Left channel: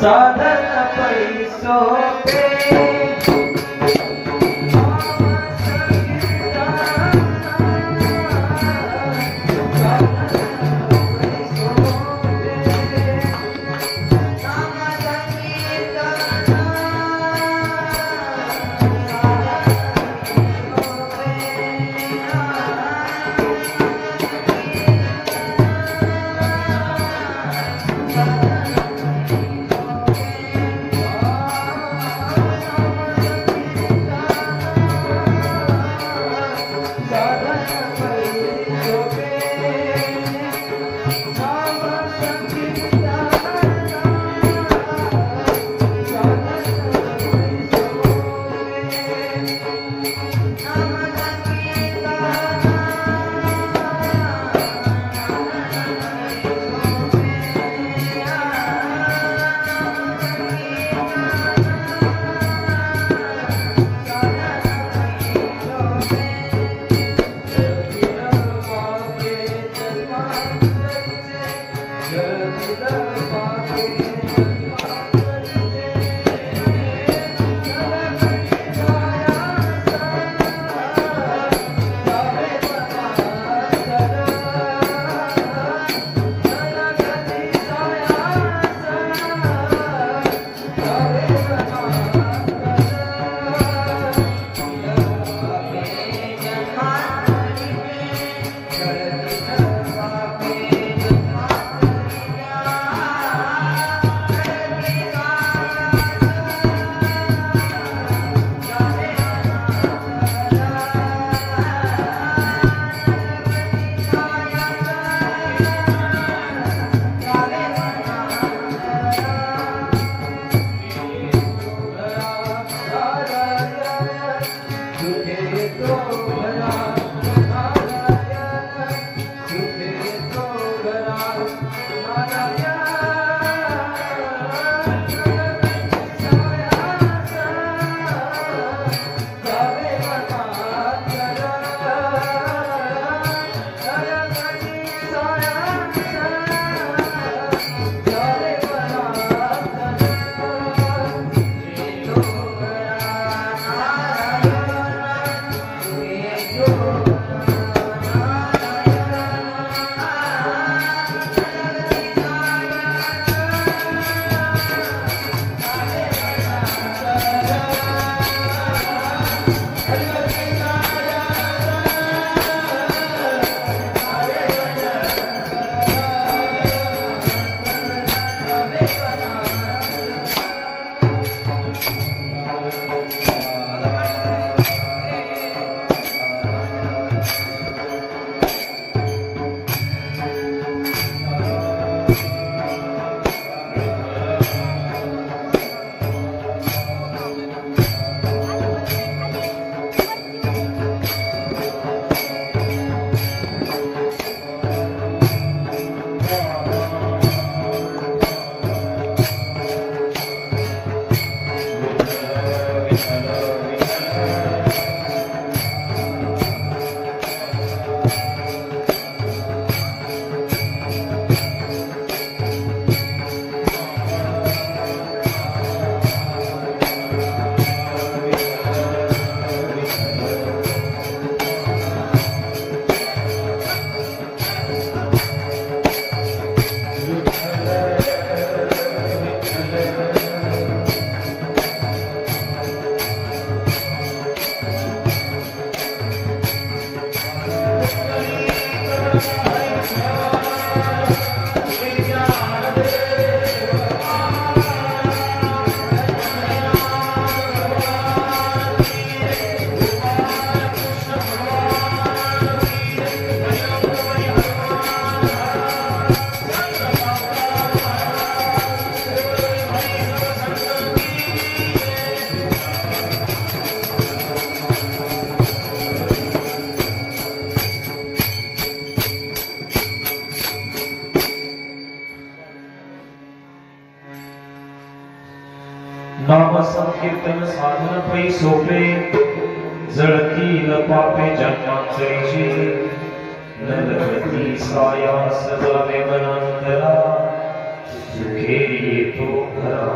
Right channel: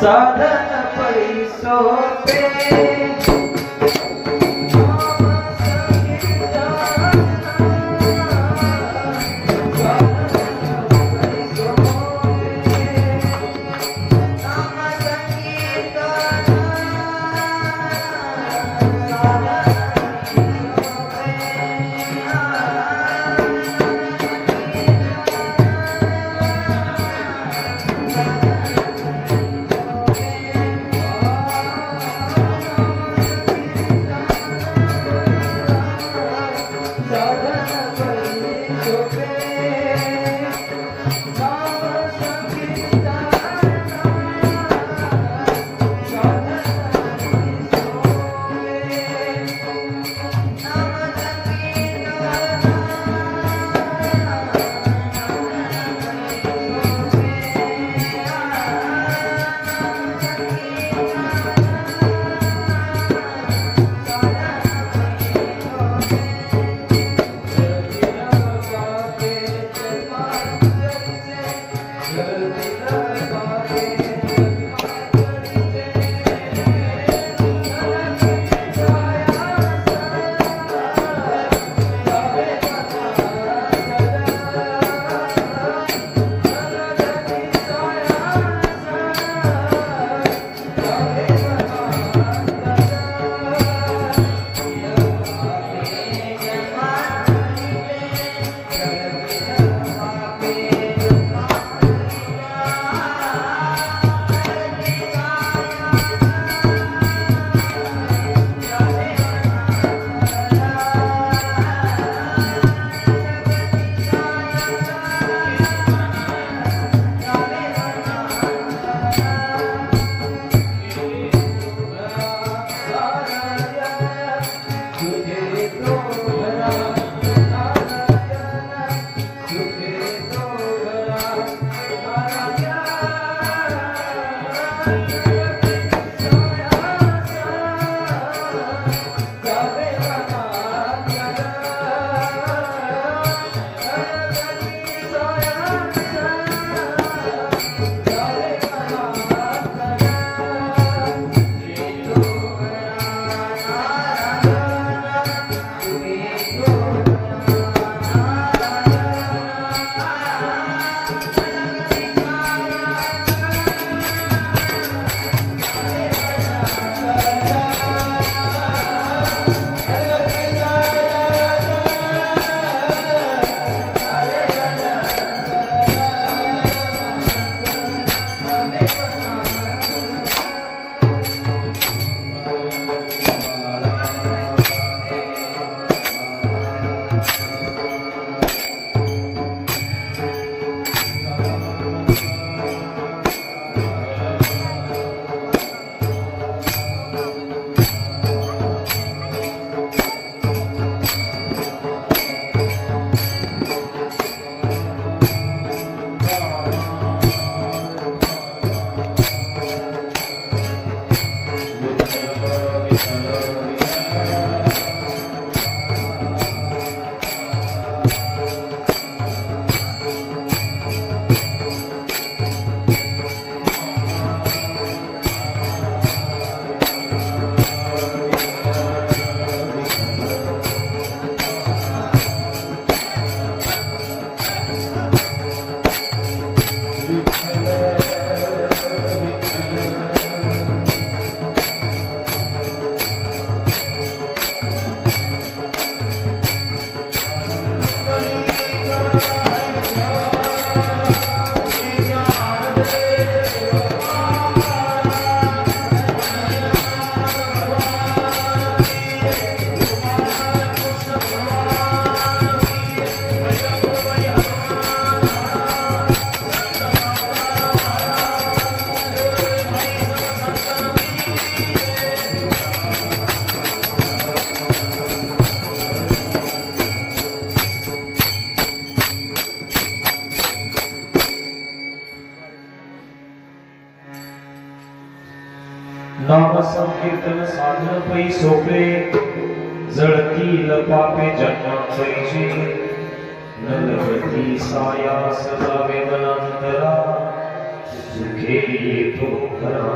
साधन पैसो पे नाम संकीर्तन साधन पै सोपे जळतील पापे जन्माक्षरीचे नलगती सायास जावे मनांतरा सुखे येतो घरा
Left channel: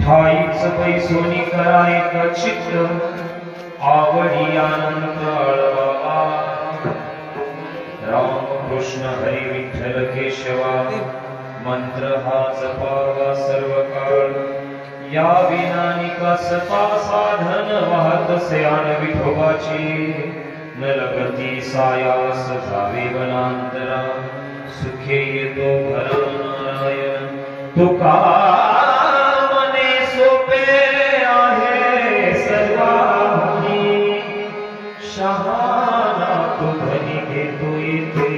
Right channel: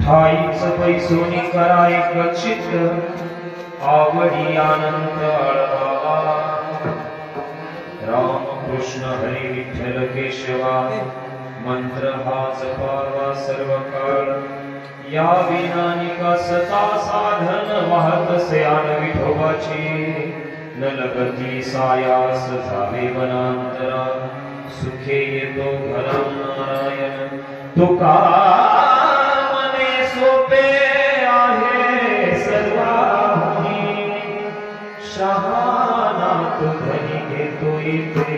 ठाईच पैसोनी कराय कचित आवडी आनंद आळवा राम कृष्ण हरी विठ्ठल केशवा मंत्र हा जपावा सर्व काळ या विनानिका सता साधन वाहत सयान विठोबाची न लगती सायास जावे वनांतरा सुखे येतो घरा नारायण तुका मने सोपे आहे सर्वांनी शहाणा तो धनी घेतो येते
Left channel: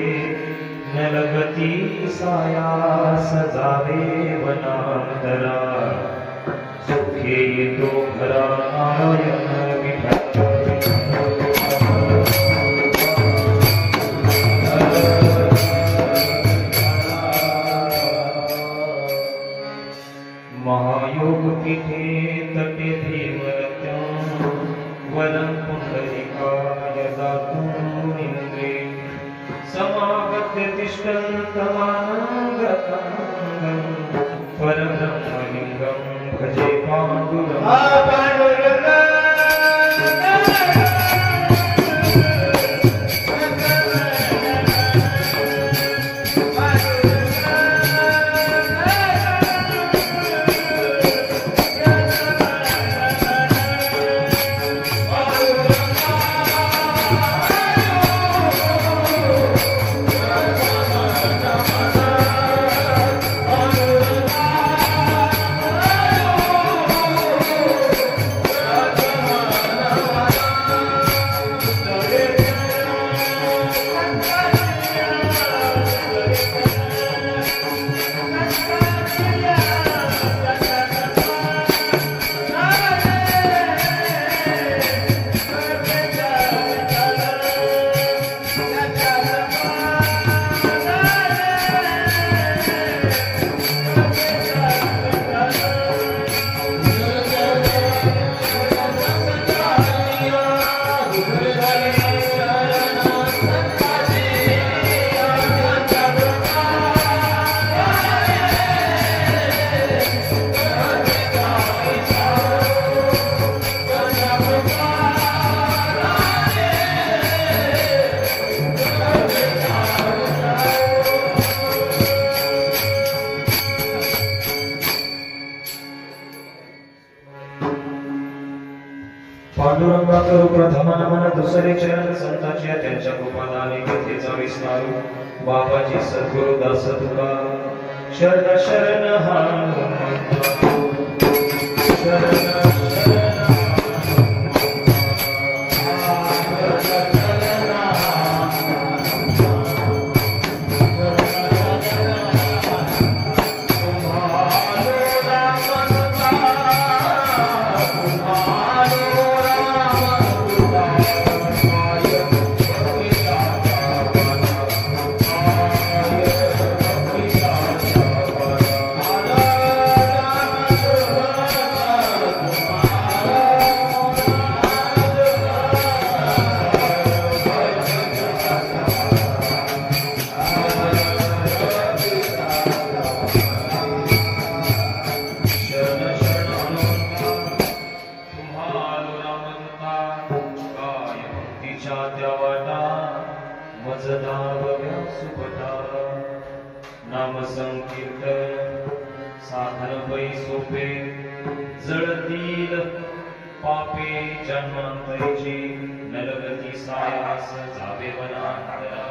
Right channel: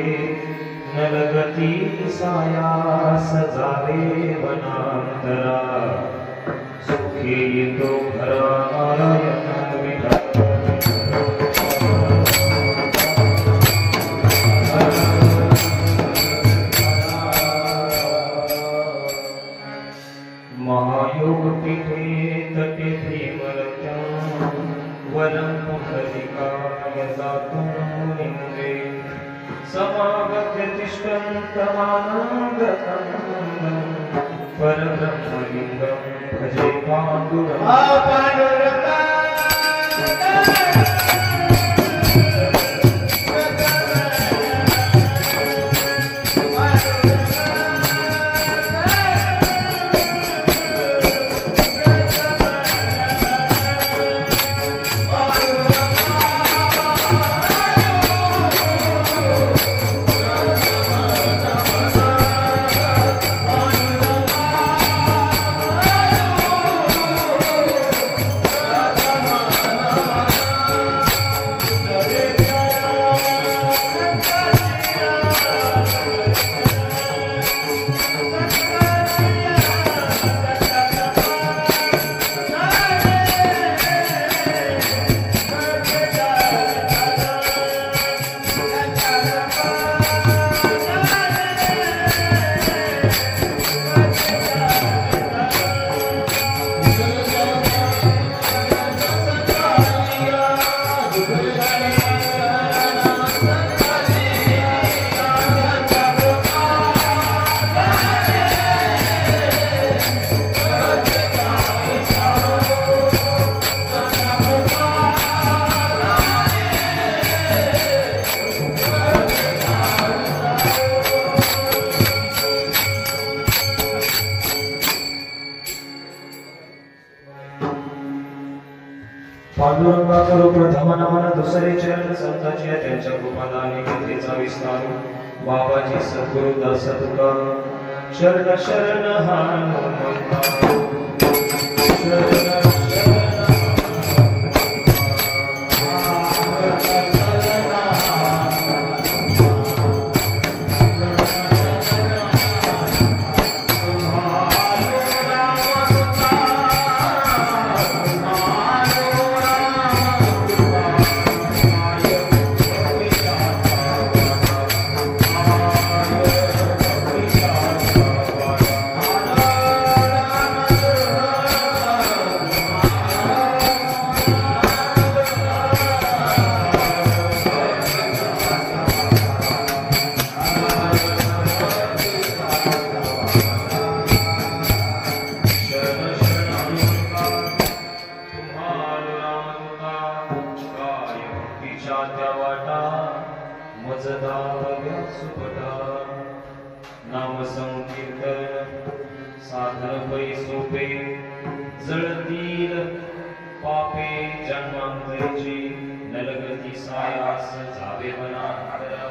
न लगती सायास जावे वनांतरा सुखे येतो घरा नारायण विठ्ठल महायोग पीठे तटे धीमरत्या वदन पुंडलिकाय जातून इंद्रे समागत्य तिष्ठन्तमानन्दकन्दं परब्रह्मलिङ्गं भजे पाण्डुरङ्गम् पांडुरंगा करू प्रथम नमन दुसरे चरण संतांच्या त्यांच्या कृपादानी तिथेचा विस्तार बाबाजी सद्गुरु दास तुका शरण शरण हनुमंता शरण नाम संकीर्तन साधन पै सोपे जळतील पापे जन्मांतरीचे नलगती सायास जावे वनांतरा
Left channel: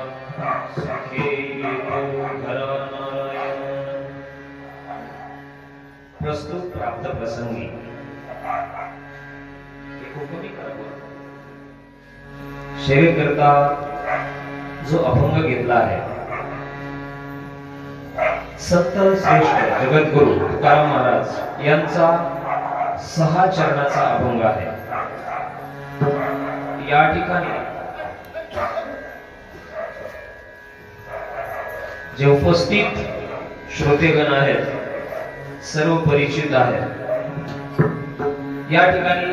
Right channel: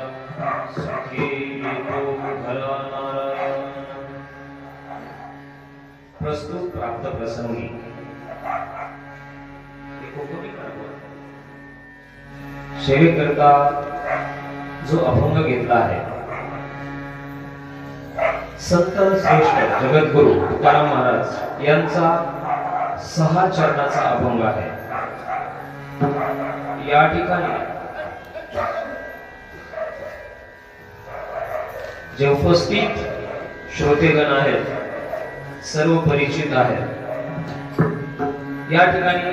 सुखे येतो घरा नारायण. प्रस्तुत प्राप्त प्रसंगी कोणी करावं सेवेकरता जो अभंग घेतला आहे संत श्रेष्ठ जगद्गुरु तुकाराम महाराज यांचा 6 चरणाचा अभंग आहे. या ठिकाणी जे उपस्थित श्रोतेगण आहेत सर्व परिचित आहेत. या ठिकाणी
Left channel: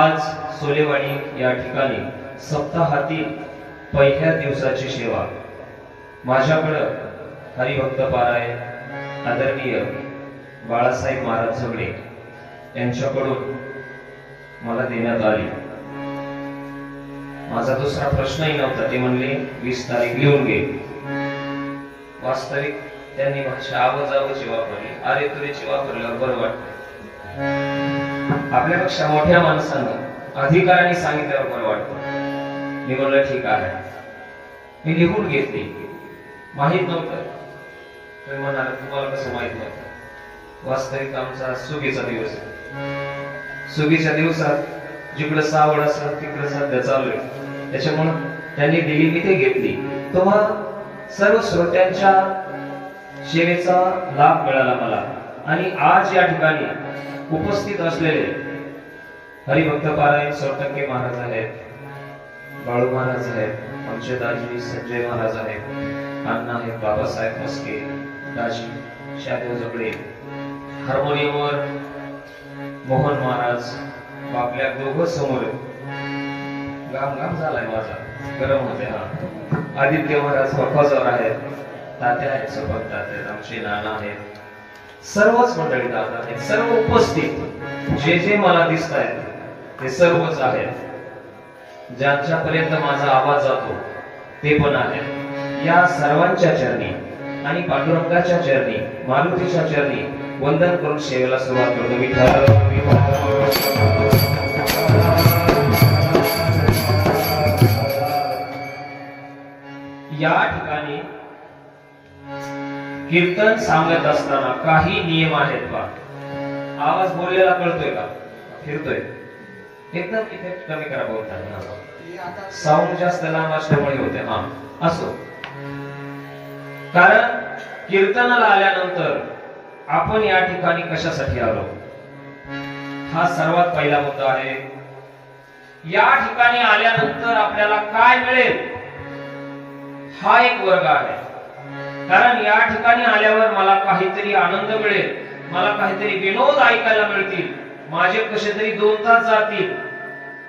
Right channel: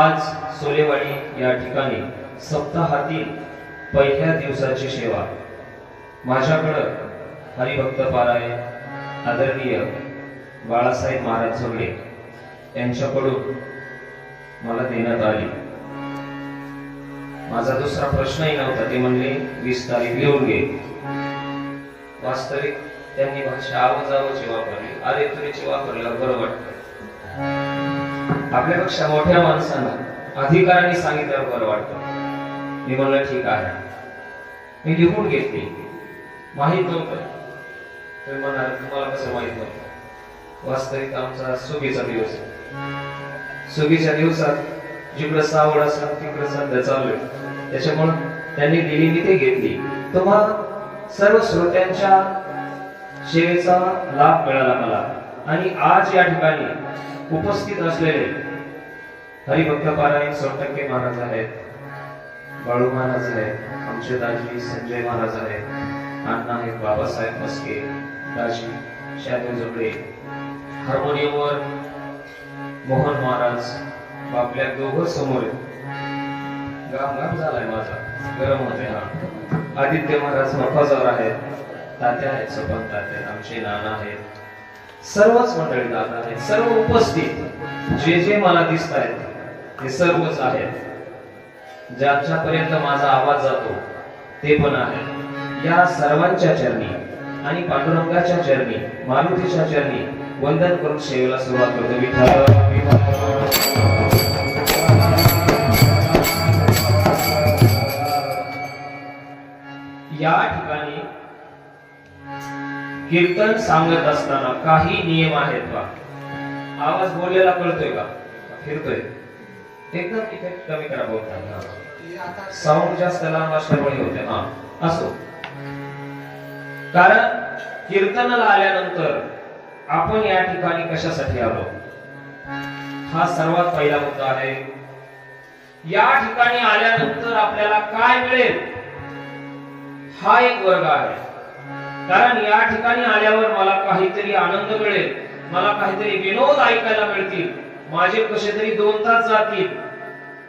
आज सोलेवाडी या ठिकाणी सप्ताहातील पहिल्या दिवसाची सेवा माझ्याकडे हरिभक्त पारायण आदरणीय बाळासाहेब महाराज झगडे यांच्याकडून मला देण्यात आली. माझा दुसरा प्रश्नही नव्हता. ते म्हणले 20 तारीख लिहून घे. वास्तविक त्यांनी भाषा आवाजावची वापरली, अरे तुरेची वापरल्यावर बरं वाटतं. आपल्यापेक्षा मोठ्या माणसानं अधिकाराने सांगितल्यावर बरं वाटतं. मी म्हणलं ठीक आहे. मी लिहून घेतली. माहित नव्हतं. तुम्ही म्हणाल तुम्हाला कसं माहित नव्हतं? वास्तविक आमचा सुगीचा दिवस आहे. सुगीच्या दिवसात जिकडं सावड असलं तिकडं सध्या चालू आहे. त्याच्यामुळे त्यांनी दिली मी ते घेतली. तुम्हा सर्व श्रोत्यांच्या सेवेचा लाभ मिळाला मला. आणि आज या ठिकाणी उपस्थित असलेले हरिभक्त पारायण सोरटक्के महाराज आहेत, बाळू महाराज आहेत, आमचे दाजी संजय महाराज आहेत, अण्णा आहेत, बाबासाहेब मस्के, दाजी शादेव झगडे, हार्मोनियमवर मोहन महाराज, आपल्या दोघं समोर गाम गाम झालाय माझा, गरम होते. हा आदित्य महाराज बफाजवर आहेत, तात्या आहेत, सपन तात्या, आमचे नाना आहेत, सर्वच मंडळी दादा आहेत. सर्व उपस्थित जे जे मला दिसत आहेत ते सर्वच आहेत. ज्यांच्यापर्यंत माझा आवाज जातो ते पण आहेत. या सर्वांच्या चरणी आणि पांडुरंगाच्या चरणी, मारुतीच्या चरणी वंदन करून सेवेला सुरुवात करतो. या ठिकाणी कीर्तन सांगत असताना काही नियम आहेत बा. आवाज बोललेला कळतोय का? फिरतोय एकदम. इफेक्ट कमी करा बोलताना. साऊंड जास्त लांब असल्यामुळे होते. हा असो. कारण कीर्तनाला आल्यानंतर आपण या ठिकाणी कशासाठी आलो हा सर्वात पहिला मुद्दा आहे. या ठिकाणी आल्यानंतर आपल्याला काय मिळेल हा एक वर्ग आहे. कारण या ठिकाणी आल्यावर मला काहीतरी आनंद मिळेल, मला काहीतरी विनोद ऐकायला मिळतील, माझे कसे तरी 2 तास जातील.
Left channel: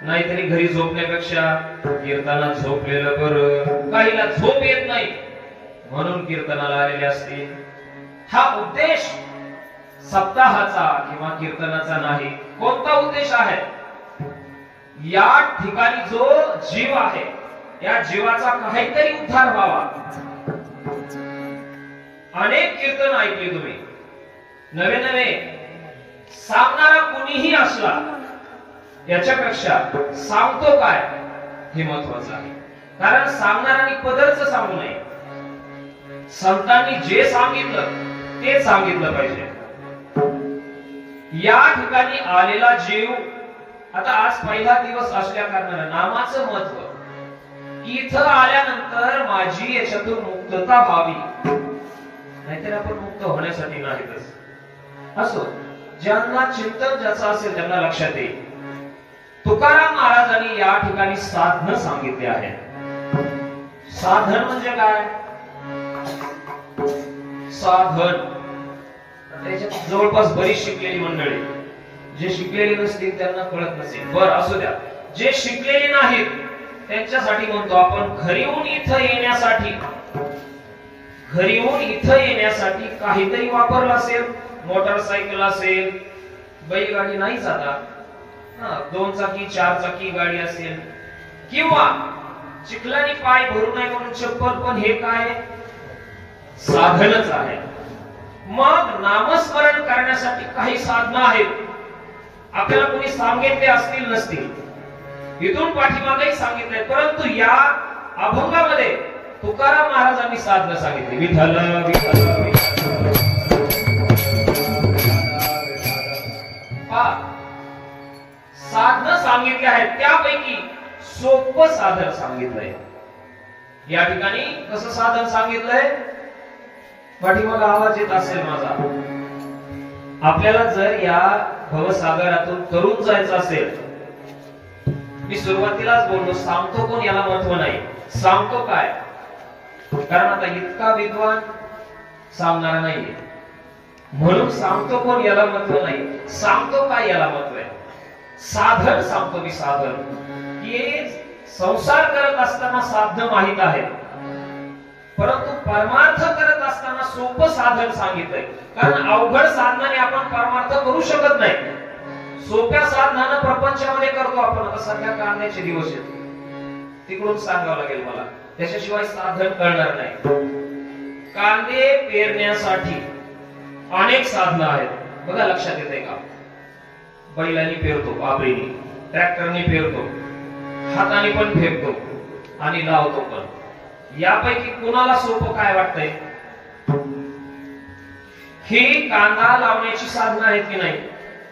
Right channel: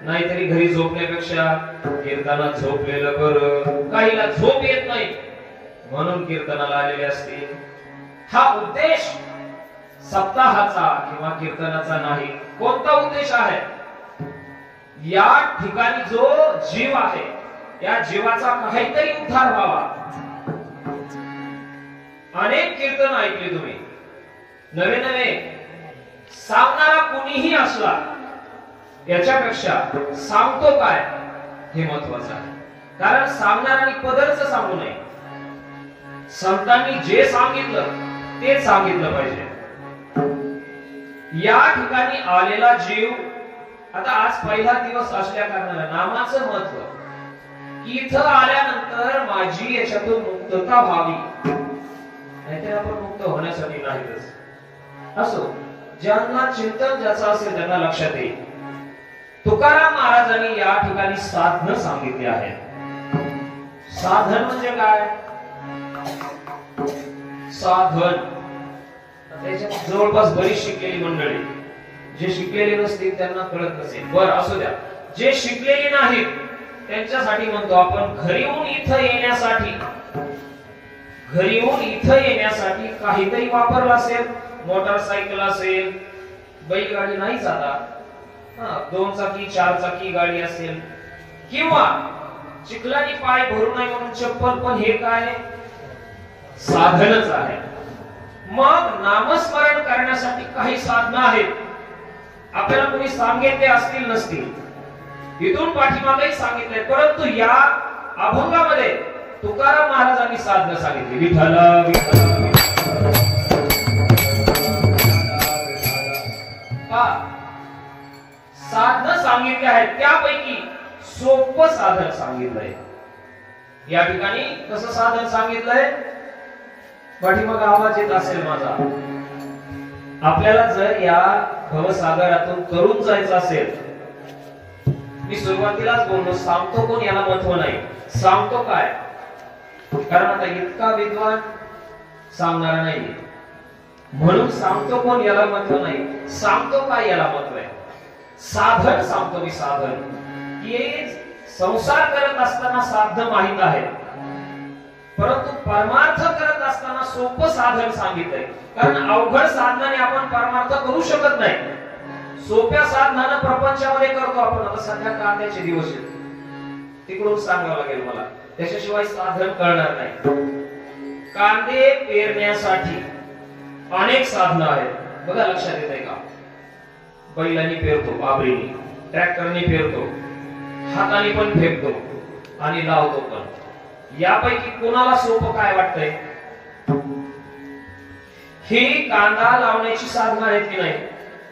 नाहीतरी घरी झोपण्यापेक्षा कीर्तनात झोपलेलं बरं. काहीला झोप येत नाही म्हणून कीर्तनाला आलेले असतील. हा उद्देश सप्ताहाचा किंवा कीर्तनाचा नाही. कोणता उद्देश आहे? या ठिकाणी जो जीव आहे या जीवाचा काहीतरी उद्धार व्हावा. अनेक कीर्तन ऐकले तुम्ही, नवे नवे. सांगणारा कोणीही असला याच्यापेक्षा सांगतो काय हे महत्वाचं आहे. कारण सांगणाऱ्यांनी पदरच सांगू नये. संतांनी जे सांगितलं ते सांगितलं पाहिजे. या ठिकाणी आलेला जीव, आता आज पहिला दिवस असल्या कारणाने नामाचं महत्व, इथं आल्यानंतर माझी याच्यातून मुक्तता व्हावी. नाहीतर आपण मुक्त होण्यासाठी नाहीतच. असो, ज्यांना चिंतन ज्याचं असेल त्यांना लक्षात येईल. तुकाराम महाराजांनी या ठिकाणी साधन सांगितले आहे. साधन म्हणजे काय? साधन त्याच्यात जवळपास बरीच शिकलेली मंडळी, जे शिकलेले नसतील त्यांना कळत नसेल. बरं असू द्या. जे शिकलेले नाहीत त्यांच्यासाठी म्हणतो आपण, घरी येऊन इथं येण्यासाठी काहीतरी वापरलं असेल. मोटरसायकल असेल, बैलगाडी नाही जाता, 2 चाकी 4 चाकी गाडी असेल, किंवा चिखलानी पाय भरू नये म्हणून चप्पल, पण हे काय साधनच आहे. मग नामस्मरण करण्यासाठी काही साधनं आहेत. आपल्याला कोणी सांगितले असतील नसतील, इथून पाठीमागेही सांगितले, परंतु या अभंगामध्ये तुकाराम महाराजांनी साधनं सांगितली. विठ्ठल विठ्ठल साधनं सांगितली आहेत. त्यापैकी सोपं साधन सांगितलंय. या ठिकाणी कसं साधन सांगितलंय? पाठीमागे आवाज येत असेल माझा. आपल्याला जर या भवसागरातून तरुण जायचं असेल, मी सुरुवातीलाच बोललो, सांगतो कोण याला महत्व नाही. सांगतो काय? कारण आता इतका विद्वान सांगणार नाही, म्हणून सांगतो कोण याला महत्व नाही. सांगतो काय याला महत्व आहे. साधन सांगतो मी. साधन हे संसार करत असताना साधन माहित आहे. परंतु परमार्थ करत असताना सोपं साधन सांगितलंय, कारण अवघड साधनाने आपण परमार्थ करू शकत नाही. सोप्या साधनानं प्रपंचामध्ये करतो आपण. आता सध्या कांद्याचे दिवस आहेत, तिकडून सांगावं लागेल मला, त्याच्याशिवाय साधन कळणार नाही. कांदे पेरण्यासाठी अनेक साधनं आहेत बघा, लक्षात येते का? बैलांनी पेरतो, पाबरीने, ट्रॅक्टरने पेरतो, हाताने पण फेकतो आणि लावतो पण. यापैकी कोणाला सोपं काय वाटतंय? ही कांदा लावण्याची साधनं आहेत की नाही?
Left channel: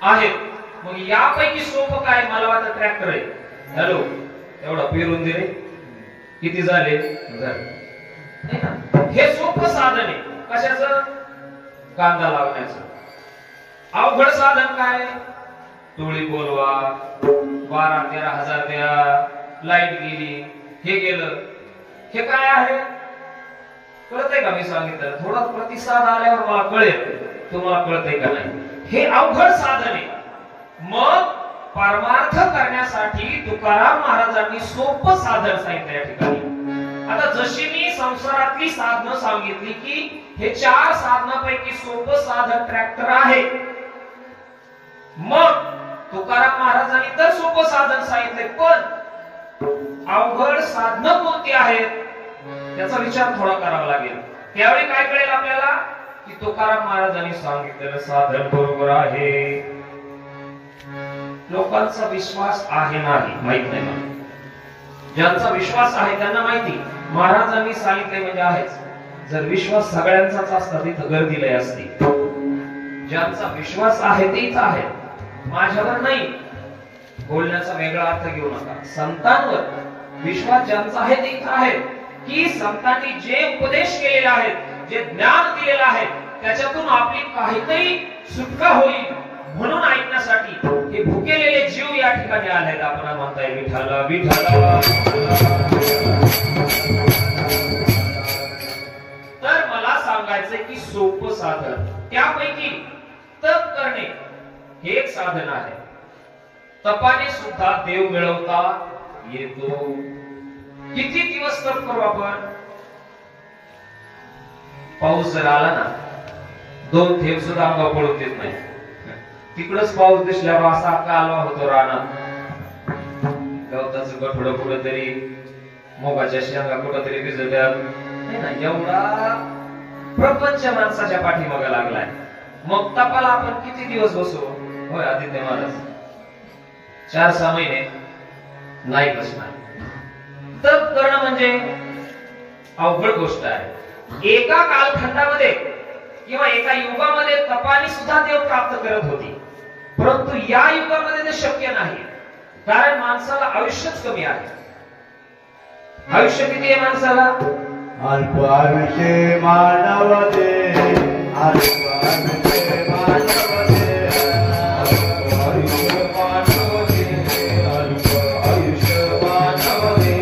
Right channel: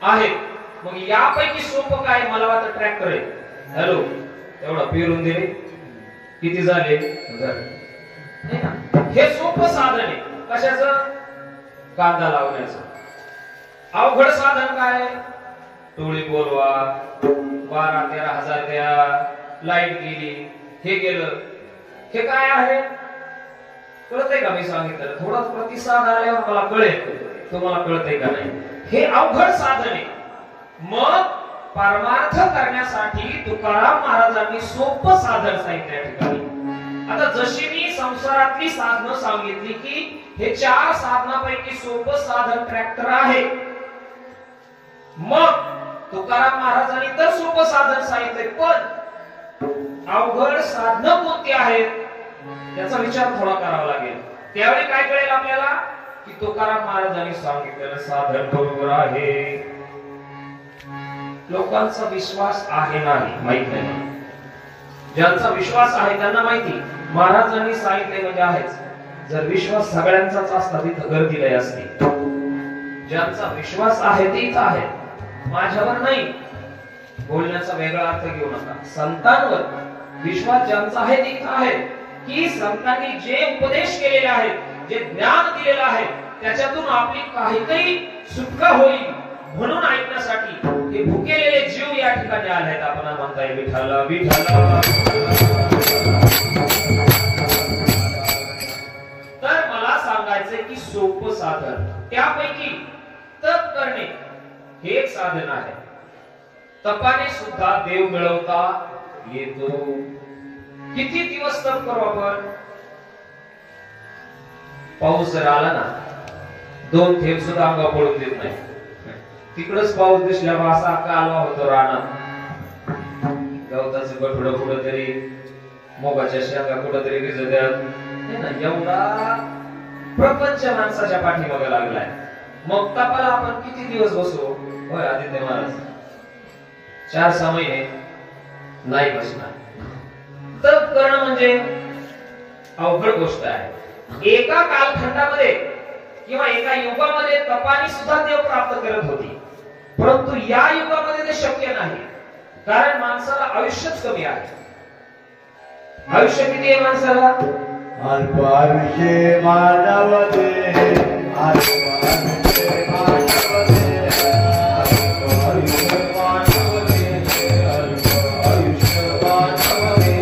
आहेत. मग यापैकी सोपं काय? मला वाटतं ट्रॅक्टर आहे. हॅलो, एवढा पेरून दे रे, किती झाले? हे सोपं साधन आहे. कशाचं? कांदा लावण्याचं. अवघड साधन काय? टोळी बोलवा, 12-13 हजार द्या, लाईट गेली, हे गेलं. हे काय आहे? कळतंय का? मी सांगितलं थोडा प्रतिसाद आल्यावर मला कळेल, तुम्हाला कळतंय का नाही? हे अवघड साधन आहे. मग परमार्थ करण्यासाठी तुकाराम महाराजांनी सोपं साधन सांगितलं या ठिकाणी. आता जशी मी संसारातली साधनं सांगितली की हे 4 साधनापैकी सोपं साधन ट्रॅक्टर आहे, मग तुकाराम महाराजांनी तर सोपं साधन सांगितलंय, पण अवघड साधनं कोणती आहेत त्याचा विचार थोडा करावा लागेल. त्यावेळी काय कळेल आपल्याला की तुकाराम महाराजांनी सांगितलेलं साधन बरोबर आहे. लोकांचा विश्वास आहे नाही माहित नाही मला. ज्यांचा विश्वास आहे त्यांना माहिती, महाराजांनी सांगितले म्हणजे आहेच. जर विश्वास सगळ्यांचाच असता तिथं गर्दी लय असती. ज्यांचा विश्वास आहे तेच आहे, माझ्यावर नाही. बोलण्याचा वेगळा अर्थ घेऊ नका. संतांवर विश्वास ज्यांचा आहे तेच आहे, की संतांनी जे उपदेश केलेले आहेत, जे ज्ञान दिलेलं आहे, त्याच्यातून आपली काहीतरी सुटका होईल म्हणून ऐकण्यासाठी हे भुकेलेले जीव या ठिकाणी आलेत. आपण म्हणताय विठ्ठला विठ्ठला. तर मला सांगायचंय की सोपं साधन, त्यापैकी तप करणे हे एक साधन आहे. तपाने सुद्धा देव मिळवता येतो. किती दिवस तप करू आपण? पाऊस जर आला ना, 2 थेंब सुद्धा अंगा पडून देत नाही. तिकडच पाऊस दिसल्यावर असा कालवा होतो रानात. गवताचं गठुडं कुठंतरी, मोगाच्या शेंगा कुठंतरी भिजत्यात. एवढा प्रपंच माणसाच्या पाठीमागे लागलाय. मग तपाला आपण किती दिवस बसू? होय आदित्य महाराज, 4-6 महिने नाही बसणार. तप करणं म्हणजे अवघड गोष्ट आहे. एका कालखंडामध्ये किंवा एका युगामध्ये तपाने सुद्धा देव प्राप्त करत होती, परंतु या युगामध्ये ते शक्य नाही, कारण माणसाला आयुष्यच कमी आहे. आयुष्य किती आहे माणसाला? अल्प आयुष्य मानव दे, अल्प आयुष्य मानव दे, अल्प आयुष्य मानव दे, अल्प आयुष्य मानव दे.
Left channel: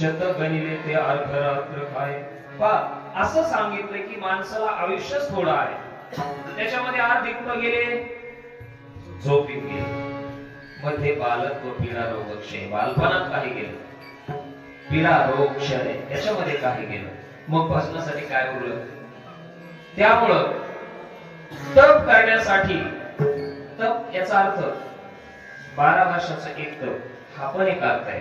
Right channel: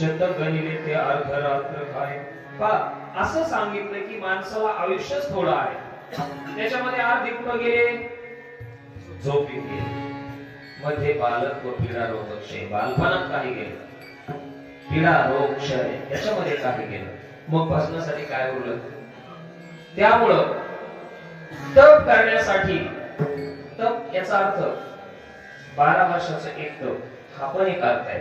शत गणिले ते अर्ध रात्र काय. असं सांगितलं की माणसाला आयुष्यच थोडं आहे, त्याच्यामध्ये अर्धे कुठं गेले, झोपीत गेले. मध्ये बालक व पीडा रोग क्षय, बालपणात काही गेलं, पीडा रोग क्षय याच्यामध्ये काही गेलं, मग भजनासाठी काय उरलं. त्यामुळं तप करण्यासाठी, तप याचा अर्थ 12 वर्षाचं एक तप हा पण एक अर्थ आहे.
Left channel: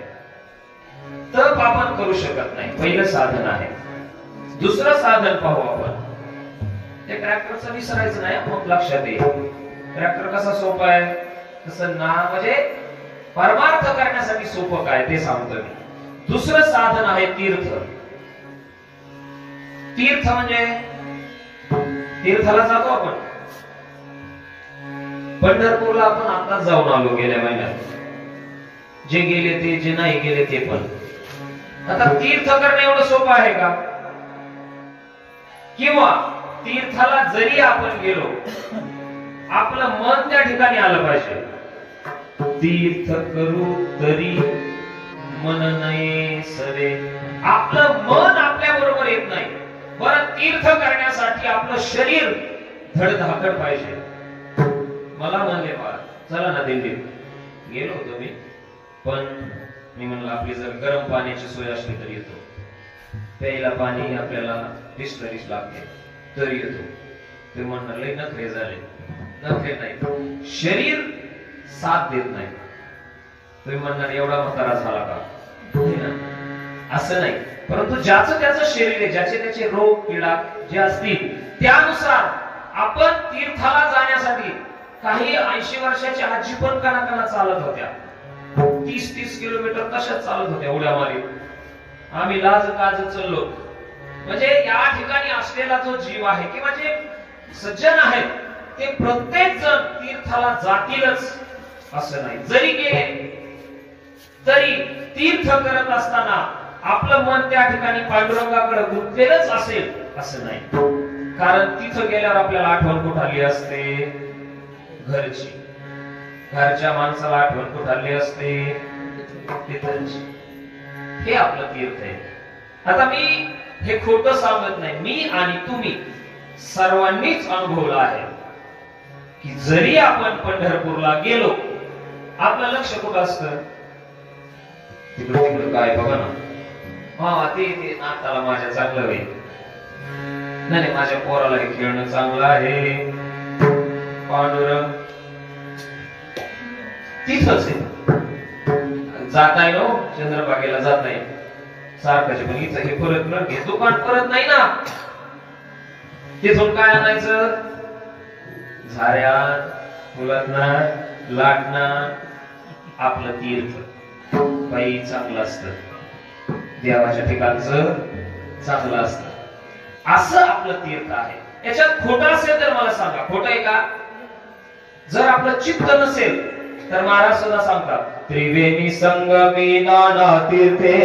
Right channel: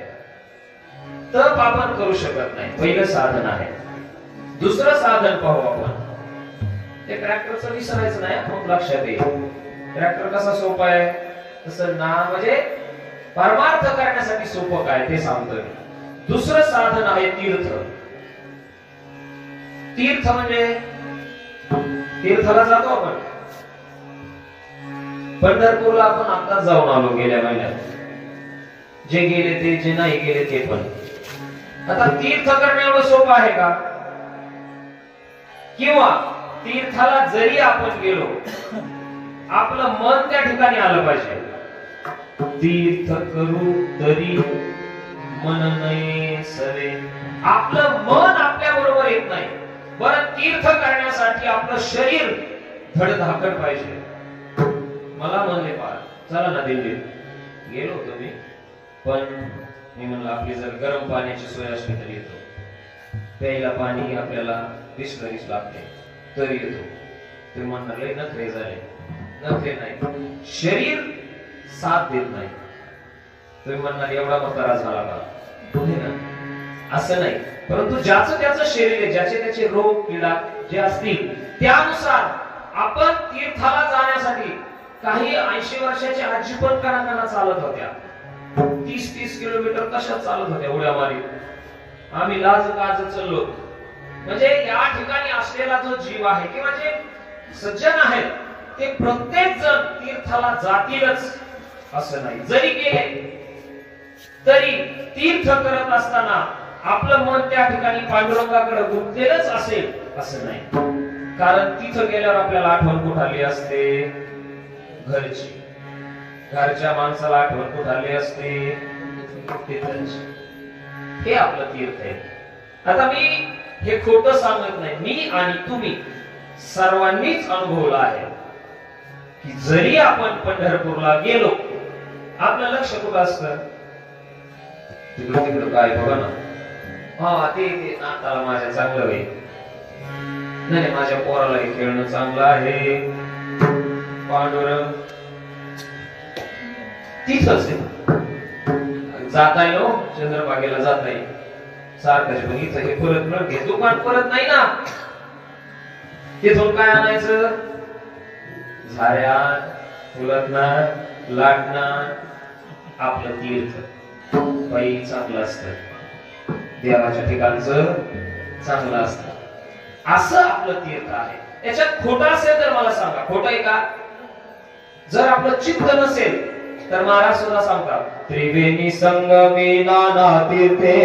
तप आपण करू शकत नाही, पहिलं साधन आहे. दुसरं साधन पाहू आपण, ते ट्रॅक्टरचं विसरायचं नाही, मग लक्षात येईल. ट्रॅक्टर कसा सोपा आहे, तसं ना म्हणजे परमार्थ करण्यासाठी सोपं काय ते सांगतो मी. दुसरं साधन आहे तीर्थ. तीर्थ म्हणजे तीर्थाला जातो आपण. पंढरपूरला आपण आताच जाऊन आलो गेल्या महिन्यात, जे गेले ते, जे नाही गेले ते पण. आता तीर्थ करणं एवढं सोपं आहे का? किंवा तीर्थाला जरी आपण गेलो, आपलं मन त्या ठिकाणी आलं पाहिजे. तीर्थ करू तरी मन नये सरे, आपलं मन आपल्या बरोबर येत नाही. बरं, तीर्थ करण्यासाठी आपलं शरीर धडधाकट पाहिजे. मला म्हणले बा चला ना दिल्लीत, गेलो होतो मी, पण मी म्हणलं आपली जर गरम पाण्याची सोय असली तर येतो. प्यायला पाणी आपल्याला 20 लागते तरी येतो. ते म्हणणार लय नखरे झाले. नखरे नाही, शरीर साथ देत नाही. तुम्ही म्हणणार एवढा म्हातारा झाला का, असं नाही. परंतु ज्याचं त्याचं शरीर आहे, ज्याचे त्याचे रोग पीडा जे असतील त्यानुसार आपण तीर्थाला जाण्यासाठी, काही 80 वर्षाच्या आजी पण कणाकणा चालत होत्या, 30-30 किलोमीटर कशात चालत होत्या उड्या मारीत. आम्ही लाज काज चाललो. म्हणजे या ठिकाणी असलेला जो जीव आहे किंवा जे सज्जन आहे ते प्रत्येक जण तीर्थाला जातीलच असं नाही. जरी गेले तरी तीर्थ करत असताना आपलं मन त्या ठिकाणी पांडुरंगाकडे गुंतलेलंच असेल असं नाही. कारण तिथं गेल्यावर आपल्याला आठवण कुठं आली असते, घरची. घरच्या माणसाला आठवण कुठं आली असते, तिथंची. हे आपलं तीर्थ आहे. आता मी हे खोटं सांगत नाही, मी आणि तुम्ही सर्वांनीच अनुभवलं आहे की जरी आपण पंढरपूरला गेलो, आपलं लक्ष कुठं असतं, तिकडं तिकडं काय बघा ना, हा ते नाताला माझ्या चांगलं होईल, नाही माझ्या पोराला हे खेळणं चांगलं आहे, पांडुरंग तिथंच आहे. जाताय ना चंद्रभागेला जाताय सारखाचे, पण इथं हे परत न घे, दुकान परत नाही ना, तिथून काय आणायचं, झाऱ्या फुलातना लाटणा. आपलं तीर्थ बाई चांगलं असतं, देवाच्या ठिकाणचं चांगलं असतं, असं आपलं तीर्थ आहे. याच्यात खोटं असेल तर मला सांगा, खोटं आहे का? जर आपलं चित्त नसेल तर महाराज सुद्धा सांगतात, त्रिवेणी संगमी नाना तीर्थे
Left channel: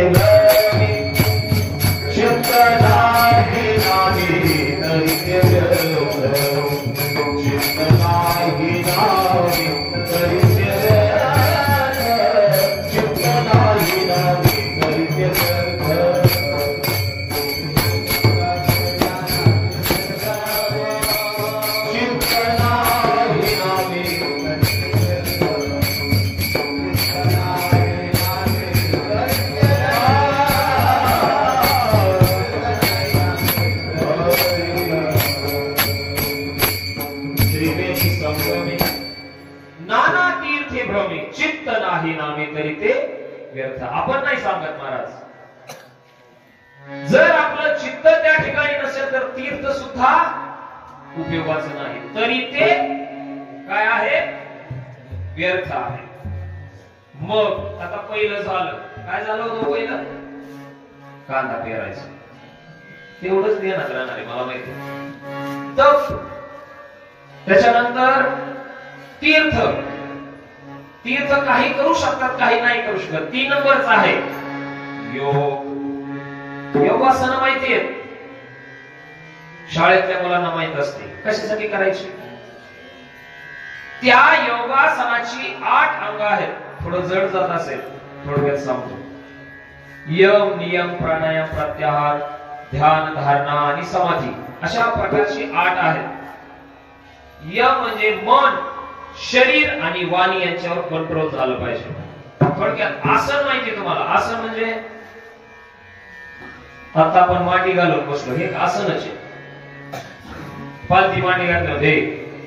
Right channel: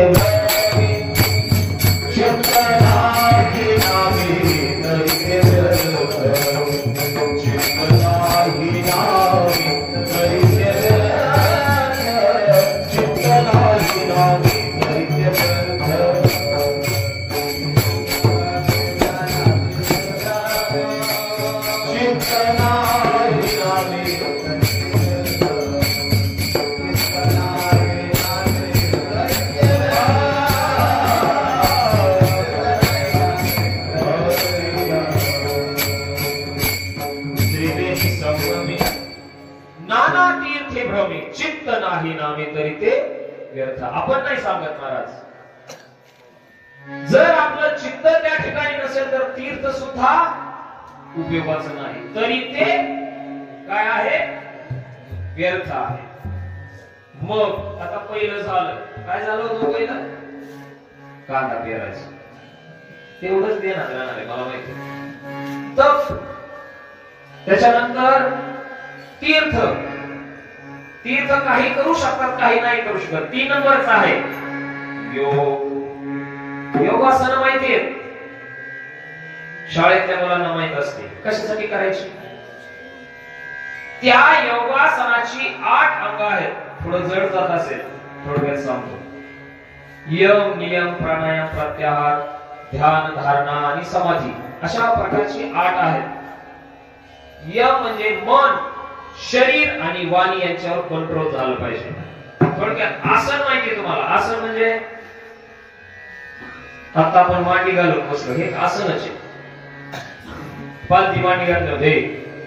आपण नाही सांगत महाराज. जर आपलं चित्त त्या ठिकाणी नसेल तर तीर्थ सुद्धा उपयोगाचं नाही, तरी ते काय आहे, व्यर्थ आहे. मग आता पहिलं झालं, काय झालं होतं पहिलं, कांदा पेरायचं, तेवढंच देण्यात राहणार आहे मला माहिती. तप, त्याच्यानंतर तीर्थ. तीर्थ काही करू शकतात, काही नाही करू शकत. 3 नंबरच आहे योग. योगासनं माहिती आहेत, शाळेतल्या मुलांना माहित असते कशासाठी करायची. त्या योगासनाची 8 अंग आहेत. थोडं जड जात असेल, थोडक्यात सांगतो. यम नियम प्राणायाम प्रत्याहार ध्यान धारणा आणि समाधी अशा प्रकारची 8 आहेत. यम म्हणजे मन शरीर आणि वाणी यांच्यावर कंट्रोल झालं पाहिजे. थोडक्यात आसन माहिती तुम्हाला. आसन म्हणजे आता आपण मांडी घालून बसलो हे एक आसनच आहे. पालथी मांडी घातलं दे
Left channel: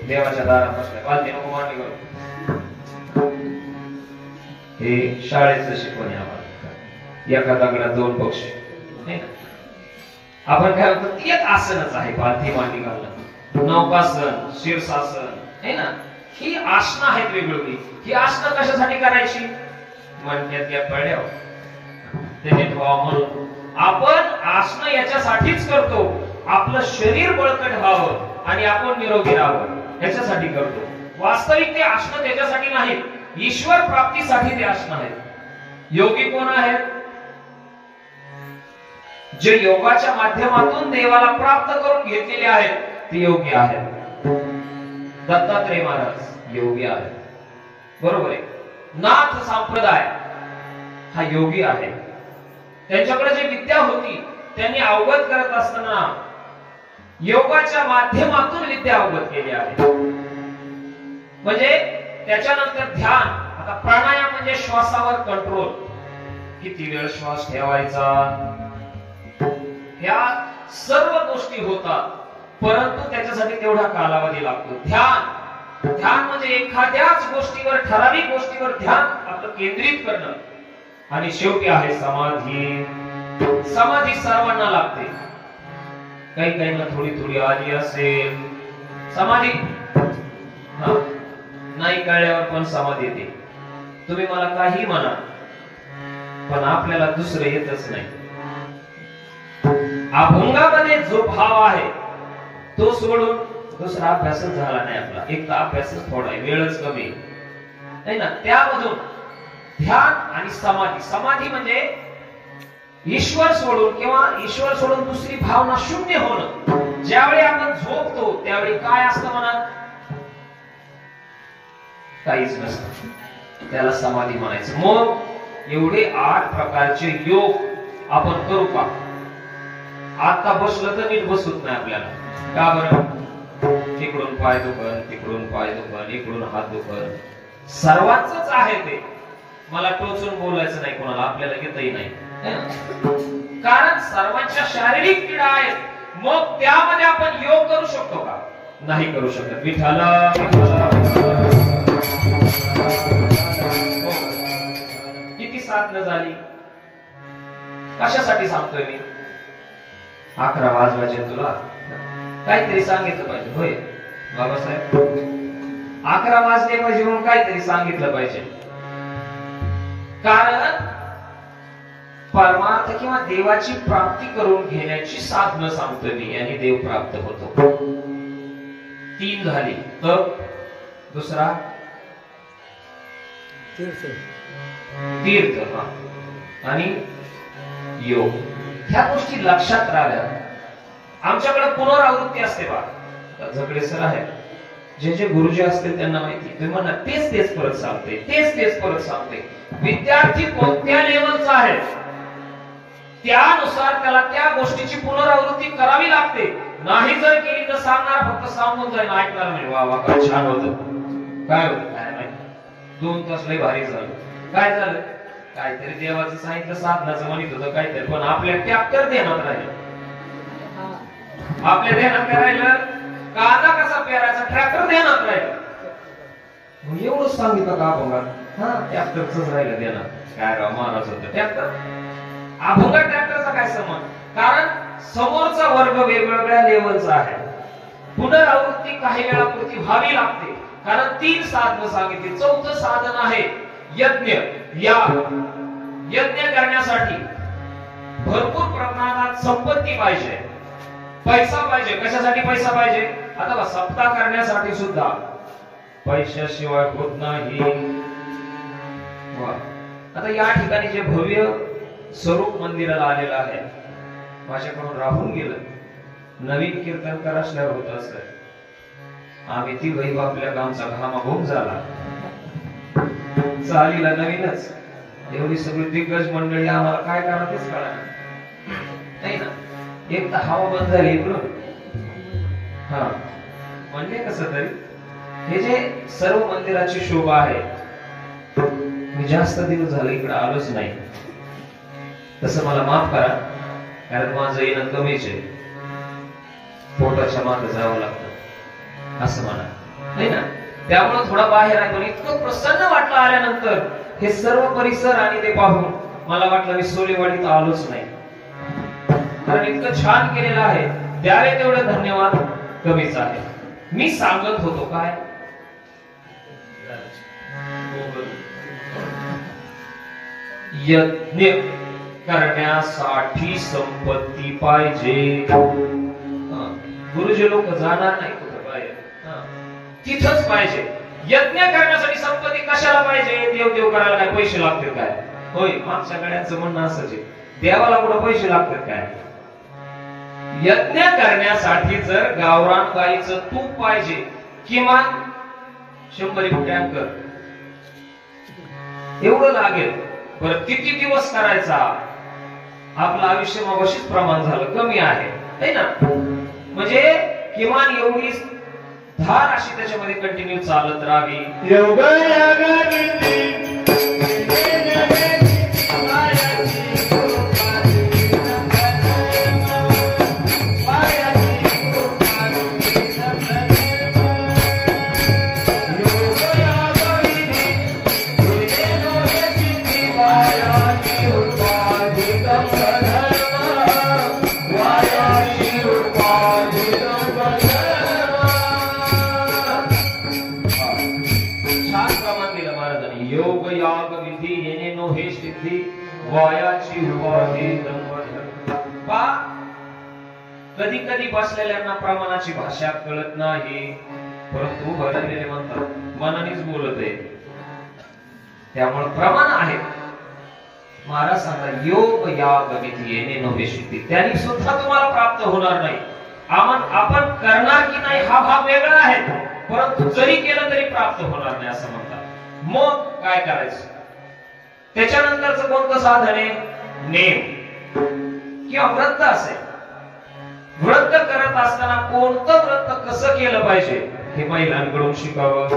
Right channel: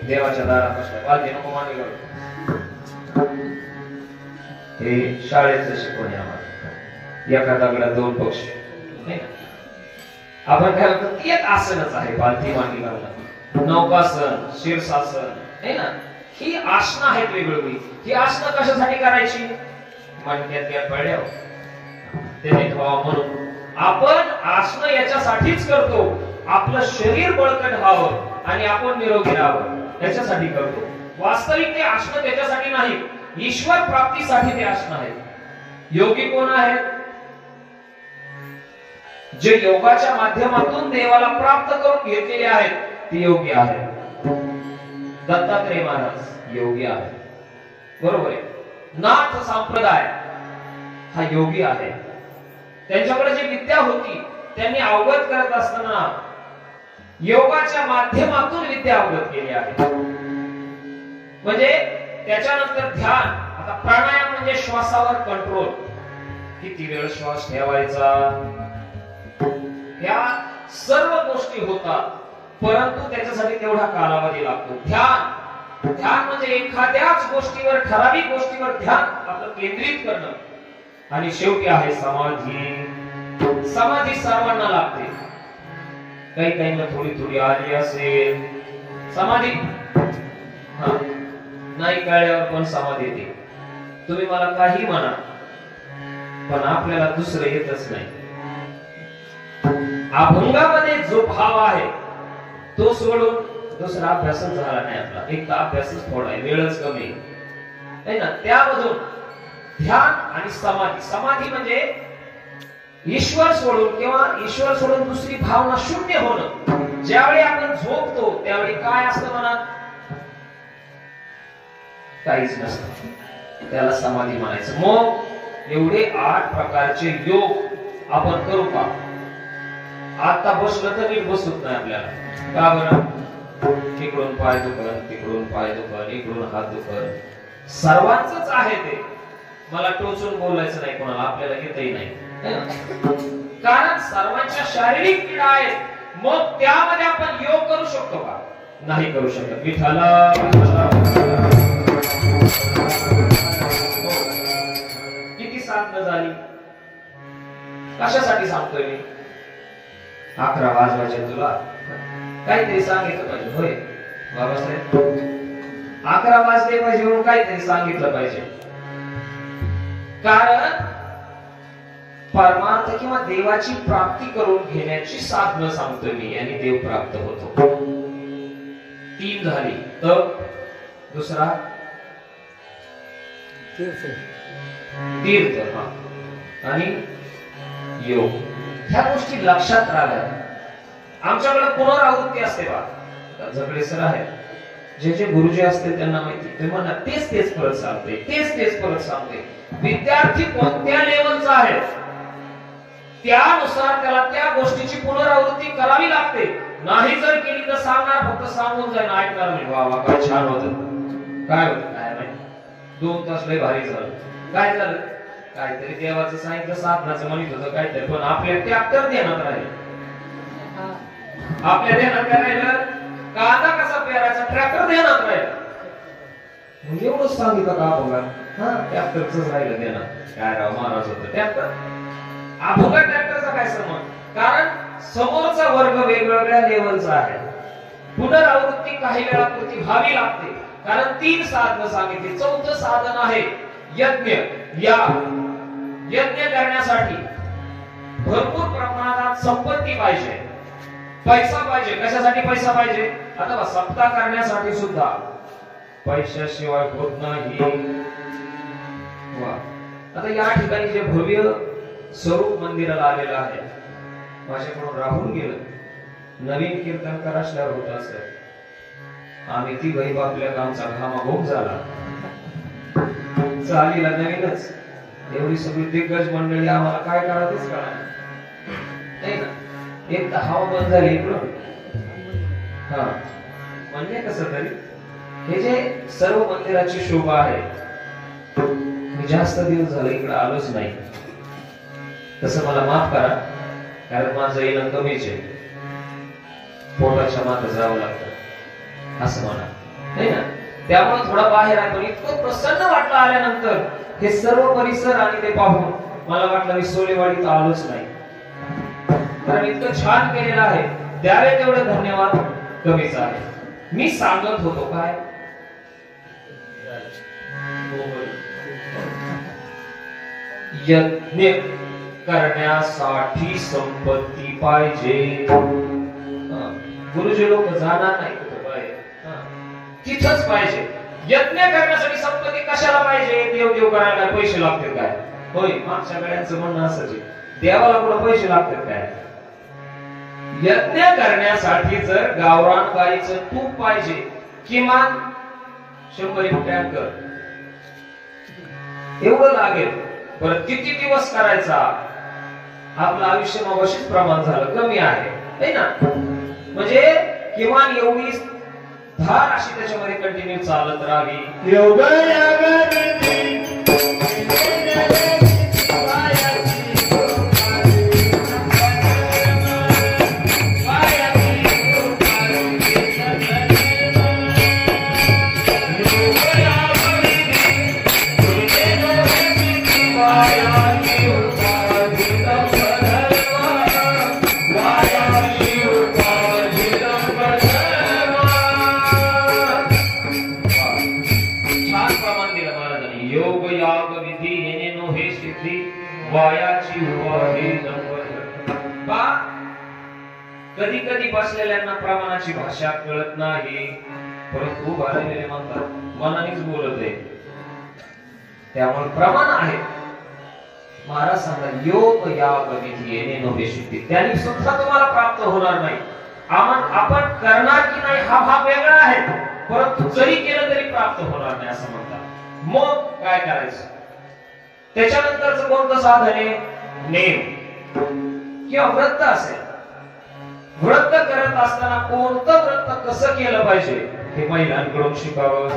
देवाच्या दारात बसल्या पालथी नको मांडी घालून. हे शाळेचं शिकवण आहे आम्हाला. एका दगडात 2 पक्षी नाही ना. आपण काय म्हणतो ते एक आसनच आहे. पालथी मांडी घालणं नौकासन शीर्षासन आहे ना. ही आसनं आहेत वेगवेगळी. ही आसनं कशासाठी करायची मणक्यातल्या कळ्यावर त्याने व्हावं म्हणून आपण आसनं याच्यासाठीच करतो. आपलं शरीर बळकट व्हावं आणि आपण निरोगी राहावं याच्यासाठी करतो. वास्तविक ते आसनं त्याच्यासाठी नाही, ईश्वर प्राप्तीसाठी ते आसनं आहेत. योगी कोण आहेत? जे योगाच्या माध्यमातून देवाला प्राप्त करून घेतलेले आहेत ते योगी आहेत. दत्तात्रय महाराज योगी आहेत. बरोबर आहे. नाथ संप्रदाय हा योगी आहे. त्यांच्याकडे जी विद्या होती त्यांनी अवगत करत असताना योगाच्या माध्यमातून विद्या अवगत केली आहे. म्हणजे त्याच्यानंतर ध्यान. आता प्राणायाम म्हणजे श्वासावर कंट्रोल. किती वेळ श्वास ठेवायचा ह्या सर्व गोष्टी होतात, परंतु त्याच्यासाठी तेवढा कालावधी लागतो. ध्यान म्हणजे एखाद्याच गोष्टीवर ठराविक गोष्टीवर ध्यान आपलं केंद्रित करणं. आणि शेवटी आहे समाधी. समाधी सर्वांना लागते. काही काहींना थोडी थोडी आली असेल समाधी नाही कळल्यावर पण समाधी येते. तुम्ही मला काही म्हणा पण आपल्याला दुसरं येतच नाही. अभंगामध्ये जो भाव आहे तो सोडून दुसरा अभ्यासच झाला नाही आपला. एक तर अभ्यासच थोडा आहे, वेळच कमी आहे ना. त्यामधून ध्यान आणि समाधी. समाधी म्हणजे ईश्वर सोडून किंवा ईश्वर सोडून दुसरी भावना शून्य होणं. ज्यावेळी आपण झोपतो त्यावेळी काय असतं मनात? काहीच नसतं. त्याला समाधी म्हणायचं. मग एवढे 8 प्रकारचे योग आपण करू का? आता बसलं तर नीट बसत नाही आपल्याला. का बरं? तिकडून पाय दुखन, तिकडून पाय दुखन, इकडून हात दुखन. सर्वांचंच आहे ते. मला टोचून बोलायचं नाही कोणाला, आपल्याला येतही नाही. कारण सर्वांच्या शारीरिक पीडा आहेत. मग त्यामध्ये आपण योग करू शकतो का? नाही करू शकत. विठाला किती साधना झाली. कशासाठी सांगतोय मी? 11 वाजवायचे तुला काहीतरी सांगितलं पाहिजे. होय बाबासाहेब 11 वाजले पाहिजे म्हणून काहीतरी सांगितलं पाहिजे. कारण परमार्थ किंवा देवाची प्राप्ती करून घेण्याची साधनं सांगतोय मी आणि देव प्राप्त होतो. 3 झाली. तर दुसरा तीर्थ आणि योग. ह्या गोष्टी लक्षात राहाव्या. आमच्याकडे पुनरावृत्ती असते बा. झगडे सर आहे, जे गुरुजी असतील त्यांना माहिती. ते म्हणा तेच परत सांगते, तेच परत सांगते. विद्यार्थी कोणत्या लेवलचा आहे त्यानुसार त्याला त्या गोष्टीची पुनरावृत्ती करावी लागते. नाही जर केली तर सांगणार फक्त सांगून जाईल, ऐकणार नाही. वा वा काय छान होतं. काय होतं काय माहिती. 2 तास लय भारी झालं. काय झालं? काहीतरी देवाचं सांगितलं, साधनाचं म्हणत होतं काहीतरी, पण आपल्या ट्रॅक्टर ध्यानात राहील. आपल्या ध्यानात काय राहिलं? कांदा कसा पेरायचा ट्रॅक्टर ध्यानात राहील. एवढंच सांगितलं का अभंगात? ट्रॅक्टरच राहिलं ध्यानात. काय राव महाराज होतं ट्रॅक्टर. अभंगात ट्रॅक्टरचा काय संबंध? कारण समोरचा वर्ग वेगवेगळ्या लेवलचा आहे. पुनरावृत्ती काही वेळापुरती व्हावी लागते. कारण 3 साधनं सांगितली. 4थं साधन आहे यज्ञ. या यज्ञ करण्यासाठी भरपूर प्रमाणात संपत्ती पाहिजे, पैसा पाहिजे. कशासाठी पैसा पाहिजे? आता सप्ताह करण्यासाठी सुद्धा पैशाशिवाय होत नाही. आता या ठिकाणी जे भव्य स्वरूप मंदिराला आलेलं आहे, माझ्याकडून राहून गेलं. नवीन कीर्तनकार असल्यावर होत असत. आम्ही ती वैभ आपल्या गावचा घामाघूम झाला. चालीला नवीनच एवढी सगळी दिग्गज मंडळी आम्हाला काय करा तेच कळा नाही ना. एक तर हवा बंद झाली इकडून, हा म्हणजे कसं तरी हे जे सर्व मंदिराची शोभा आहे, मी जास्त दिवस झाले इकडे आलोच नाही. तसं मला माफ करा, कारण माझं येणं कमीच आहे, पोटाच्या मागे जावं लागतं असं म्हणा नाही ना. त्यामुळे थोडा बाहेर आहे, पण इतकं प्रसन्न वाटलं आल्यानंतर हे सर्व परिसर आणि ते पाहून मला वाटलं मी सोलेवाडीत आलोच नाही, कारण इतकं छान केलेलं आहे. द्यावे तेवढं धन्यवाद कमीच आहे. मी सांगत होतो काय, यज्ञ करण्यासाठी संपत्ती पाहिजे. गुरुजी लोक जाणार नाही कुठं बाहेर, तिथंच पाहिजे. यज्ञ करण्यासाठी संपत्ती कशाला पाहिजे? देव करायला काय पैसे लागतील काय? होय, मागच्या गाड्यांचं म्हणणं असंच आहे, देवाला कुठं पैसे लागतात काय? यज्ञ करण्यासाठी जर गावरान गाईचं तूप पाहिजे, किमान 100 टँकर एवढं लागेल. बरं किती दिवस करायचा? आपलं आयुष्य मगाशीच प्रमाण झालं, कमी आहे ना. म्हणजे किमान एवढी धार अशी त्याच्यामध्ये कंटिन्यू चालत राहावी. कधी कधी बसलेल्यांना प्रमाणाची भाषा कळत नाही, परंतु भरलेले म्हणतात मनानेच बोलत आहे, त्यामुळे प्रमाण आहे. महाराज सांगा योग याग विधी येणे नव्हे सिद्धी, त्यांनी सुद्धा तुम्हाला प्राप्त होणार नाही. आपण करणार की नाही हा भाग वेगळा आहे, परंतु जरी केलं तरी प्राप्त होणार नाही असं म्हणतात. मग काय करायचं? त्याच्यानंतरचं कोणतं साधन आहे? नेम किंवा व्रत असेल. व्रत करत असताना कोणतं व्रत कसं केलं पाहिजे हे महिलांकडून शिकावं.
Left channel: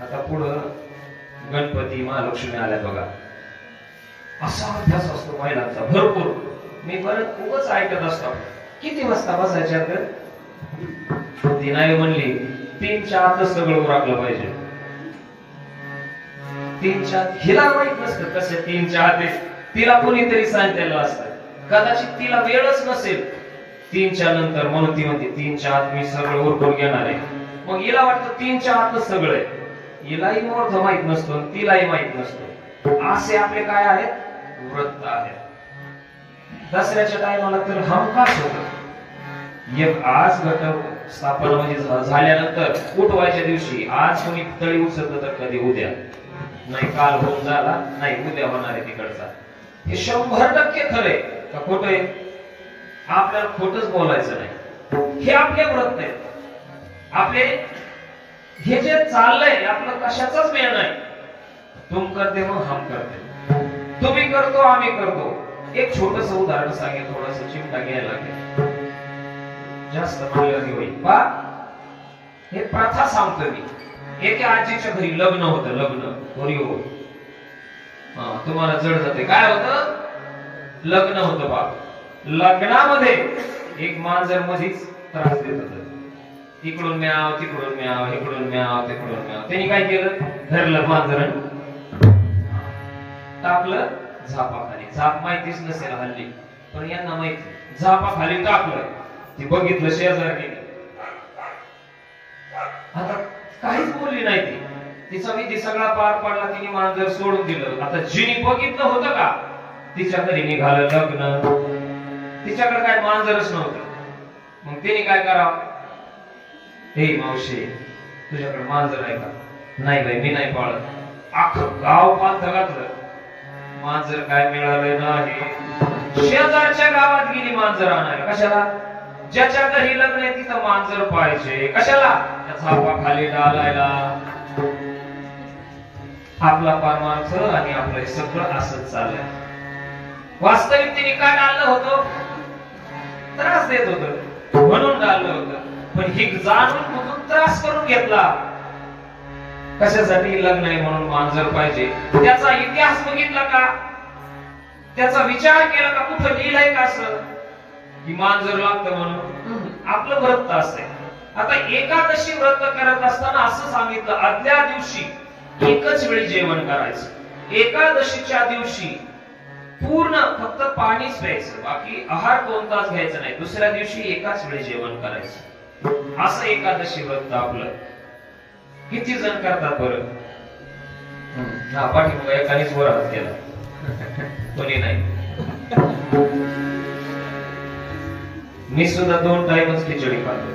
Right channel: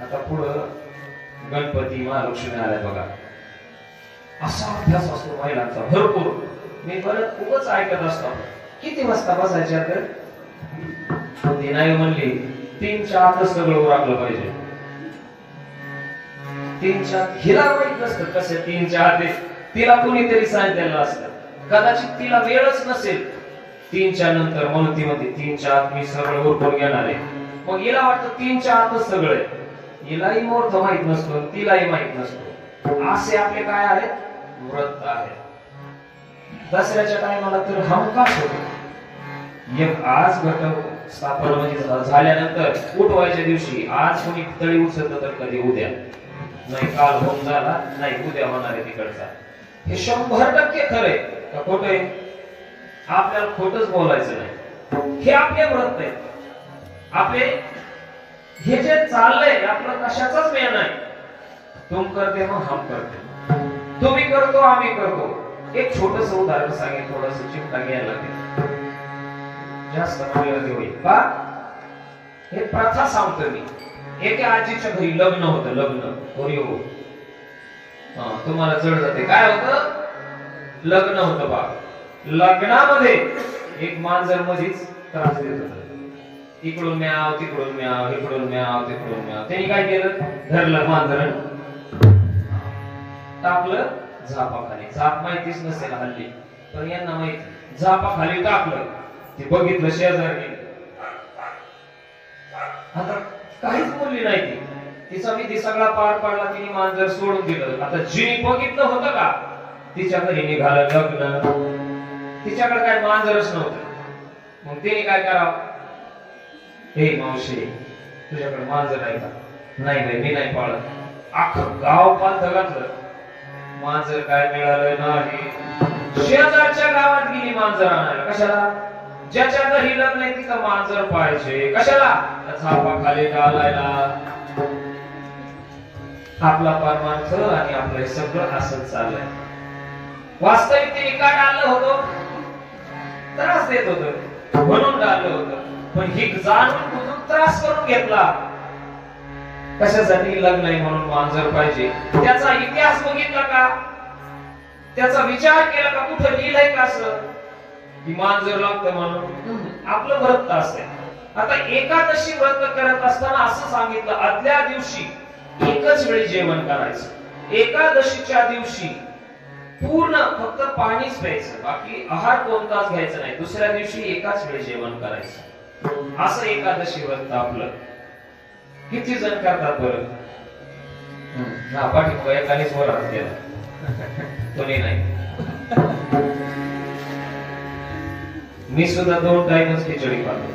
आता पुढं गणपती महालक्ष्मी आल्या बघा, असा अभ्यास असतो महिलांचा भरपूर. मी परत खूपच ऐकत असतो, किती वाजता बसायच्या तर ती नाही म्हणली 3च्या आतच सगळं उरकलं पाहिजे. 3च्या हिला माहित नसतं कसं 3च्या आत, तिला कोणीतरी सांगितलेलं असतं, कदाचित तिला वेळच नसेल 3च्या नंतर, म्हणून ती म्हणते 3च्या आत मी सगळं उरकून घेणार आहे. मग हिला वाटतं 3च्या आतच सगळं आहे, हिलाही मुहूर्त माहित नसतो, तिलाही माहित नसतो. असे आपले काय आहेत? व्रत आहेत. दसऱ्याच्या टायमाला तर हमखास होत, एक आज घट स्थापना म्हणजे झाल्यानंतर उठवायच्या दिवशी आज कोणी तळी उचलत तर कधी उद्या नाही, काल होऊन झाला नाही, उद्या होणार आहे तिकडचा. हे 100% खरंय का खोट आहे? आपल्याला खोटच बोलायचं नाही. हे आपले व्रत आहे, आपले हे जे चाललंय आपलं कशाचाच मेळ नाही. तुम करते मग हम करते, तुम्ही करतो आम्ही करतो. एक छोटस उदाहरण सांगेल, थोडस चिमटा घ्यायला लागेल, जास्त मानलं होईल पा. हे प्रथा सांगतो मी. एका आजीच्या घरी लग्न होतं, लग्न तुम्हाला जड जाते काय होतं? लग्न होतं बा. लग्नामध्ये एक मांजर मध्येच त्रास देत होत, इकडून म्याव तिकडून म्याव, इकडून म्याव तिकडून म्याव. त्यांनी काय केलं? धरलं मांजर, टाकलं झापाखाली. झाप माहितीच नसेल हल्ली, पण यांना माहिती. झापाखाली टाकलं, ती बघितलं शेजारी, आता काहीच बोलली नाही ती. तिचा विधी सगळा पार पडला, तिने मांजर सोडून दिलं. आता जिनी बघितलं होतं का? तिच्या घरी निघालं लग्न, तिच्याकडे काय मांजरच नव्हतं. मग तिने काय करावं? हे मावशी तुझ्याकडे मांजर आहे का? नाही बाई मी नाही पाळत. अख्खं गाव पांथ घातलं, मांजर काय मिळालं नाही. शेजारच्या गावात गेली मांजर आणायला. कशाला? ज्याच्या घरी लग्न आहे तिथं मांजर पाहिजे. कशाला? झापाखाली घालायला. आपला परमार्थ आणि आपलं हे सगळं असंच चाललंय. वास्तविक तिने काय डाळलं होतं? त्रास देत होत म्हणून डाळलं होतं. पण ही जाणून बुजून त्रास करून घेतला. कशासाठी? लग्न आहे म्हणून मांजर पाहिजे. त्याचा इतिहास बघितला का? त्याचा विचार केला का? कुठं लिहिलंय का असं की मांजर लागतं म्हणून? आपलं व्रत असते. आता एकादशी व्रत करत असताना असं सांगितलं, आदल्या दिवशी एकच वेळी जेवण करायचं. एकादशीच्या दिवशी पूर्ण फक्त पाणीच प्यायचं, बाकी आहार कोणताच घ्यायचा नाही. दुसऱ्या दिवशी एकाच वेळी जेवण करायचं. असं एकादशी व्रत आपलं. किती जण करतात बरं? हा, पाठीमागं एकानेच वर हात केला, कोणी नाही. मी सुद्धा 2 टाइमच खिचडी खातो.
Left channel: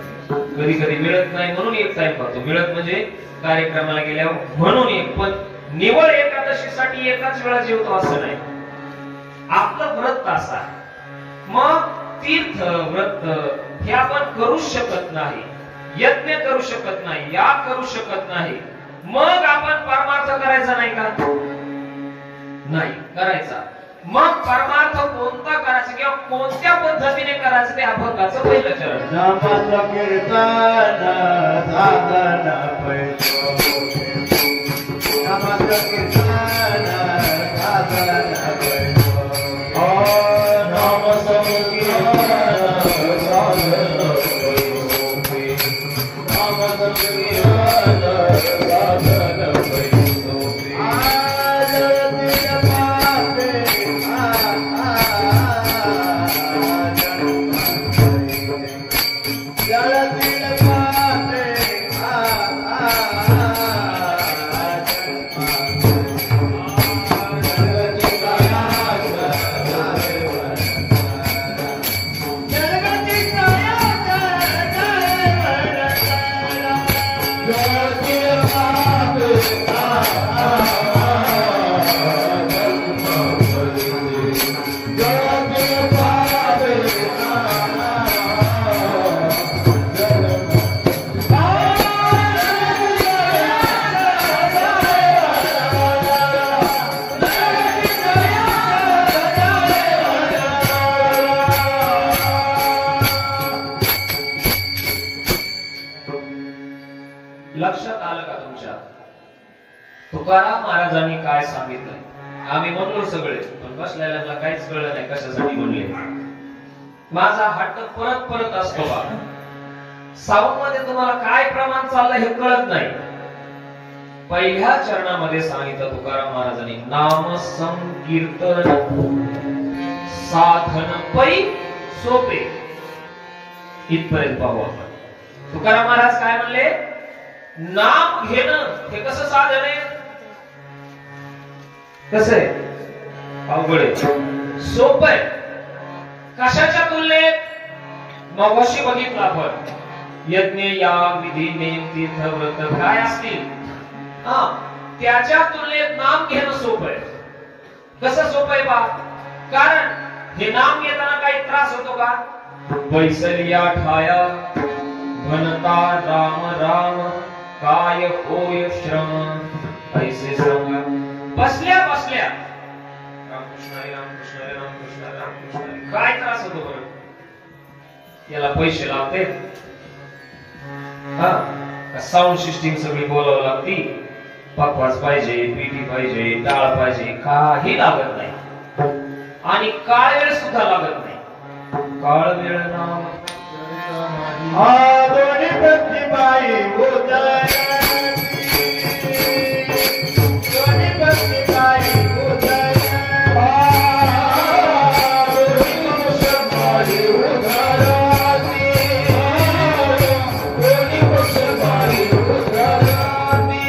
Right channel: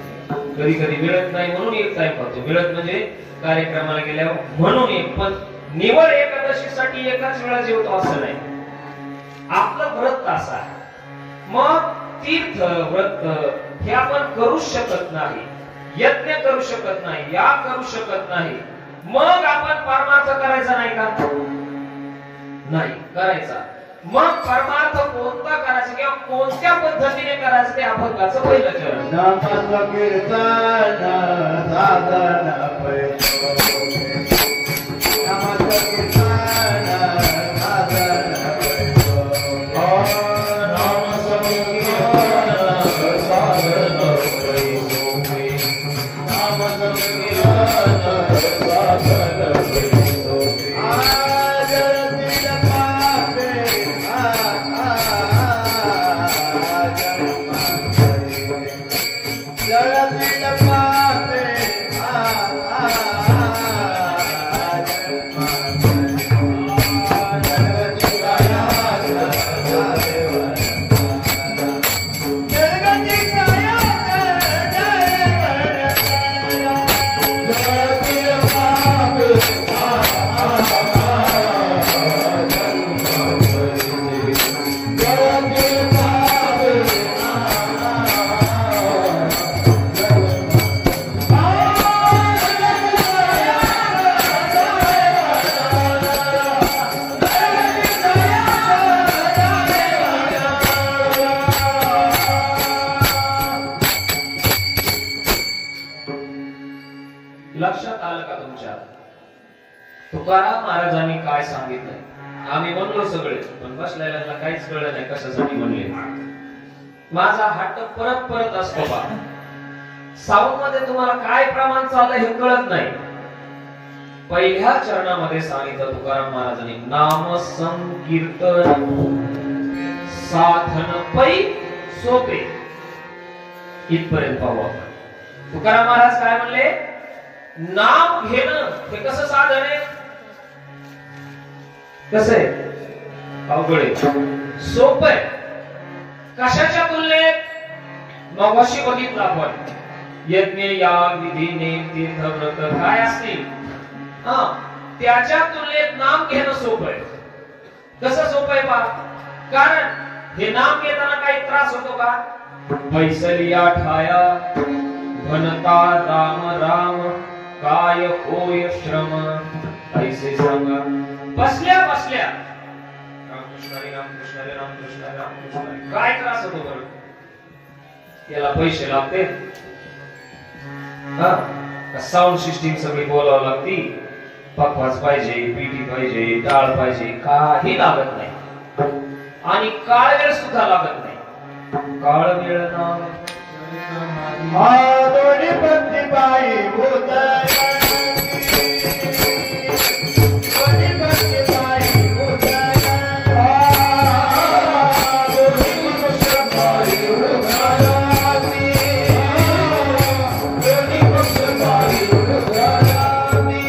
कधी कधी मिळत नाही म्हणून 1 टाइम खातो. मिळत म्हणजे कार्यक्रमाला गेल्यावर म्हणून 1. पण निवळ एकादशीसाठी एकाच वेळा जेवतो असं नाही. आपलं व्रत असं आहे. मग तीर्थ व्रत हे आपण करू शकत नाही, यज्ञ करू शकत नाही, याग करू शकत नाही. मग आपण परमार्थ करायचा नाही का? नाही करायचा. मग परमार्थ कोणता करायचा किंवा कोणत्या पद्धतीने करायचं ते अभंगाचं पहिलं चरण. नामच कीर्तन साधन पैसो, नामच कीर्तन साधन पैसो, नामच कीर्तन साधन पैसो, नामच कीर्तन साधन पैसो. लक्षात आलं का तुमच्या? तुकाराम महाराजांनी काय सांगितलंय? आम्ही म्हणलो सगळे, पण बसलेल्यांना काहीच कळलं नाही कशासाठी म्हणले. माझा हट्ट परत परत असतो बा. साऊंड मध्ये तुम्हाला काय प्रमाण चाललंय हे कळत नाही. पहिल्या चरणामध्ये सांगितलं तुकाराम महाराजांनी, नाम संकीर्तन साधन पै सोपे. इथपर्यंत पाहू आपण. तुकाराम महाराज काय म्हणले? नाम घेणं हे कसं साधन आहे? कसं आहे? अवघड आहे, सोपं आहे. कशाच्या तुलनेत? मगाशी बघितलं आपण, यज्ञ याग विधी नेम तीर्थ व्रत काय असतील, त्याच्या तुलनेत नाम घेणं सोपं आहे. कसं सोपं आहे बा? कारण हे नाम घेताना काही त्रास होतो का? पैसलिया ठाया म्हणता राम राम काय होय श्रम. पैसे सांगा बसल्या बसल्या रामकृष्ण हरी रामकृष्ण हरी रामकृष्ण हरी रामकृष्ण हरी. काय त्रास होतो बरं? याला पैसे लागते, साऊंड सिस्टीम सगळी बोलावं लागती, पकवास पाहिजे, पीठी पाहिजे, डाळ पाहिजे, काही लागत नाही. आणि काळ वेळ सुद्धा लागत नाही. काळ वेळ नाम दोन्ही प्रतिबाई उदय, दोन्ही प्रतिबाई उदय, दोन्ही मुसलमानी उदराती, दोन्ही मुसलमानी उदराती.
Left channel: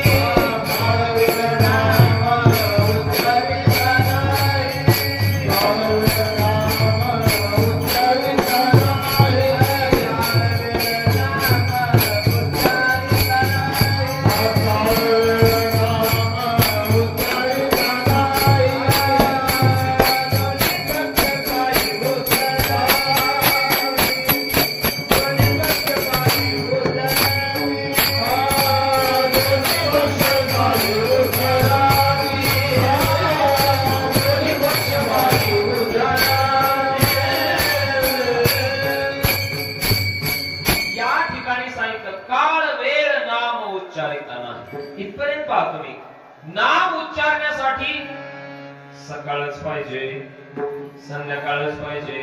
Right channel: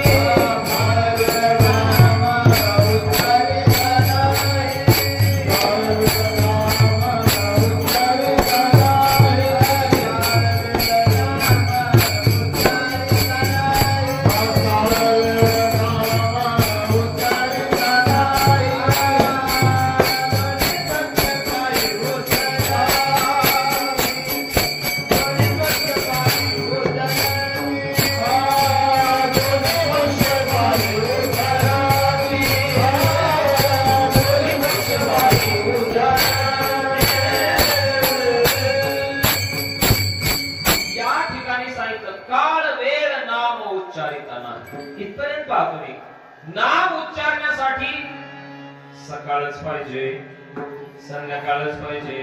नाम उच्चारण्यासाठी सकाळच पाहिजे, संध्याकाळच पाहिजे,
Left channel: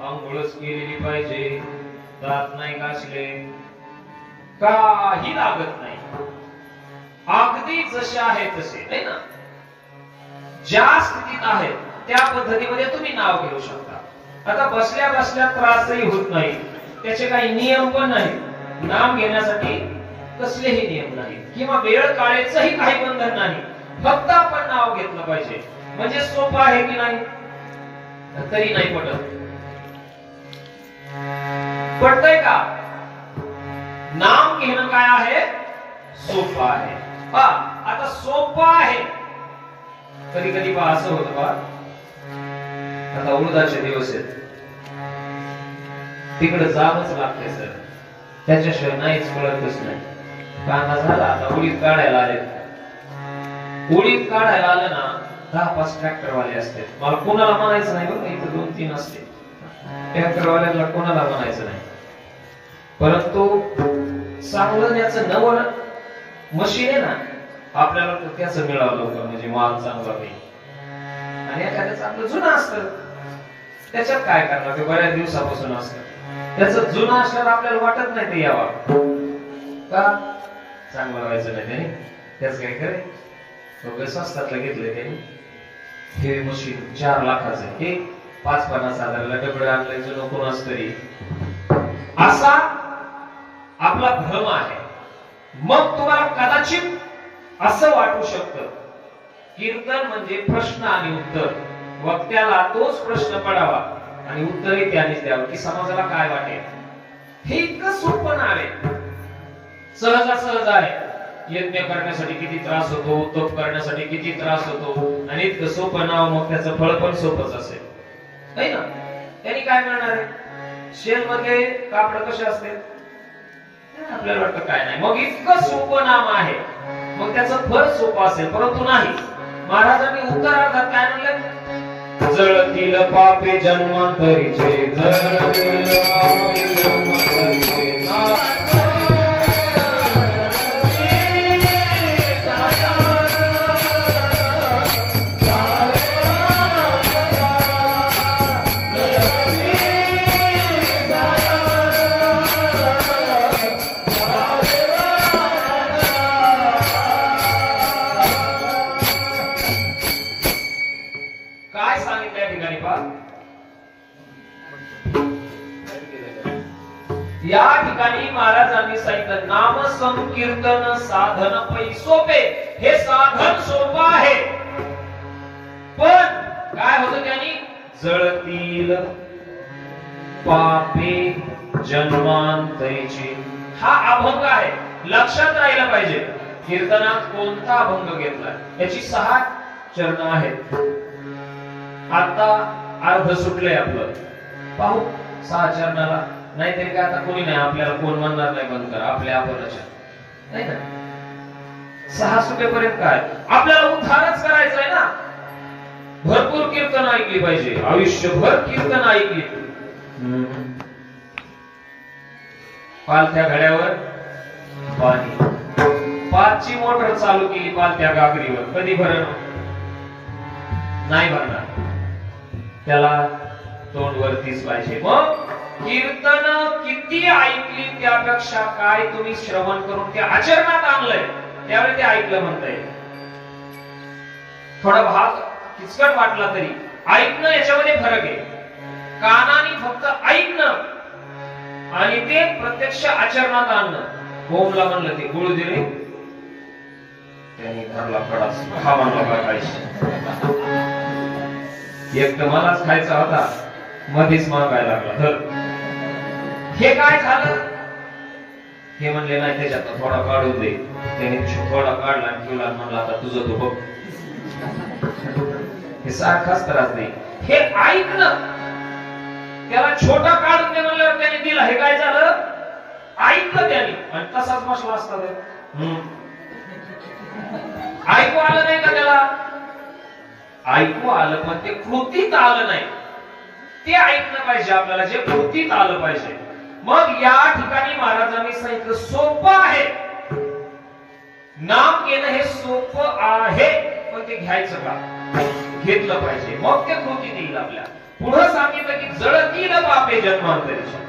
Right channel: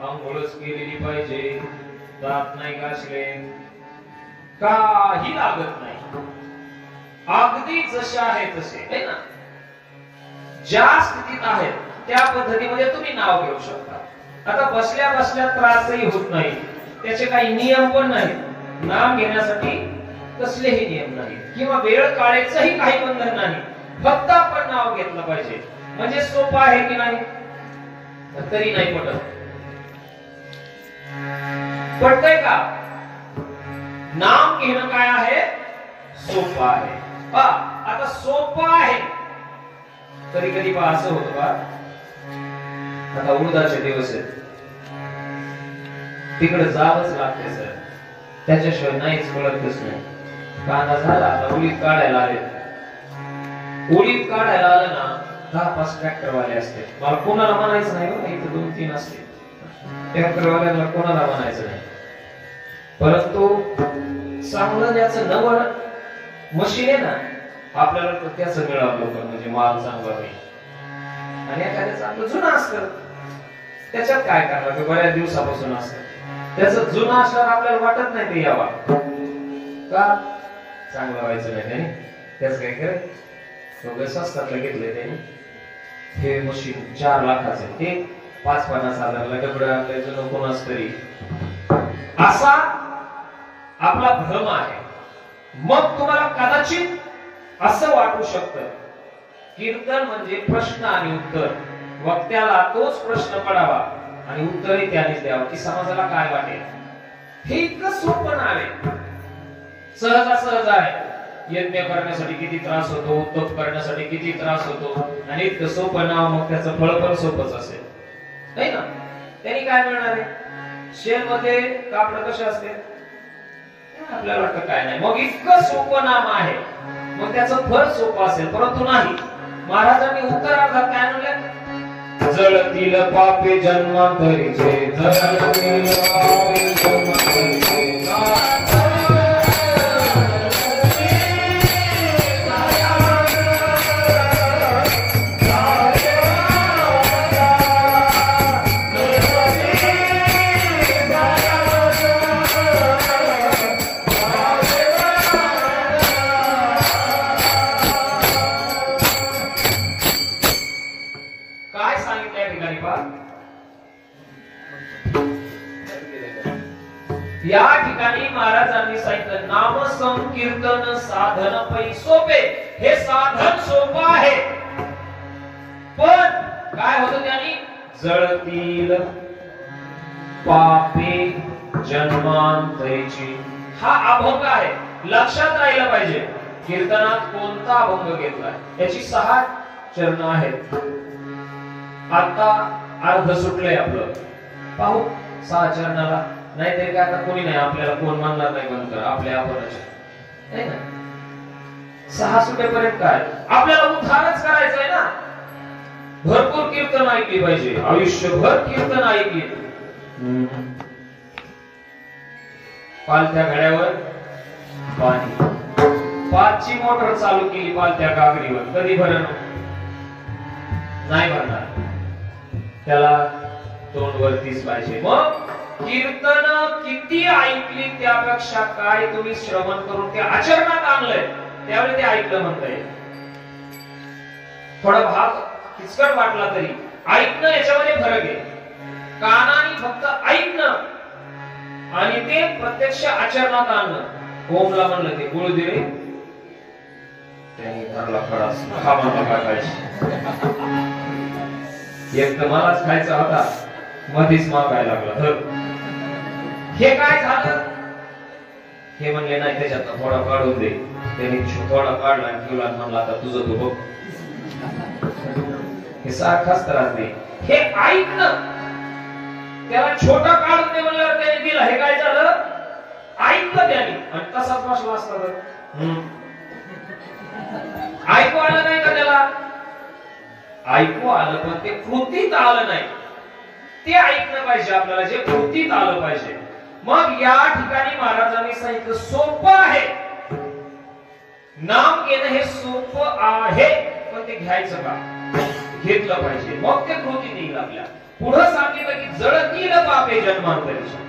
आंघोळच केलेली पाहिजे, दात नाही घासले, काही लागत नाही. अगदी जसे आहे तसे, नाही ना, ज्या स्थितीत आहेत त्या पद्धतीमध्ये तुम्ही नाव घेऊ शकता. आता बसल्या बसल्या त्रासही होत नाही, त्याचे काही नियम पण नाही. नाम घेण्यासाठी कसलेही नियम नाही किंवा वेळ काळेचंही काही बंधन नाही. फक्त आपण नाव घेतलं पाहिजे. म्हणजे सोपं आहे की नाही? तरी नाही पटत. पटतंय का? नाम घेणं काय आहे? सोपं आहे. आता सोपं आहे. कधी कधी पहा असं होतं बा, आता उडदाचे दिवस आहेत, तिकडे जावंच लागते सर, त्याच्याशिवाय नाहीच कळतच नाही. कांदा झाला, आता उडीद काढायला आले. उडीद काढायला आलं ना, 10-5 ट्रॅक्टरवाले असते. मला कोणाला म्हणायचं नाही बरं, इथं 2-3 असते ट्रॅक्टरवाल्यांना, कोणाला म्हणायचं नाही. परंतु चांगलं त्याचं नवं मशीन आहे ना, आपल्याला तर त्याचं मिळावं लवकर, म्हणजे माल चांगला होईल. आणि एखाद्याचं आपलं जुनं असतं, त्याच्यात काय करणार, ते बऱ्याच दिवसापासून असतं. त्याचं जुनं असल्यावर आपल्याला वाटत नाही ते यावा का, चांगलं व्हायचं नाही त्याने. त्याच काय करे, स्वस्तातलं घेतलंय त्याने. हे मशीन 4 लाखाचं, हे 5-50 हजारला डबडं आणलंय जुनं कोणाच तरी. असा आपला भ्रम आहे. मग तुम्हाला कदाचित असं वाटू शकतं, कीर्तन म्हणजे प्रश्न आणि उत्तर. वक्त्याला तोच प्रश्न पडावा आणि उत्तरही त्यानेच द्यावं, की समाजाला काय वाटेल. हे इतकं सोपं नाव आहे, सहजासहज आहे. यज्ञ करण्यासाठी किती त्रास होतो, तप करण्यासाठी किती त्रास होतो, आणि इतकं सोपं नाव, मग त्याचं फळ पण सोपंच असेल, नाही ना. त्यांनी काय मिळणार आहे? शेल मध्ये कापड कसे असते, आपल्याला वाटतं काय नाही. मग इतकं सोपं नाम आहे, मग त्याचं फळ सोपं असेल, परंतु नाही. महाराजांनी उत्तरार्धात काय म्हणलं? जळतील पापे जन्मांतरीचे, जळतील पापे जन्मांतरीचे. या ठिकाणी महाराजांनी सांगितलं, नाम संकीर्तन साधन पै सोपे. हे साधन सोपं आहे, पण काय होतं त्यांनी? जळतील पापे जन्मांतरीची. हा अभंग आहे, लक्षात राहिलं पाहिजे. कीर्तनात कोणता अभंग घेतलाय, याची 6 चरण आहेत. आता अर्ध सुटलंय आपलं, पाहू 6 चरणाला. नाहीतरी काय, आता कोणी नाही, आपल्याला कोण म्हणणार नाही बंद करा, आपल्या आपणच नाही ना. 6 सुटेपर्यंत काय, आपल्याला उद्धारच करायचंय ना. भरपूर कीर्तन ऐकली पाहिजे, आयुष्यभर कीर्तन ऐकली. पालथ्या घड्यावर पाणी, 5ची मोटर चालू केली पालथ्या गागरीवर, कधी भरण नाही भरणार, त्याला तोंड वरतीच पाहिजे. मग कीर्तन किती ऐकली त्यापेक्षा काय तुम्ही श्रवण करून ते आचरणात आणलंय, त्यावेळी ते ऐकलं म्हणता येईल. थोडा भाग किचकट वाटला तरी ऐकणं, याच्यामध्ये फरक आहे. कानाने फक्त ऐकणं आणि ते प्रत्यक्ष आचरणात आणणं. ओमला म्हणलं ते गुळ दिले, त्याने घरला कडा हा म्हणला काय खायची. एक तर मलाच खायचा होता, मध्येच मागायला लागला. तर हे काय झालं? हे म्हणले नाही, त्याच्यात थोडा काढून दे. त्याने थोडा काढला आणि तुला म्हणला, आता तुझं तू बघ. हे सारखाच त्रास दे. हे ऐकणं, त्याला छोटा काढून दे म्हणल्यावर त्याने दिला. हे काय झालं? ऐकलं त्याने आणि तसाच बसला असता. ऐकू आलं नाही का त्याला? ऐकू आलं, पण ते कृतीत आलं नाही. ते ऐकलं पाहिजे आपल्याला, जे कृतीत आलं पाहिजे. मग या ठिकाणी महाराजांनी सांगितलं सोपं आहे. नाम घेणं हे सोपं आहे, पण ते घ्यायचं का? घेतलं पाहिजे, मग ते कृती देईल आपल्या. पुढे सांगितलं की जळतील पापे जन्मांतरीच्या,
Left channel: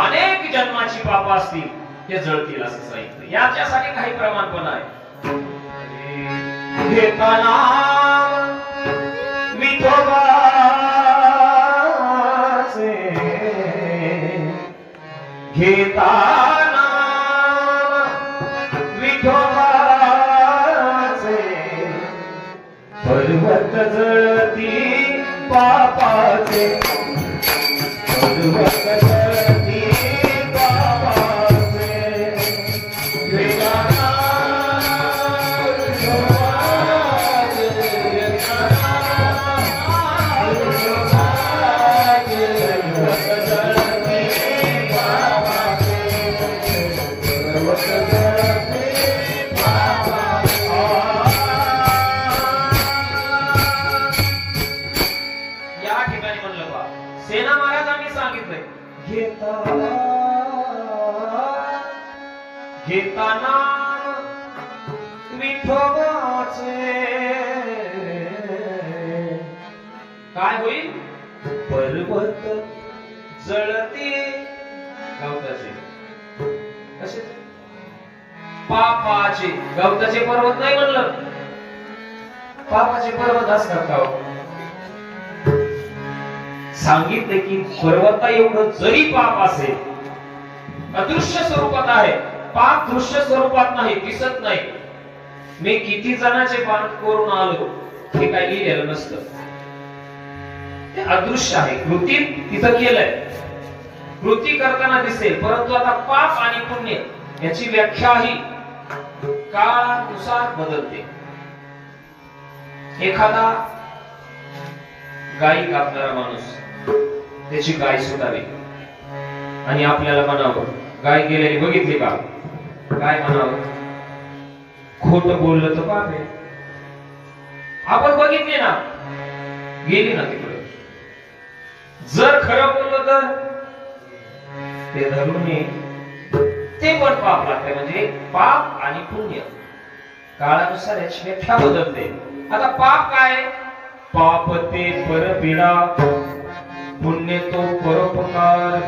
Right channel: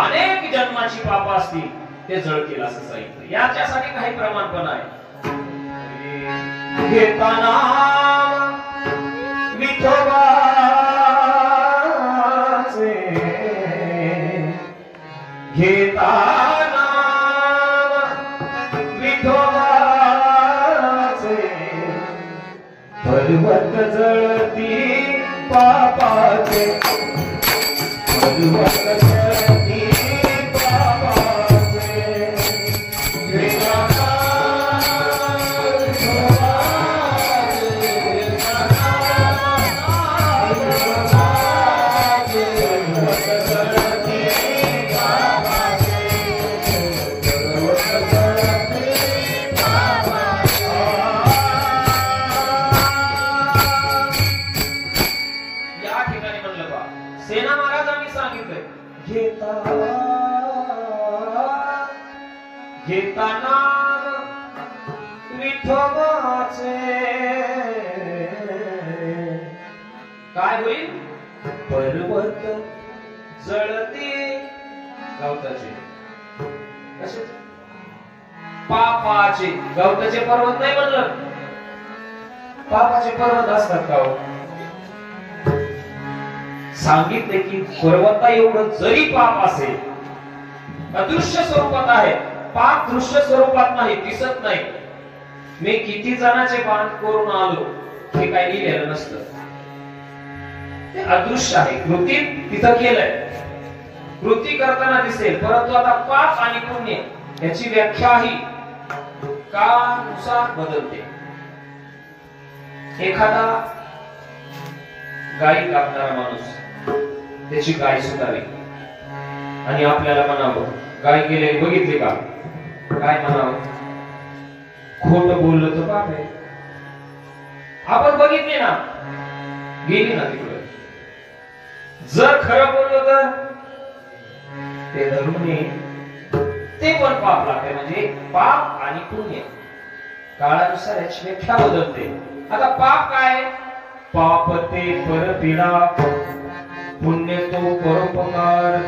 अनेक जन्माची पाप असतील ते जळतील असं सांगितलं. याच्यासाठी काही प्रमाण पण आहे. घेता नाम विठोबाचे, घेता नाम विठोबाचे, पर्वत जळती पापाचे, पर्वत जळती पापाचे. घेता सेना महाराजांनी सांगितलंय, घेता नाम विठोबाचे, काय होईल? पर्वत जळते गवताचे. कसे? पापाचे. गवताचे पर्वत नाही म्हणलं, पापाचे पर्वत असतात का? सांगितले की पर्वता एवढं जरी पाप असेल, अदृश्य स्वरूपात आहे, पाप दृश्य स्वरूपात नाही, दिसत नाही. मी किती जणांचे पाप करून आलो हे काही लिहिलेलं नसतं, ते अदृश्य आहे. कृती तिथं केलंय, कृती करताना दिसेल, परंतु आता पाप आणि पुण्य याची व्याख्या ही काळानुसार बदलते. एखादा गायी कापणारा माणूस त्याची गाय सुटावी आणि आपल्याला म्हणावं, गाय गेलेली बघितली का? काय म्हणावं? खोट बोललं तर पाप आहे. आपण बघितली ना, गेली ना तिकडे. जर खरं बोललो तर ते धरून ये, ते पण पाप लागते. म्हणजे पाप आणि पुण्य काळानुसार याची व्याख्या बदलते. आता पाप काय? पाप ते परपीडा, पुण्य तो परोपकार.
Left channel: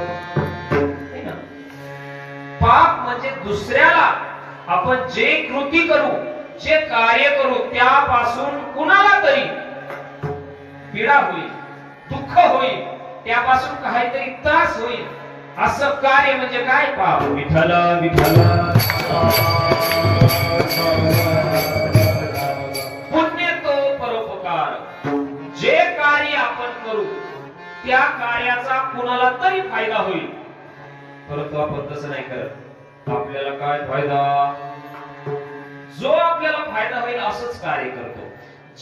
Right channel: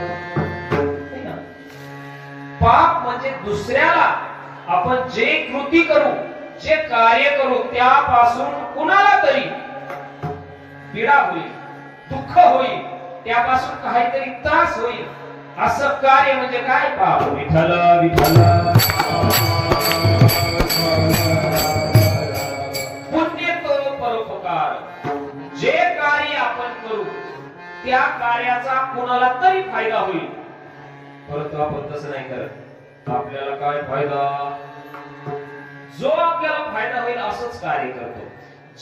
पाप म्हणजे दुसऱ्याला आपण जे कृती करू, जे कार्य करू, त्यापासून कुणाला तरी पीडा होईल, दुःख होईल, त्यापासून काहीतरी त्रास होईल, असं कार्य म्हणजे काय? पाप. विठ्ठल विठ्ठल. पुण्य तो परोपकार. जे कार्य आपण करू त्या कार्याचा कुणाला तरी फायदा होईल, परंतु आपण तसं नाही करत. आपल्याला काय फायदा? जो आपल्याला फायदा होईल असंच कार्य करतो.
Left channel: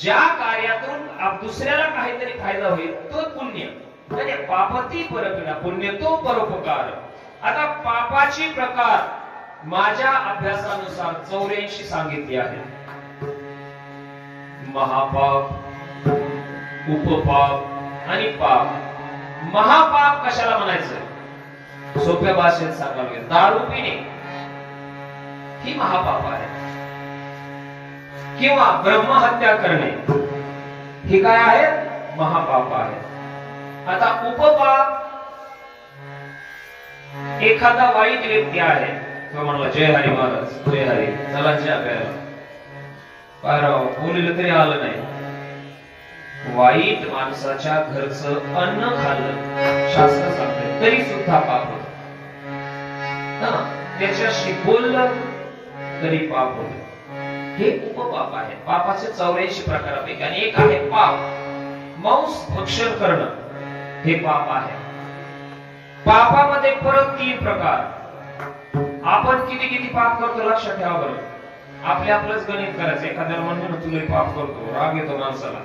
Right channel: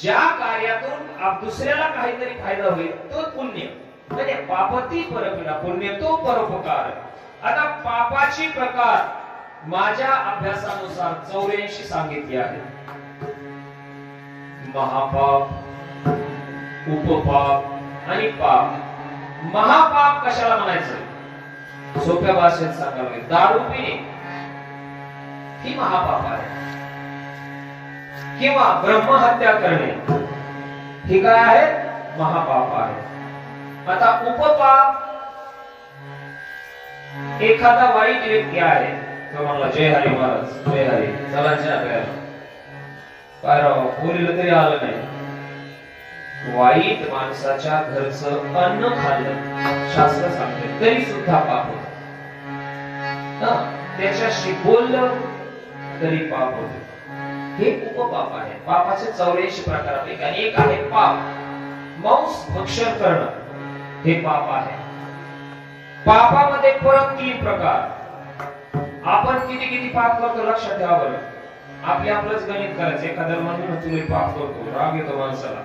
ज्या कार्यातून दुसऱ्याला काहीतरी फायदा होईल तो पुण्य. म्हणजे पापती परपीडा, पुण्य तो परोपकार. आता पापाची प्रकार माझ्या अभ्यासानुसार 84 सांगितले आहेत. महापाप, उपपाप आणि पाप. महापाप कशाला म्हणायचं? सोप्या भाषेत सांगावे, दारू पिणे ही महापाप आहे, किंवा ब्रह्महत्या करणे ही काय आहे? महापाप आहे. आता उपपाप, एखादा वाईट व्यक्ती आहे, तो म्हणला जय हरी महाराज, जय हरी, चला ज्या बोलिलं तरी आलं नाही. वाईट माणसाच्या घरचं अन्न खाल्लं, शास्त्र सांगते, तरी सुद्धा पाप होत. त्याच्याशी बोललं तरी पाप होत. हे उपपाप आहे. पापाचे 84 प्रकारापैकी आणि एक आहे पाप. मांस भक्षण करणं हे पाप आहे. पापामध्ये परत 3 प्रकार. आपण किती किती पाप करतो लक्षात ठेवा बरं. आपलंच गणित करायचं. एखाद्याला म्हणून तुला पाप करतो, राग येतो माणसाला.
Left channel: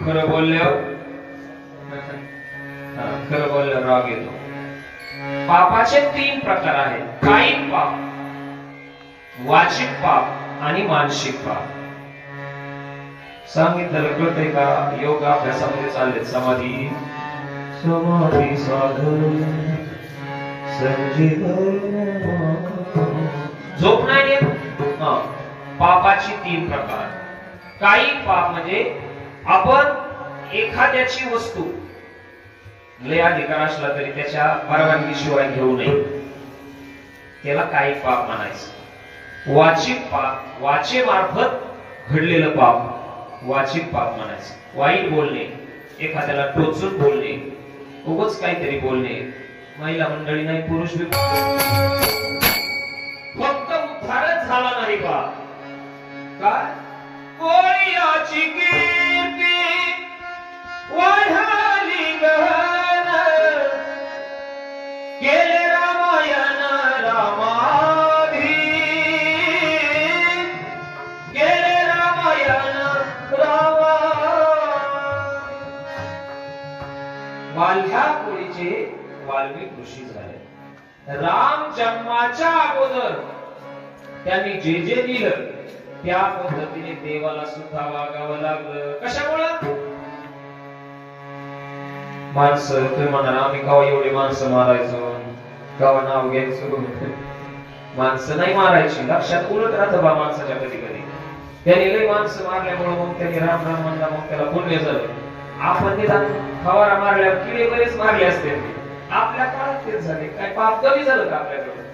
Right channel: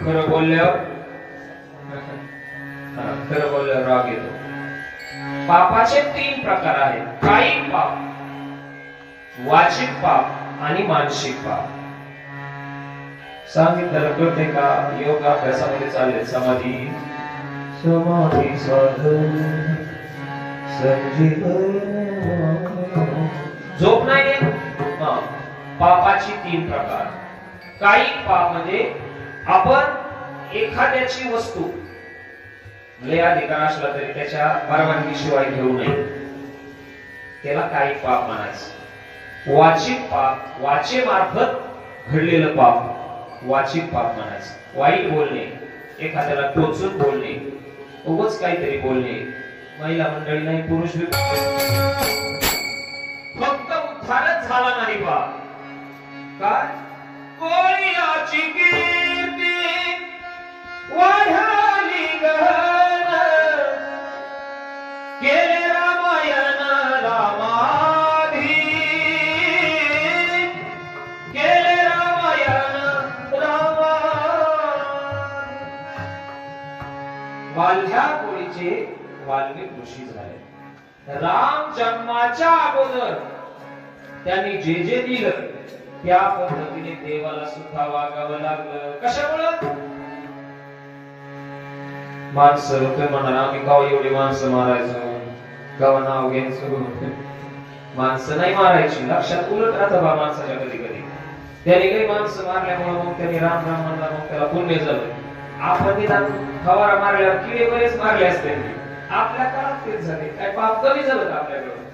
खरं बोलल्यावर राग येतो. पापाचे 3 प्रकार आहेत. कायिक पाप, वाचिक पाप आणि मानसिक पाप. सांगितलं कळतंय का? योग अभ्यासामध्ये चालले. समाधी समाधी साधन संजीवन. झोप नाही येत, पापाची 3 प्रकार. काही पाप म्हणजे आपण एखाद्याची वस्तू लय अधिकार असला तरी त्याच्या परवानगीशिवाय घेऊ नये, त्याला काही पाप म्हणायचं. वाचिक पाप, वाचेमार्फत घडलेलं पाप वाचिक पाप म्हणायचं. वाईट बोलणे, एखाद्याला टोचून बोलणे, उगाच काहीतरी बोलणे, महिला मंडळी नाही पुरुष बी फक्त उद्धारच झाला नाही पाप. काय कोळीयाची कीर्ती वाढाली गहन, केले रामायण रामाधी, केले रामायण रामा. वाल्ह्या कोळीचे वाल्मिक ऋषी झाले. राम जन्माच्या अगोदर त्यांनी जे जे दिलं त्या पद्धतीने देवाला सुद्धा वागावं लागलं. कशामुळं? माणसं तुम्ही म्हणणार आम्ही गाव एवढे माणसं मारायचो, गाव नाव घ्यायचो. माणसं नाही मारायची, लक्षात उलट राहतं बा माणसाच्या कधी कधी. त्याने लई माणसं मारल्यामुळे मग त्याने राम राम म्हणला, मग त्याला पुण्य झालं. आपण निदान फवारा मारल्यावर किडे बरेच मारले असते, आपल्या काळात तेच झाले. काय पाप कमी झालं का आपल्याकडून?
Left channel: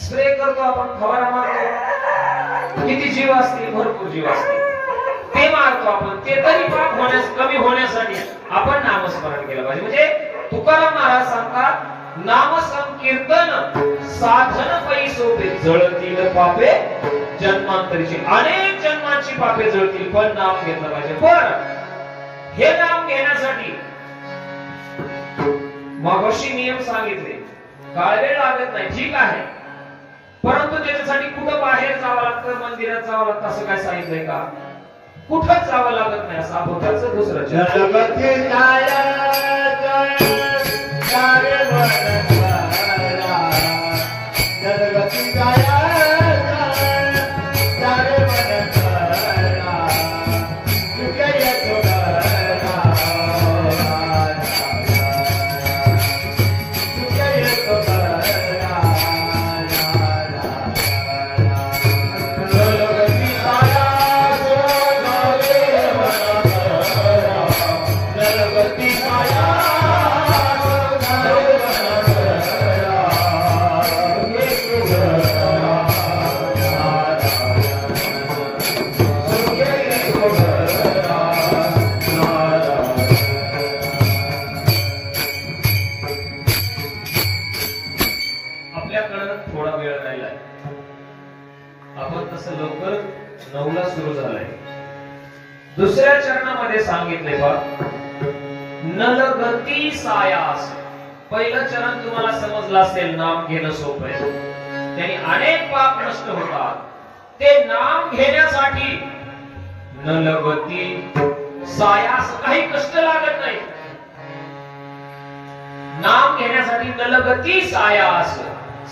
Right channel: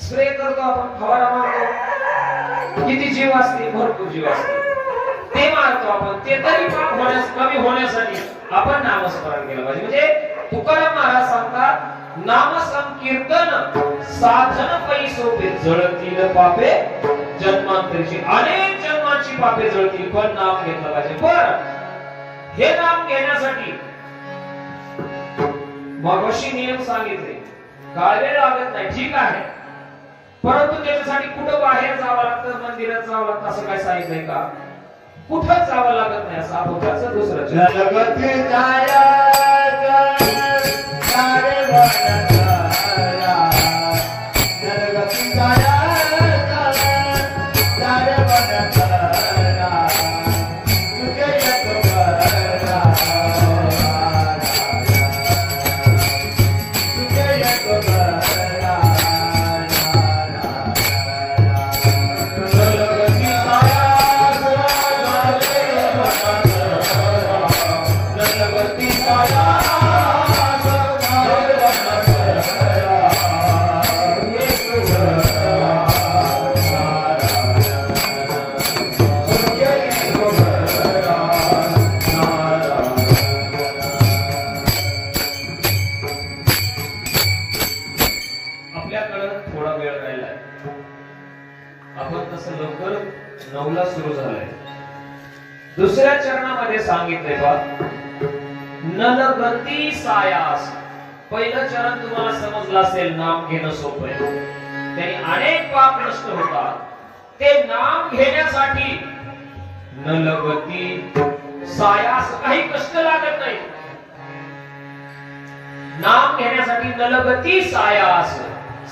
स्प्रे करतो आपण, फवारा मारतो, किती जीव असते, भरपूर जीव असते, ते मारतो आपण. ते तरी पाप कमी होण्यासाठी आपण नामस्मरण केलं पाहिजे. म्हणजे तुकाराम महाराज सांगतात, नाम संकीर्तन साधन पै सोपे, जळतील पापे जन्मांतरीची. अनेक जन्मांची पापे जळतील, पण नाम घेतलं पाहिजे. पण हे नाम घेण्यासाठी मगाशी नियम सांगितले, काळ वेळ लागत नाही, ठीक आहे, परंतु त्याच्यासाठी कुठं बाहेर जावं लागतं, मंदिरात जावं लागतं असं काय सांगितलंय का? कुठंच जावं लागत नाही. असं आपण त्याचं दुसरं जगती छाया जगती छाया दुसऱ्या चरणामध्ये सांगितले बा, नलगती सायास. पहिलं चरण तुम्हाला समजलं असेल, नाम घेणं सोपं आहे, त्याने अनेक पाप नष्ट होतात. ते नाम घेण्यासाठी नलगती सायास, काही कष्ट लागत नाही. नाम घेण्यासाठी नलगती सायास,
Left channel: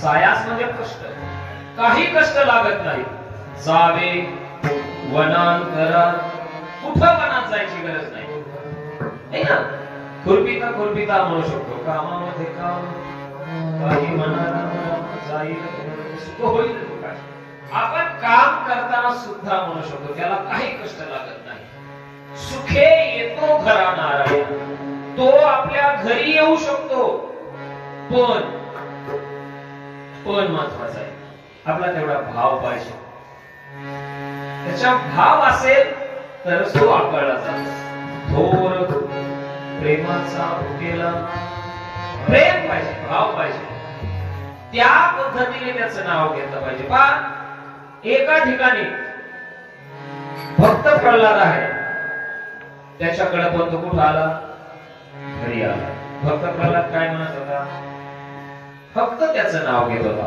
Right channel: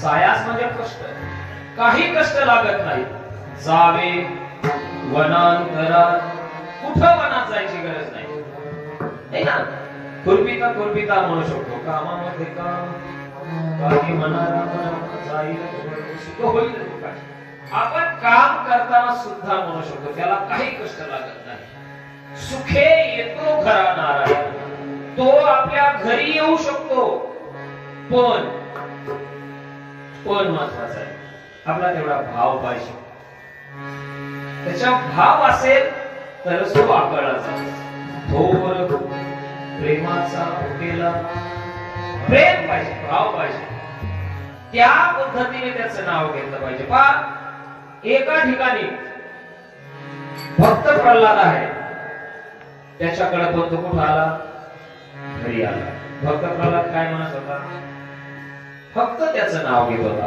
सायास म्हणजे कष्ट, काही कष्ट लागत नाही. जावे वनांतरात, कुठं वनात जायची गरज नाही ना. खुरपिता खुरपिता म्हणू शकतो, कामामध्ये काम, काही मनाला जाईल सुख होईल. आपण काम करताना सुद्धा म्हणू शकतो, त्याला काही कष्ट लागत नाही. सुखे येतो घरा नारायण, तो आपल्या घरी येऊ शकतो. पण महत्वाचा आहे, आपला तेवढा भाव पाहिजे. त्याचा भाव असेल तर तो आकळला जातो. थोर प्रेमाचा केला, प्रेम पाहिजे, भाव पाहिजे, त्या पद्धतीने त्याचं नाव घेतलं पाहिजे. पण एका ठिकाणी भक्त प्रल्हाद आहे, त्याच्याकडे पण तो कुठं आला? घरी आला. भक्त प्रल्हाद काय म्हणत होता? फक्त त्याचं नाव घेत होता.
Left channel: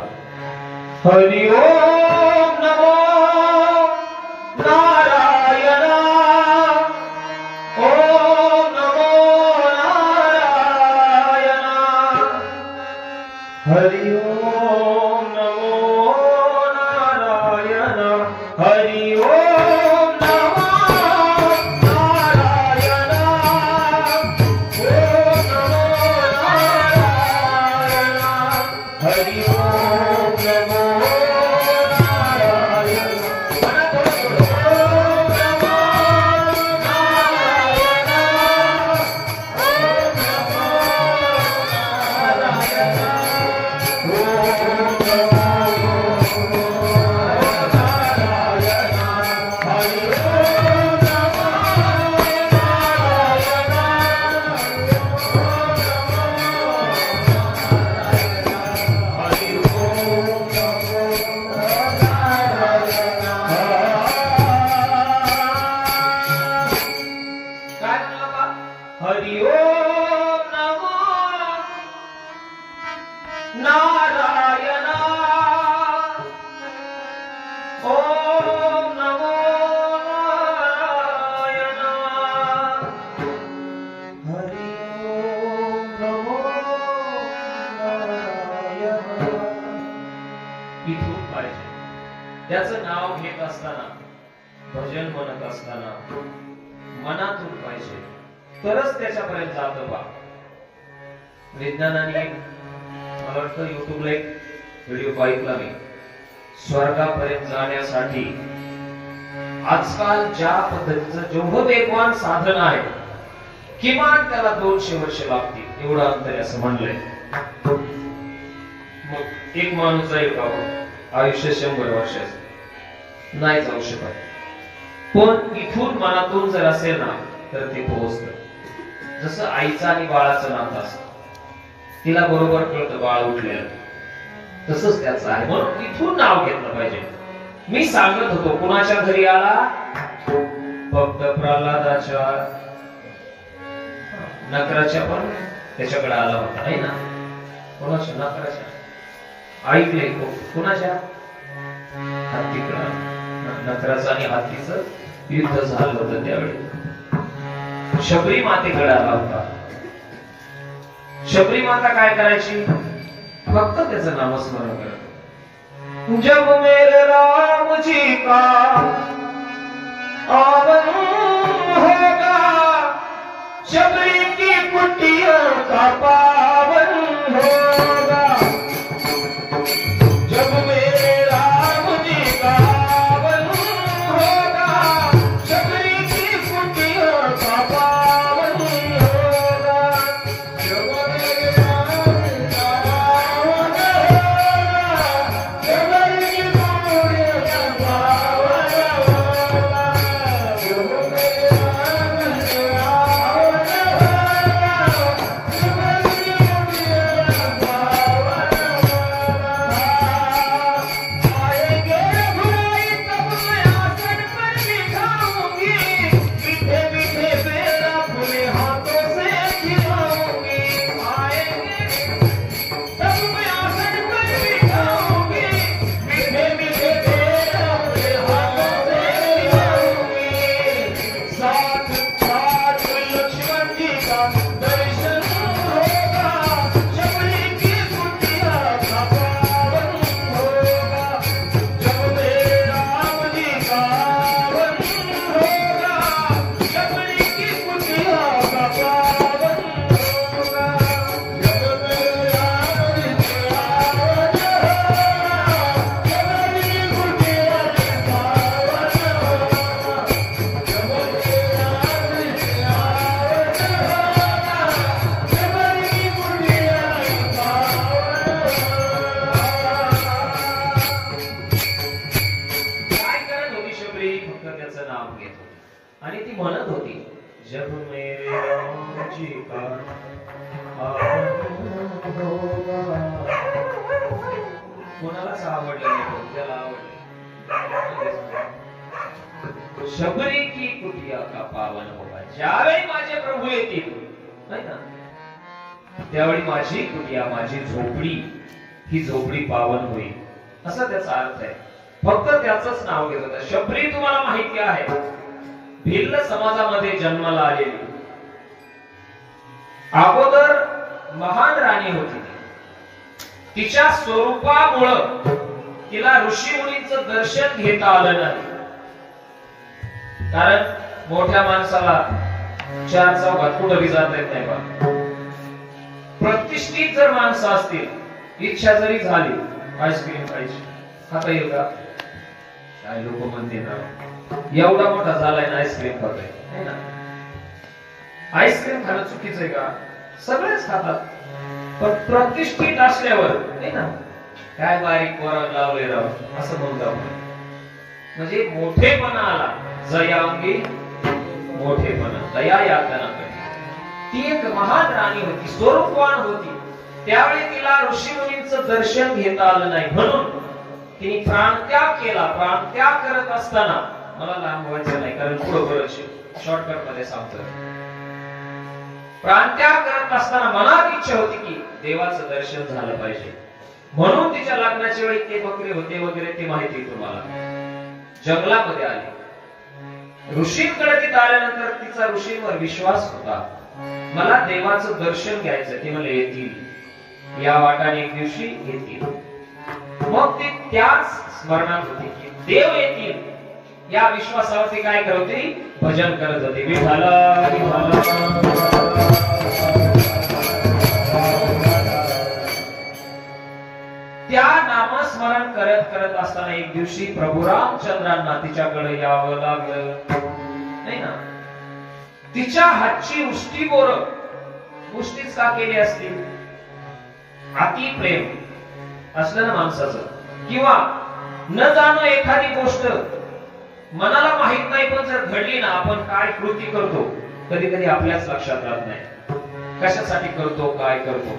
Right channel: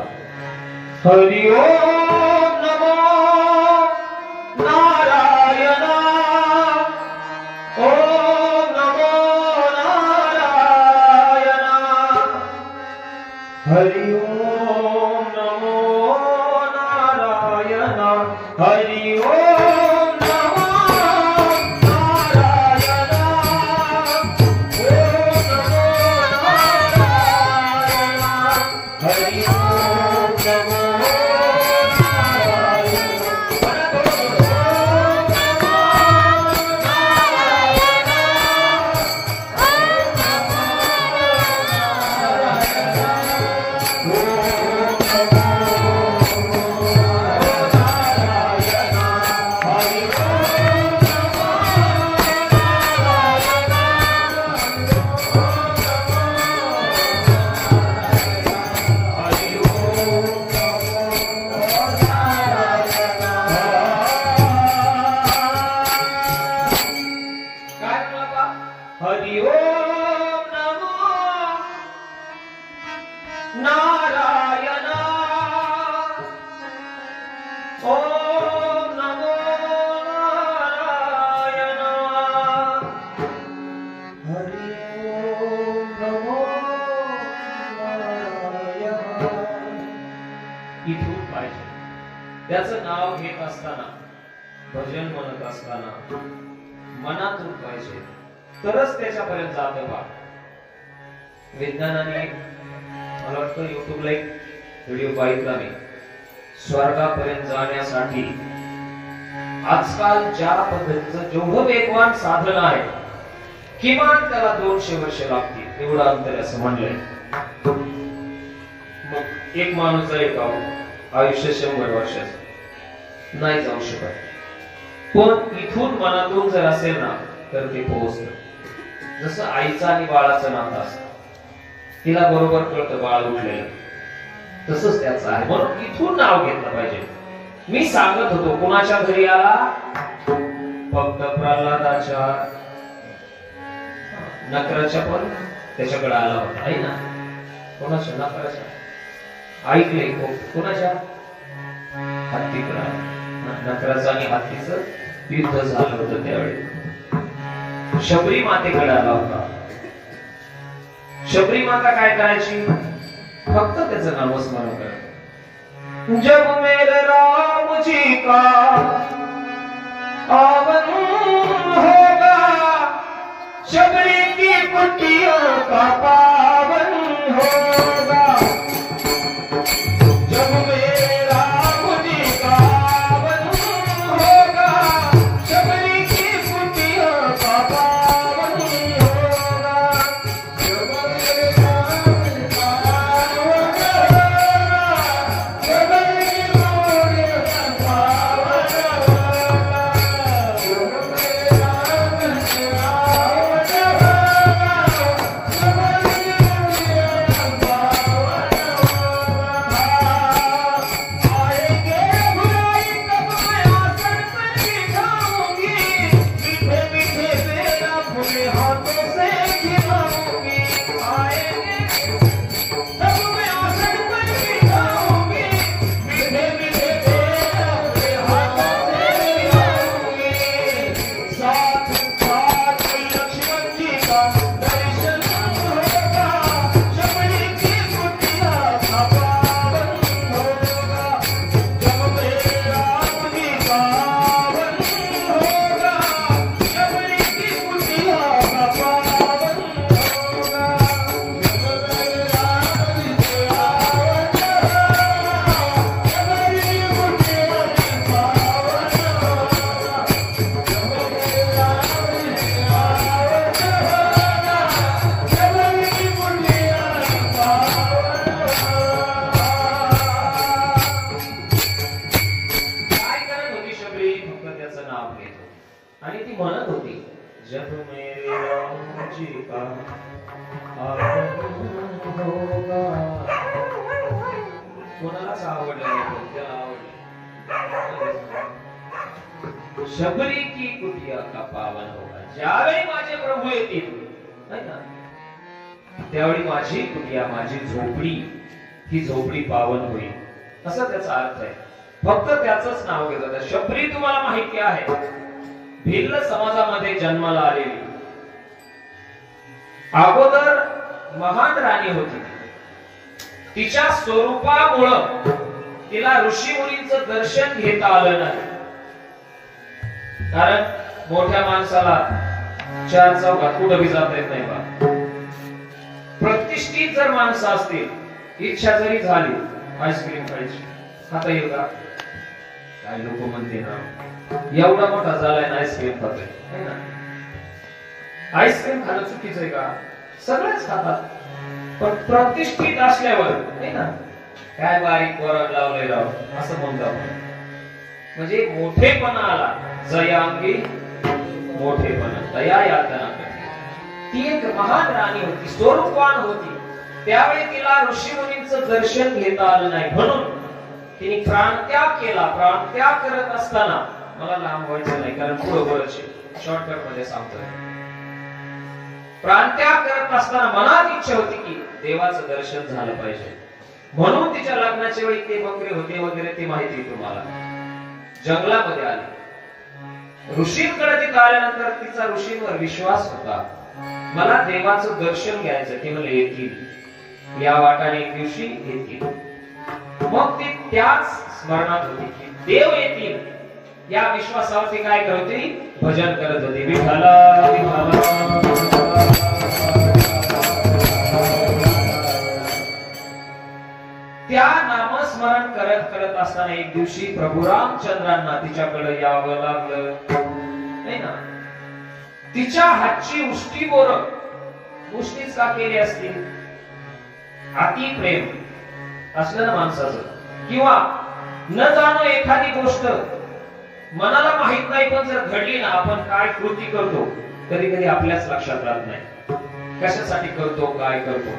हरि ओम नमो नारायणा, ओम नमो नारायणा, हरि ओम नमो नारायणा, हरि ओम नमो नारायणा, ओम नमो नारायणा, हरि ओम नमो नारायणा. हरि ओम नमो नारायणा ओम नमो नारायणा हरि ओम नमो नारायणा. इथून पाहिजे त्याचं नाव घेत असताना, भजन म्हणत असताना मनातून पाहिजे, तरच त्याच्यापर्यंत जातं बा. विज्ञानाने मला वाटतं युट्यूबला एक व्हिडिओ पाहिला मी, स्वर्गापर्यंत जाण्यासाठी आजकाल ज्या पद्धतीचं जेवढं वेगवान साधन आहे, किमान त्याला 200 वर्ष लागतील एवढं अंतर आहे असं म्हणलंय. मग एक माणूस आहे का आयुष्य 100 वर्षाचं नाही जाऊ शकत, पण इथून मनातून जर असेल ना तर ते पोहोचत. जसं आईचं आणि बाळाचं नातं असतं, तिला बरोबर कळतं बाळ उठलेलं, तसंच त्याचं आहे. म्हणून इथून नाव घेतलं पाहिजे. मी सांगत होतो कुणाच्या घरी आला, फक्त प्रल्हादाच्या नकराच्या पण त्याच्याकडे आला होता आहे ना. कोणाच्या नकराच्या ऐकलंय कोणाच्या हत्तीकडे, नकराचं आणि हत्तीचं युद्ध झालं होतं त्यावेळी. शबरी मातेकडे आला होता. शबरी माता काय करायची, फक्त त्याचं नामस्मरण करत. जब मेरे राम जी का आवन होगा, शबरी की कुटिया का पावन होगा. जब मेरे राम जी का आवन होगा, शबरी की कुटिया का पावन होगा. जब मेरे राम का आवन होगा, शबरी की कुटिया का पावन होगा. जब मेरे राम का आवन होगा, शबरी की कुटिया का पावन होगा. आएंगे रघुराई तब मैं आसन पर बिठाऊंगी, मीठे मीठे बेर अपने हाथों से खिलाऊंगी. आएंगे तब मैं आसन पर बिठाऊंगी, मीठे मीठे बेर अपने हाथों से खिलाऊंगी. साथ साथ लक्ष्मण जी का दर्शन होगा, शबरी की कुटिया का पावन होगा. जब मेरे राम जी का आवन होगा, शबरी की कुटिया का पावन होगा. जब मेरे राम जी का आवन होगा, शबरी की कुटिया का पावन होगा. जब मेरे राम जी का आवन होगा, शबरी की कुटिया का काय करत होती शबरी, फक्त त्याचं नाव घेत होती आणि ती म्हणत होती, जब मेरे राम जी का आवन होगा. कोणालाच आवडलं नाही, पण त्याला आवडलं. शबरी की कुटिया का पावन होगा. ज्यावेळी माझे प्रभू येतील नाही ना, त्यावेळी माझी कुटिया, माझी झोपडी, ही झोपडी पावन होईल, असा त्याचा अर्थ आहे. फक्त त्याचंच नाव घेत होता. शबरी तुम्हाला माहिती आहे, भिल्ल समाजामध्ये जन्माला आलेली, अगोदर महान राणी होती. तिच्या स्वरूपामुळं तिला ऋषी मुनींचं दर्शन घेता आलं नाही. कारण मोठ्या माणसाला 4 चौघात कुठं बी जाता येत नाही बा. प्रतिष्ठित जर माणसं असतील, इच्छा जरी झाली आईस्क्रीम खायची, खाता येईल का? काय लोक म्हणते ना, एवढा मोठा झालाय ना आईस्क्रीम खातोय ना. आईस्क्रीम खाणं चुकीचं आहे का? सगळेच खातात, पण प्रतिष्ठित असल्यावर नाही ना, काय बारीक वरण लावले राव असं म्हणतो. म्हणजे मोठेपणा आला, जयांगी मोठेपणा, दया यातना करते. ती एक महान राणी होती, स्वरूपवान होती. त्यावेळी तिला ऋषी मुनींचं दर्शन घेता आलं नाही, म्हणून तिने प्राणत्याग केला. प्राणत्याग करत असताना, मला लांब व्हायचं नाही कारण पुढे बरंच शॉर्टकट मध्ये सांगतोय. प्राणत्याग करत असताना मनात इच्छा होती की देवाचं दर्शन झालं पाहिजे, म्हणून तिच्या लग्नाच्या वेळी ते बकरे होते वगैरे ते माहिती तुम्हाला. जंगलामध्ये आली, ऋषींकडे तिथं आल्यानंतर तिचा ऋषींवर विश्वास होता, मला देवाचं दर्शन घ्यायचं. ते मला येतील, या वाटाने एक दिवशी येतील. मग ती त्याच स्मरणात होती की देव येतील, या विश्वासावरती काय करत होती, भजन करत होती. विठाला विठाला. त्या नामस्मरण करत करत असताना एक दिवशी प्रभू रामचंद्रांना तिच्याकडे यावं लागलं, नाही ना. तिच्या हातची उष्टी बोर उष्टीच का केली असती, अति प्रेम असलं ना माणसाचं, किंवा न जाणो एखादी गोष्ट मनाला माहित नाही पण जर घडली ना, आपण काय कृती करतो कधी कधी आपल्याच लक्षात राहत नाही, कशासाठी करतो काय करतो.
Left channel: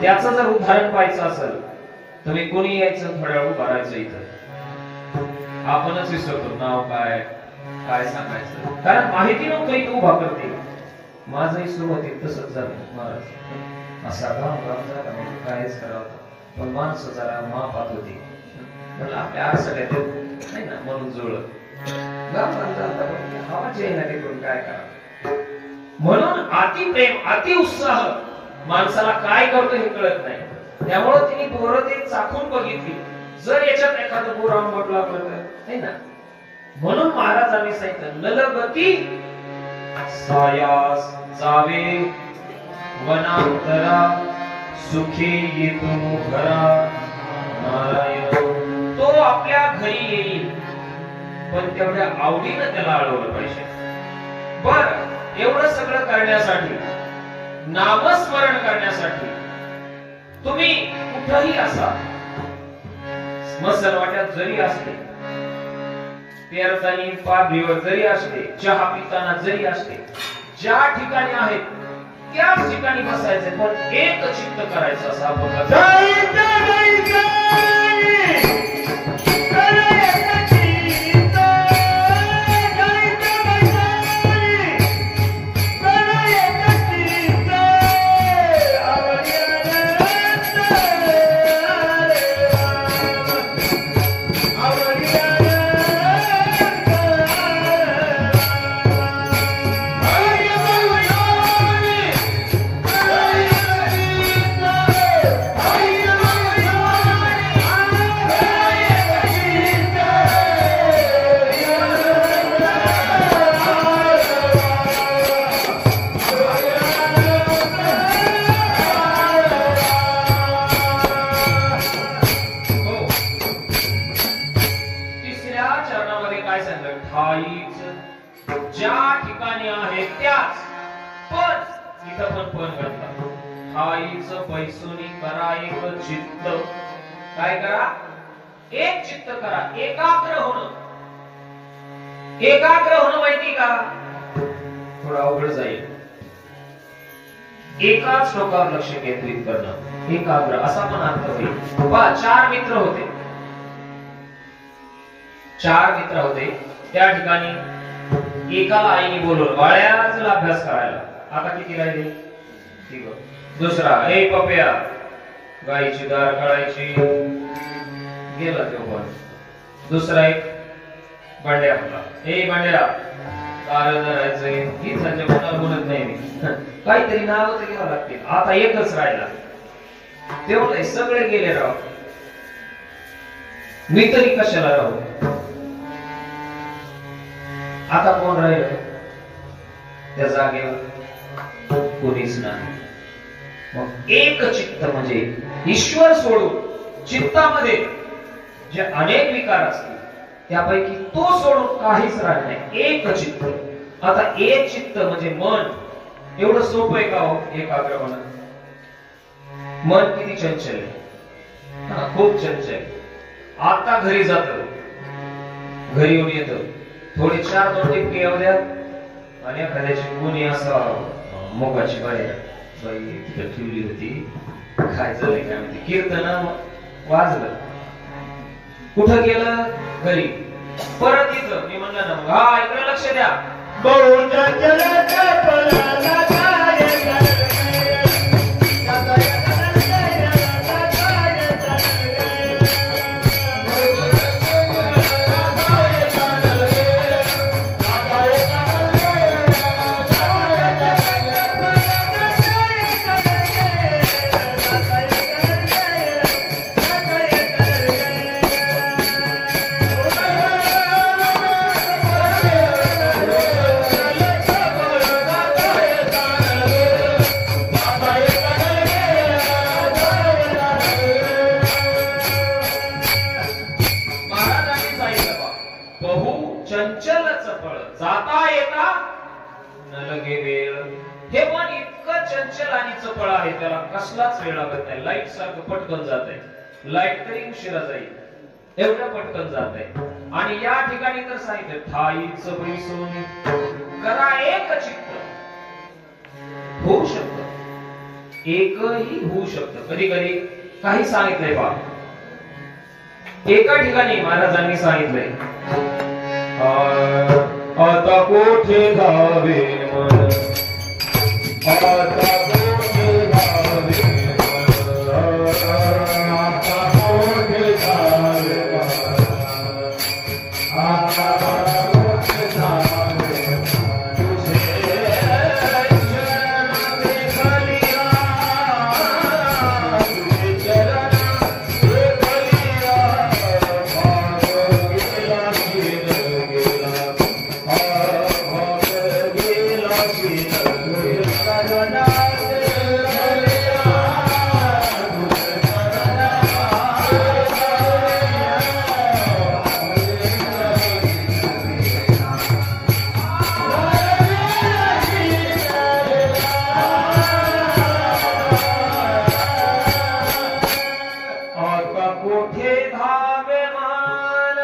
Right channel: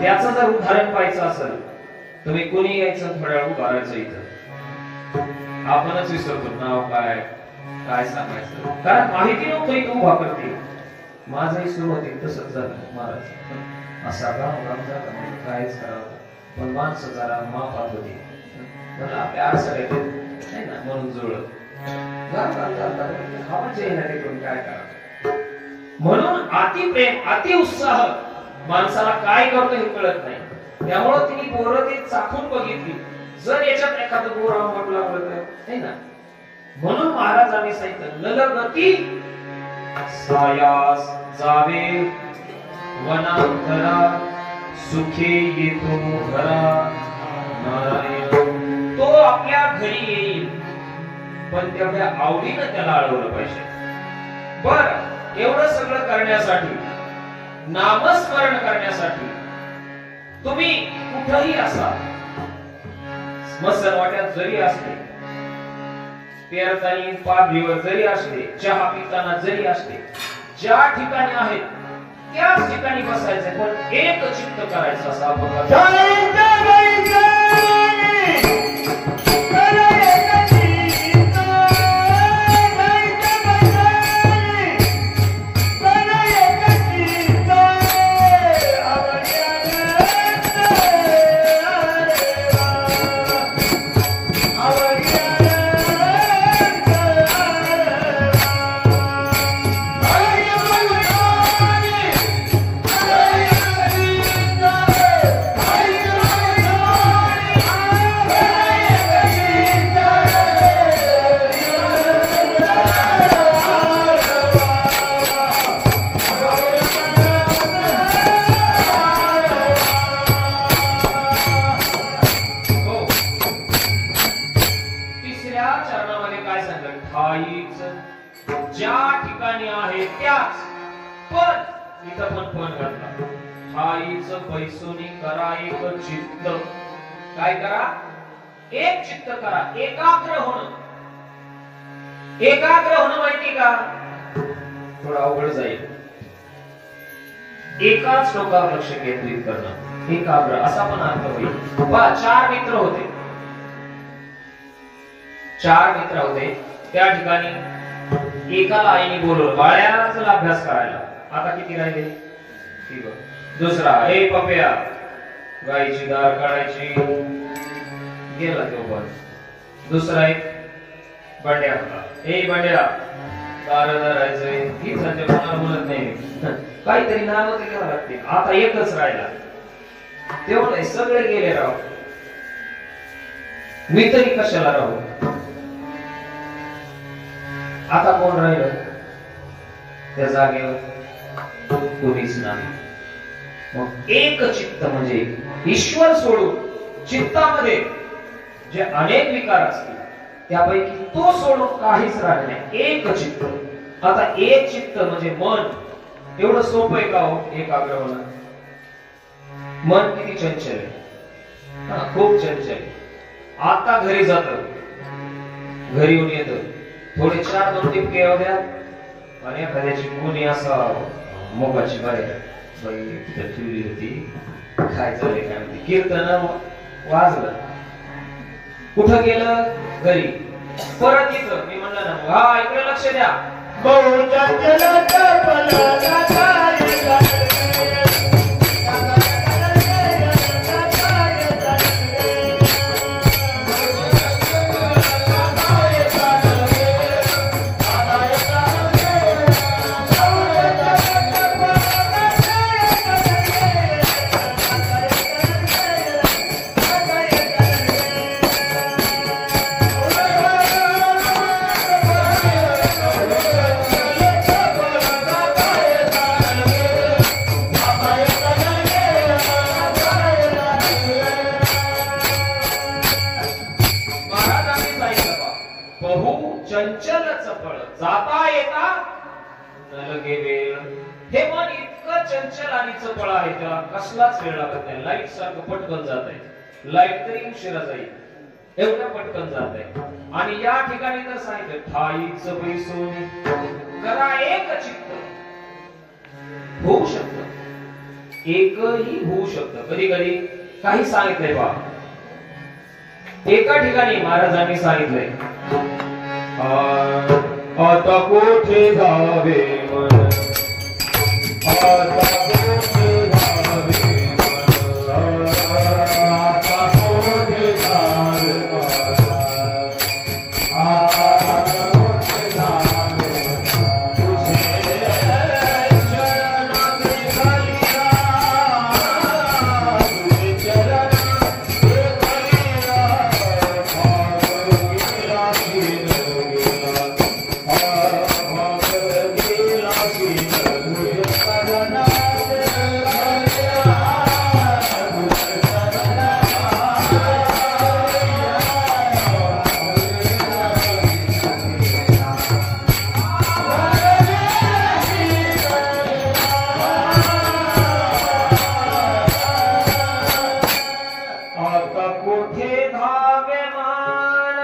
त्याचं जर उदाहरण पाहायचं असेल, तुम्ही कोणी यायचं थोड्या वेळ उभा राहायचं, इथं आपणच विसरतो नाव काय काय सांगायचं, कारण माहिती नव्हतं इथं उभा करते. माझंही सुरुवातीत तसंच झालं महाराज, असा कायच करावं, पण माणसं जरा मापात होती, मला आपल्या आरसाड्यात नाही ना म्हणून जुळत काय करा. म्हणून अति प्रेम अति उत्साह माणसाला काय करतो हे कळत नाही. त्यामुळे तिने बोरं ते चाखून बघितली, जर याच्यात एखादं बोर आंबट लागलं नाही ना. म्हणून महाराजांनी सांगितलं, नलगती सायास जावे वनांतरा, सुखे येतो घरा नारायण. तो आपल्या घरी येईल, पण तेवढ्या आवडीनं त्याला अडवलं पाहिजे. बर, एवढं सगळं करण्यासाठी, नामस्मरण करण्यासाठी तुम्ही कुठंही असा, मसनवाट्यात जरी असले, पेरतानी पाठीवर जरी असले, चहा पिताना जरी असले, ज्या ठिकाणी आहेत त्याच ठिकाणी बसायचं, पण एक चित्त करायचं असं आपण काय करा, एक चित्त करा, एकाग्र होणं. एकाग्र होणं माहिती का, थोडं अवघड जाईल. एकाच श्लोकावर लक्ष केंद्रित करणं, एकाग्र असा पण अर्थ होईल. बा, 4 मित्र होते, 4 मित्र होते. त्या ठिकाणी एकाला आईने बोलवलं, बाळ्या चल अभ्यास करायला. आता किती राहिले, ठीक. दुसरा, ए पप्या गायची दार काढायची, गेला तो पण. दुसरा एक बंड्या होता, ए बंड्या दार धरायचंय. ही त्यांच्या मनावर बोलत नाही, काहीतरी नाव तर घ्यावं लागते. आता एकच राहिला, तेवढं सगळे गेले राव, मी तरी कशाला राहू. आता कोण राहिलं त्या जागेवर, कोणीच नाही. मग एक चित्त म्हणजे ईश्वर सोडून चित्तामध्ये जे अनेक विकार असतील त्यापैकी तो सोडून काहीच राहिलं नाही, एक चित्त. आता एक चित्त म्हणजे मन. एवढं सोपं आहे का हो एकाग्र होणं? मन किती चंचल आहे, खूप चंचल. आता घरी जातो, घरी येऊन येतो, थोडे 4-2 टिपके एवढ्या, आणि एखाद्याची कोणी असा मोगाची बाहेर बाई तिथे ठेवली होती, खायचं नाही काय म्हणते, कीर्तन वाजलं, कुठं गेलं, घरी. परत इथं मी म्हणलं ना, हा इकडे लक्ष द्या, बहु चंचल हे मन इतकं चंचल आणि चपळ आहे, त्याला कसलाच वेळ लागत नाही. लाईट सारखं पटकन जात आहे. लाईट तरी उशिरा जाईल एवढं पटकन जात आहे. आणि या ठिकाणी तर सांगितलं ठाईच बैसोनी करा एक चित्त. होऊ शकत, एकही होऊ शकत. कधी कधी काही सांगितलंय बा, एका ठिकाणी महाराजांनी सांगितलंय आता कोठे जावे मन, आता कोठे जावे मन, आता कोठे जावे मन, आता कोठे जावे मन, तुझे चरणाचे कलिया, तुझे चरणाचे कलिया, भाग गेला शील गेला, भाग गेला शील गेला. आता कोठे धावे मान,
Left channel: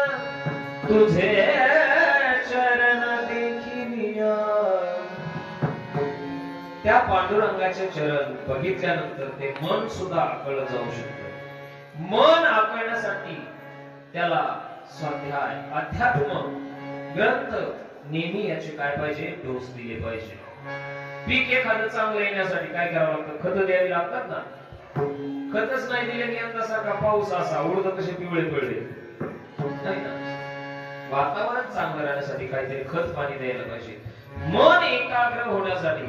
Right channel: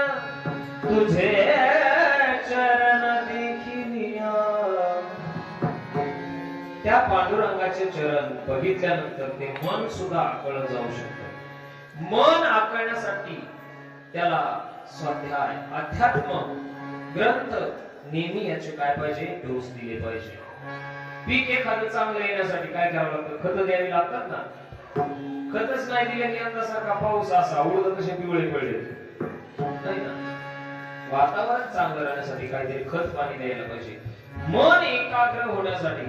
तुझे चरण देखिलिया. त्या पांडुरंगाचे चरण बघितल्यानंतर ते मन सुद्धा आकळलं जाऊ शकतं. मन आकळण्यासाठी त्याला स्वाध्याय, अध्यात्म ग्रंथ नेहमी याचे काय पाहिजे, डोस दिले पाहिजे. पीक एखादं चांगलं येण्यासाठी काय करावं लागतं, खत द्यावी लागतात ना. खतच नाही दिले की यंदासारखा पाऊस असा उडद कसे पिवळे पडले नाही ना. वातावरण चांगलं राहण्यासाठी काहीतरी खत पाणी द्यायला पाहिजे. मन एकाग्र होण्यासाठी,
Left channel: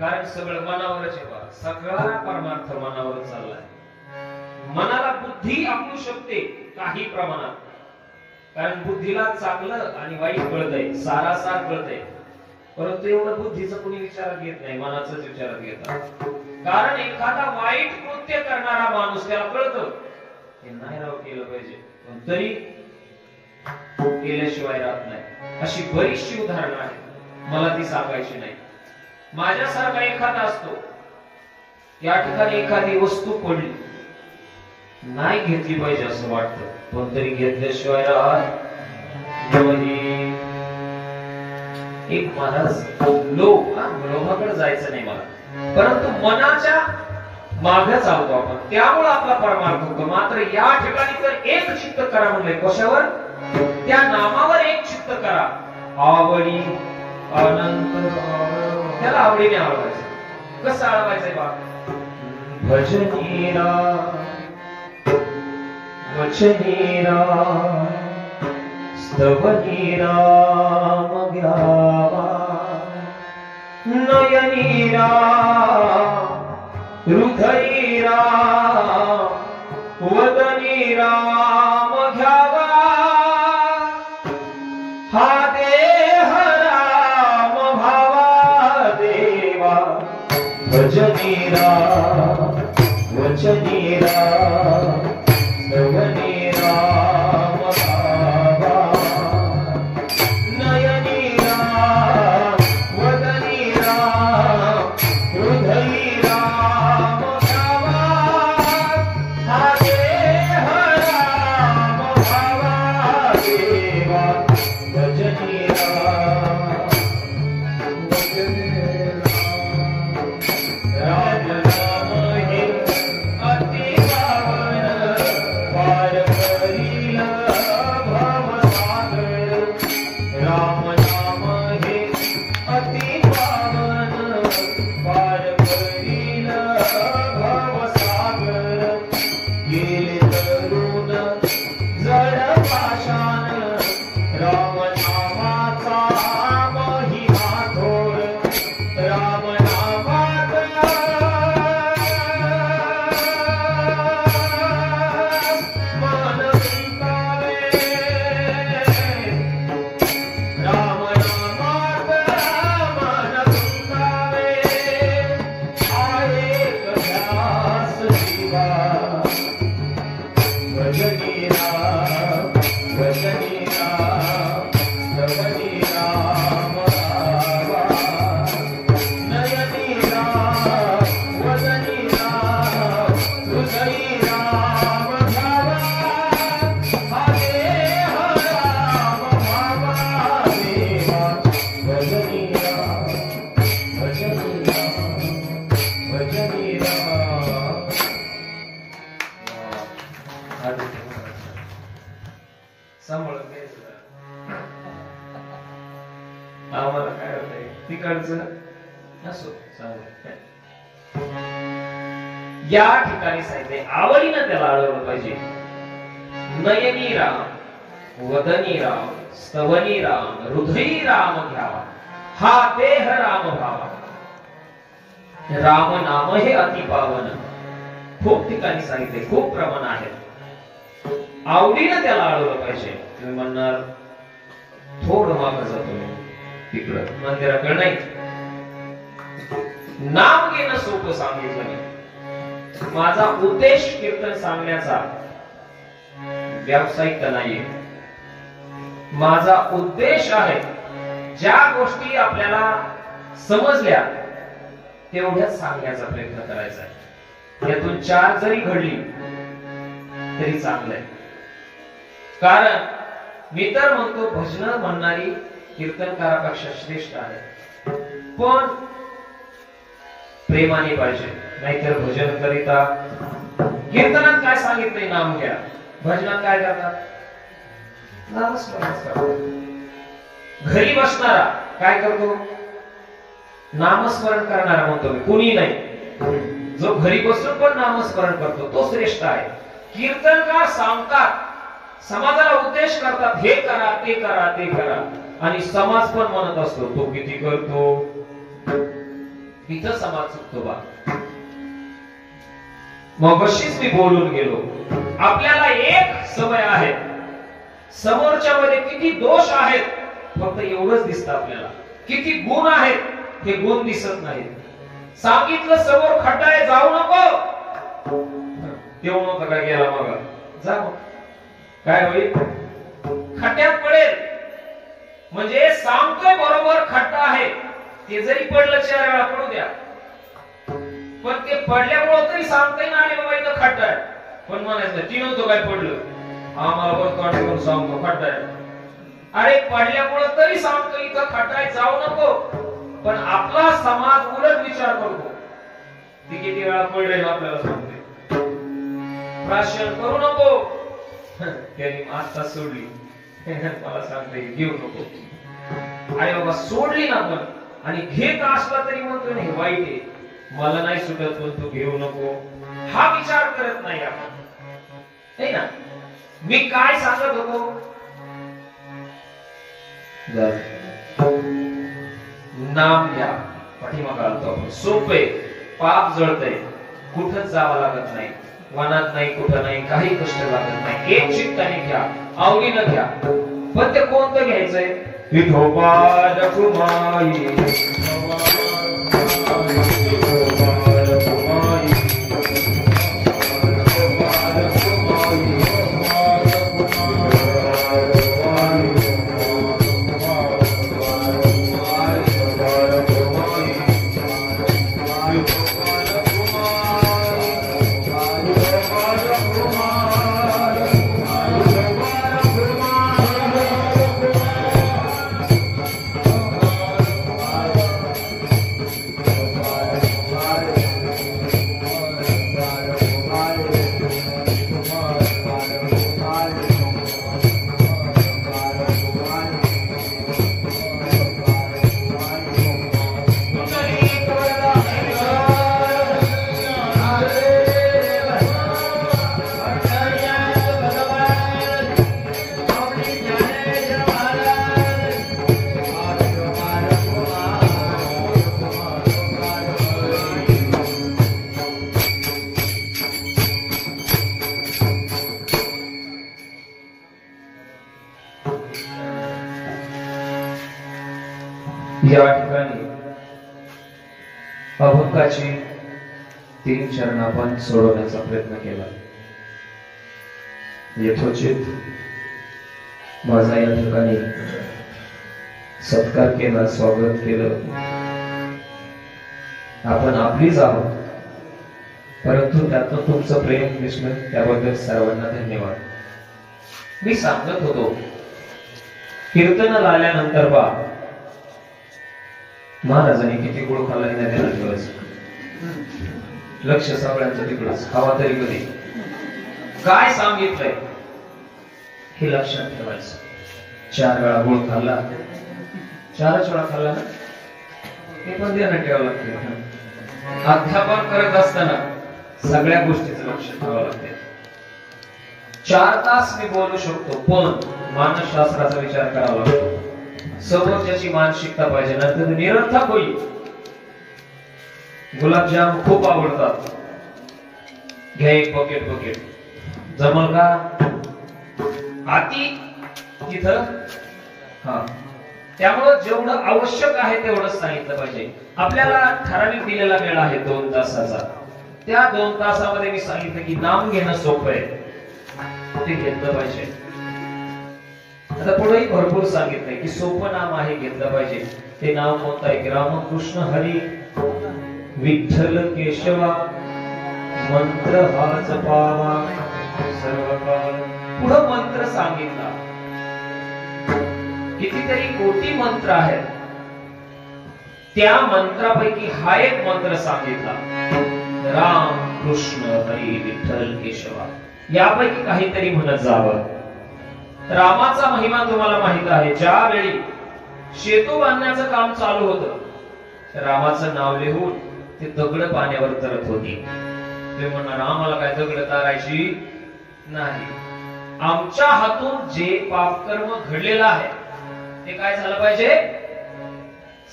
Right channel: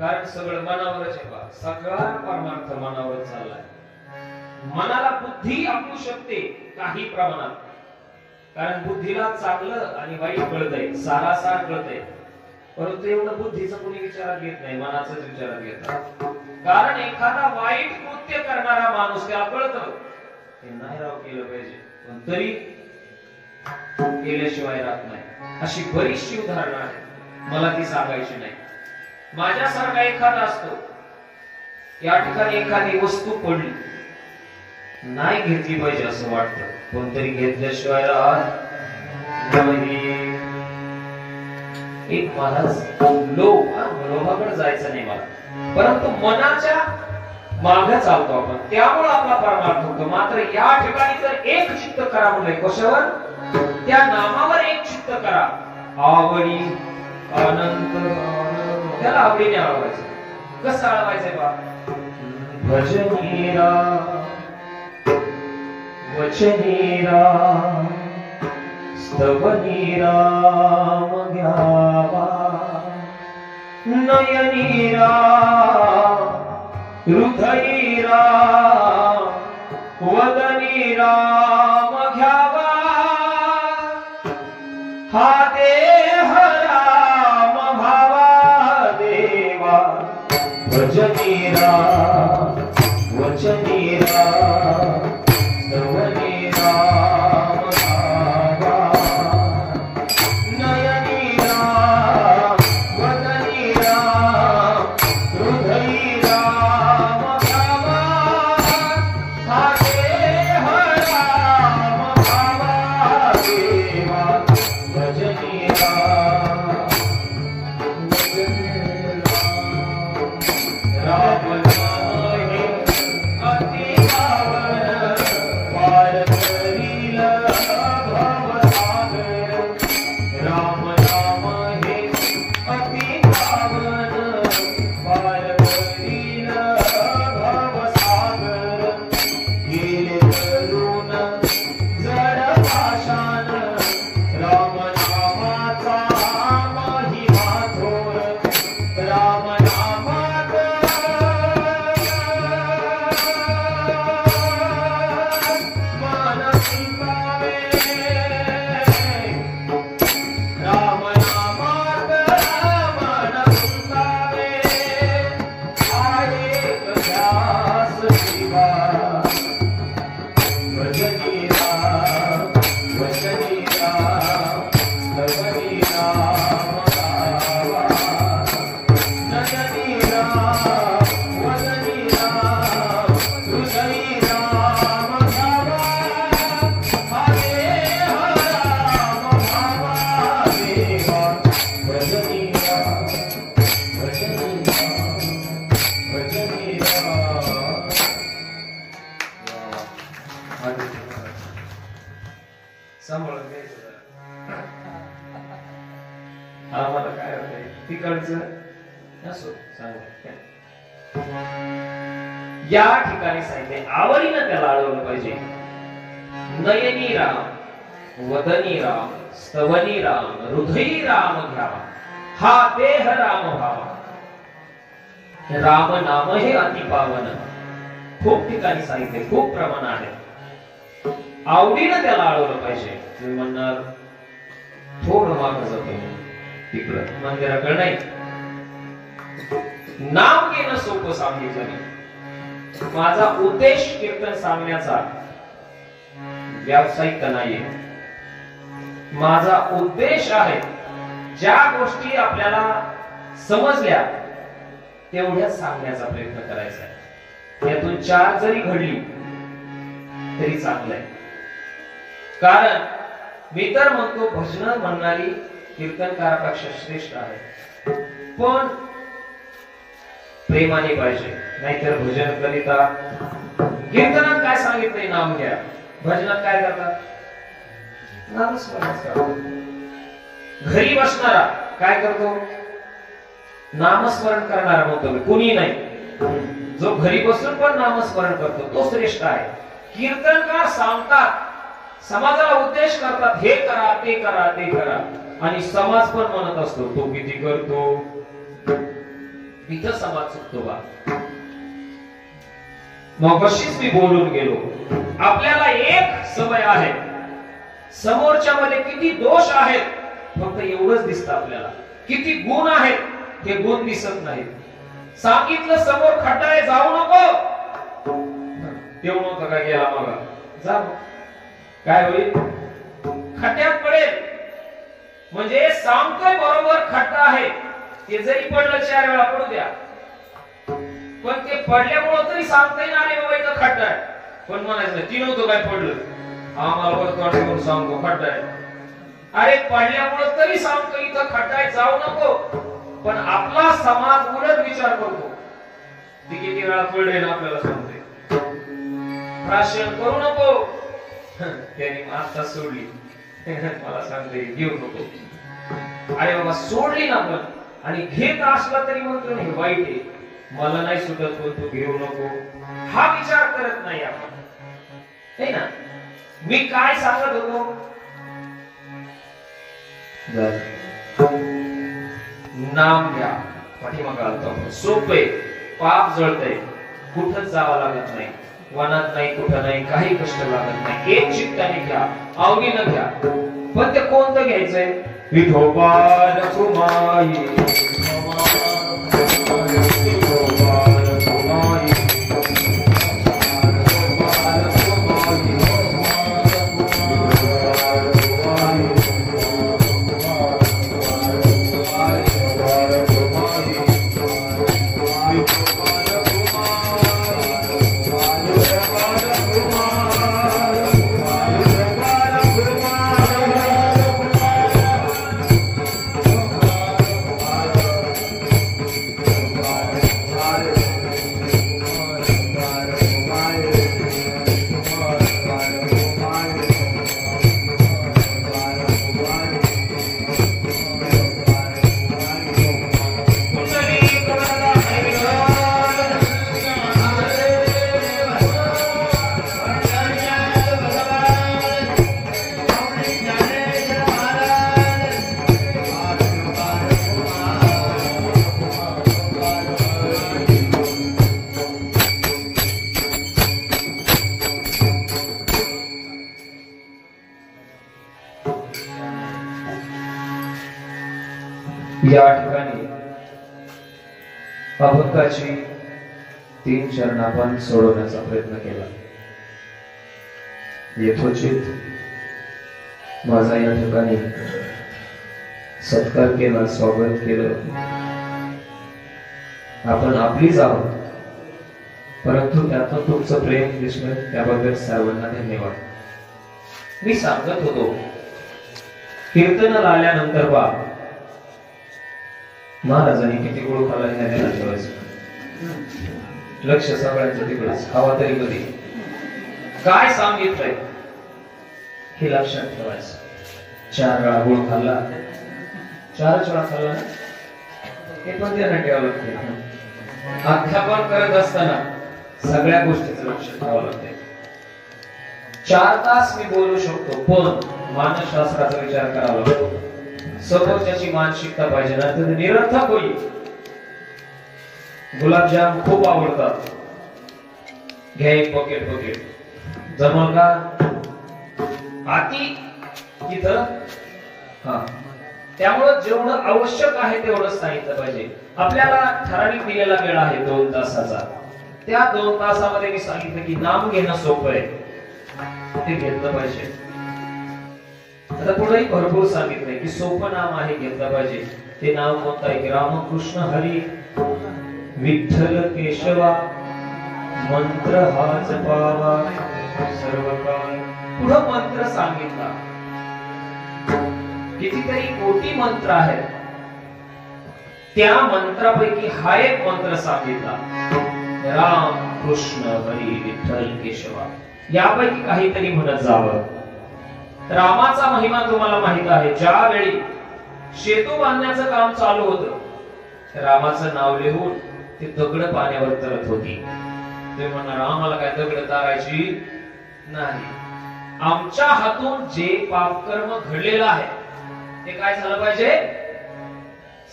कारण सगळं मनावरच आहे बा, सगळा परमार्थ मनावरच चाललाय. मनाला बुद्धी आपलू शकते काही प्रमाणात, कारण बुद्धीला चांगलं आणि वाईट कळतंय, सारासार कळतंय. परंतु एवढं बुद्धीचं कोणी विचारात घेत नाही, मनाचंच विचारात घेतात. कारण एखादा वाईट कृत्य करणारा माणूस त्याला कळतं हे नाही राव केलं पाहिजे, पण तरी केल्याशिवाय राहत नाही. अशी बरीचशी उदाहरणं आहेत, मला ती सांगायची नाही. माझ्यासारखा एखादा असतो, या ठिकाणी एखादी वस्तू पडली, नाही घेतली पाहिजे असं वाटतं, पण तरी घेतल्याशिवाय राहत नाही. एक महाराज लोभाकडे जायचं नाही मला, परंतु मनाच्या मागे चालतो आपण, त्यामुळे आपला परमार्थ होतो. मात्र या ठिकाणी तर एक चित्त करा म्हणलंय. कशावर? त्या नामावर एक चित्त करा. आवडी अनंत, त्याला आवडीने आवडायचं. कसं आळवायचंय बा? भजनीरा वचनीरा स्तवनीरा मग्यावा, नयनीरा हृदयीरा वदनीरा मघ्यावा. हा देह राम भावा देवा, भजनीरा वचनीरा स्तवनीरा मघ्यावा, नयनीरा वदनीरा हृदयीरा मघ्यावा. हा देह राम भावा देवा, भजनीरा राम नाम हे अति पावन, पार करील भवसागर. राम नाम हे अति पावन, पार करील भवसागर. गेले तरुण जड पाषाण, राम नामाचा महिमा थोर. राम नामात मन गुंतावे, राम नामात मन गुंतावे. तिकडचं असो चांगलं. या ठिकाणी सांगितले आवडीनं त्याला अडवलं पाहिजे. नयनी राम, वदनी राम, स्तवनी राम, हृदयी राम घ्यावा, हा देह राम भावा. राम नाम हे अति पावन. खूप ठिकाणी सांगितले, खूप प्रमाण आहे. आवडीनं त्याला अडवलं पाहिजे. तुम्ही म्हणणार थोडं मागं जातो तिकडं मंदिराकडे नाही. नाम घेणं सोपं सांगितलं मी. माझा उद्देश कीर्तन सांगण्याचा व्यावसायिक नाहीये. माझा उद्देश आहे ज्या गोष्टी आपल्याला समजल्या तेवढ्याच सांगण्याचा प्रयत्न करायचा आहे. यातून 4 जरी घडली तरी चांगलं आहे. कारण मी तर म्हणतो भजन म्हणणारी कीर्तनकारापेक्षा श्रेष्ठ आहे. पण प्रेमाने पाहिजे. नाहीतर भजन करिता कीर्तनात काय सांगितलंय नाम घ्या, भजनात काय करतात नामस्मरण करतात. घरी बसणारा काय करतो नामस्मरण करणारा म्हणतो मी, कुणी नाही. जो घरी बसून पण नामस्मरण करतो तो श्रेष्ठ आहे. कीर्तनकार सांगतात, समाजाला उद्देश करतात, हे करा ते करा ते करा, आणि समाज पण म्हणत असतो तो किती करतो. इथं समाज चुकतो बा. मग अशीच मी बोलून गेलो. आपल्याला एक सवय आहे, समोरच्या मध्ये किती दोष आहेत फक्त एवढंच दिसतं आपल्याला. किती गुण आहेत हे गुण दिसत नाहीत. सांगितलं समोर खड्डा आहे जाऊ नको, तेवढं नव्हतं काय गेला मग जा, काय होईल खड्ड्यात पडेल. म्हणजे सांगतोय बरोबर खड्डा आहे, ते जरी पडलं 4 वेळा पडू द्या, पण ते पडल्यामुळे तरी सांगता येईल अरे बाबा इथं खड्डा आहे. पण म्हणायचं ती नव्हतं काय पडलं, आम्हाला वरतोंड सांगतो खड्डा आहे. अरे पडल्यामुळे तरी सांगतो इथं खड्डा आहे जाऊ नको. पण आपला समाज उलट विचार करतो, ती किती वेळा पडले ना आपल्याला सांगते, प्राशन करू नको. त्यांनी आस्था सोडली, मला सांगते घेऊ नको. अरे बाबा सोडली ना पण, आणि घेत असला तरी म्हणतो हे वाईट आहे, मला नाही सुटत पण तू घेऊ नको. हा विचार करत नाही आपण, नाही ना. मी काय सांगत होतो, नाम घ्या. पाठीमागे सोपे, पाप जळतंय, कुठंच जावं लागत नाही, वनात नाही कुठं नाही, काही कष्ट लागत नाही. एक चित्ताने घ्या, आवडीनं घ्या. पण ते कोणतं घ्यायचंय, विठोबा रखुमाई या ठिकाणी अभंगाची 3 चरण आपण सोडवण्याचा प्रयत्न केला. यथोचित माझा या ठिकाणी सत्कार केला, स्वागत केलं. आपण आपलीच आहोत, परंतु त्यातून तुमचं प्रेम विस्मय त्याबद्दल सर्वांना धन्यवाद. मी सांगत होतो कीर्तनाला आल्यानंतर बा महाराजांनी किती गोळ खाल्ला नाही त्याला ठेवायचं. लक्ष सगळ्यांचं तिकडच, हवा तरी कधी काय सांगितलंय हे लक्षात ठेवायचं. 4 वेळा गोळ खाल्ला, 4च वेळा खाल्ला ना, हे पण ध्यानात ठेवावं लागते. अध्यापन करत असताना सगळ्या गोष्टीचं लक्ष ठेवावं लागते. 4 तास मी बोलू शकतो, पण मानसशास्त्राचा विचार करावा लागतो. समोरच्याची मानसिकता पाहिजे, नंतर निरर्थक होईल. गुलाबजाम खूप आवडतात, घ्या एक पॉकेट जमल का? आती तिथं हा. त्यामुळं जेवढं आवश्यक आहे तेवढंच सांगितलं पाहिजे. आपल्याला ठराविक दिलेला वेळ आहे 2 तासाचा. त्या 2 तासामध्ये मी सांगितलं की नाम घेणं सोपं आहे, ते घेतलं पाहिजे. आता पुढेही भरपूर सांगितलंय की सोपं नाम आहे, घेतलं पाहिजे. ते नाव कोणतं आहे? रामकृष्ण हरी विठ्ठल केशवा मंत्र हा जपावा सर्व काळ. पुढं मंत्र सांगितला, कितीतरी कोटी मंत्र आहेत. त्या मंत्रापैकी हा एक मंत्र सांगितला, राम कृष्ण हरी विठ्ठल केशवा. यापैकी काहीतरी म्हणत जावं. रामाचा महिमा तुम्हाला माहित आहे. ज्यावेळी सेतू बांधण्याचं काम चालू होतं, रामाचं नाव लिहून ते दगड पाण्यावर तरत होती. ते म्हणणार आम्हाला काय दगड तारायची नाही. आमच्या हातून जे पापकर्म घडलेलं आहे ते काय झालं पाहिजे?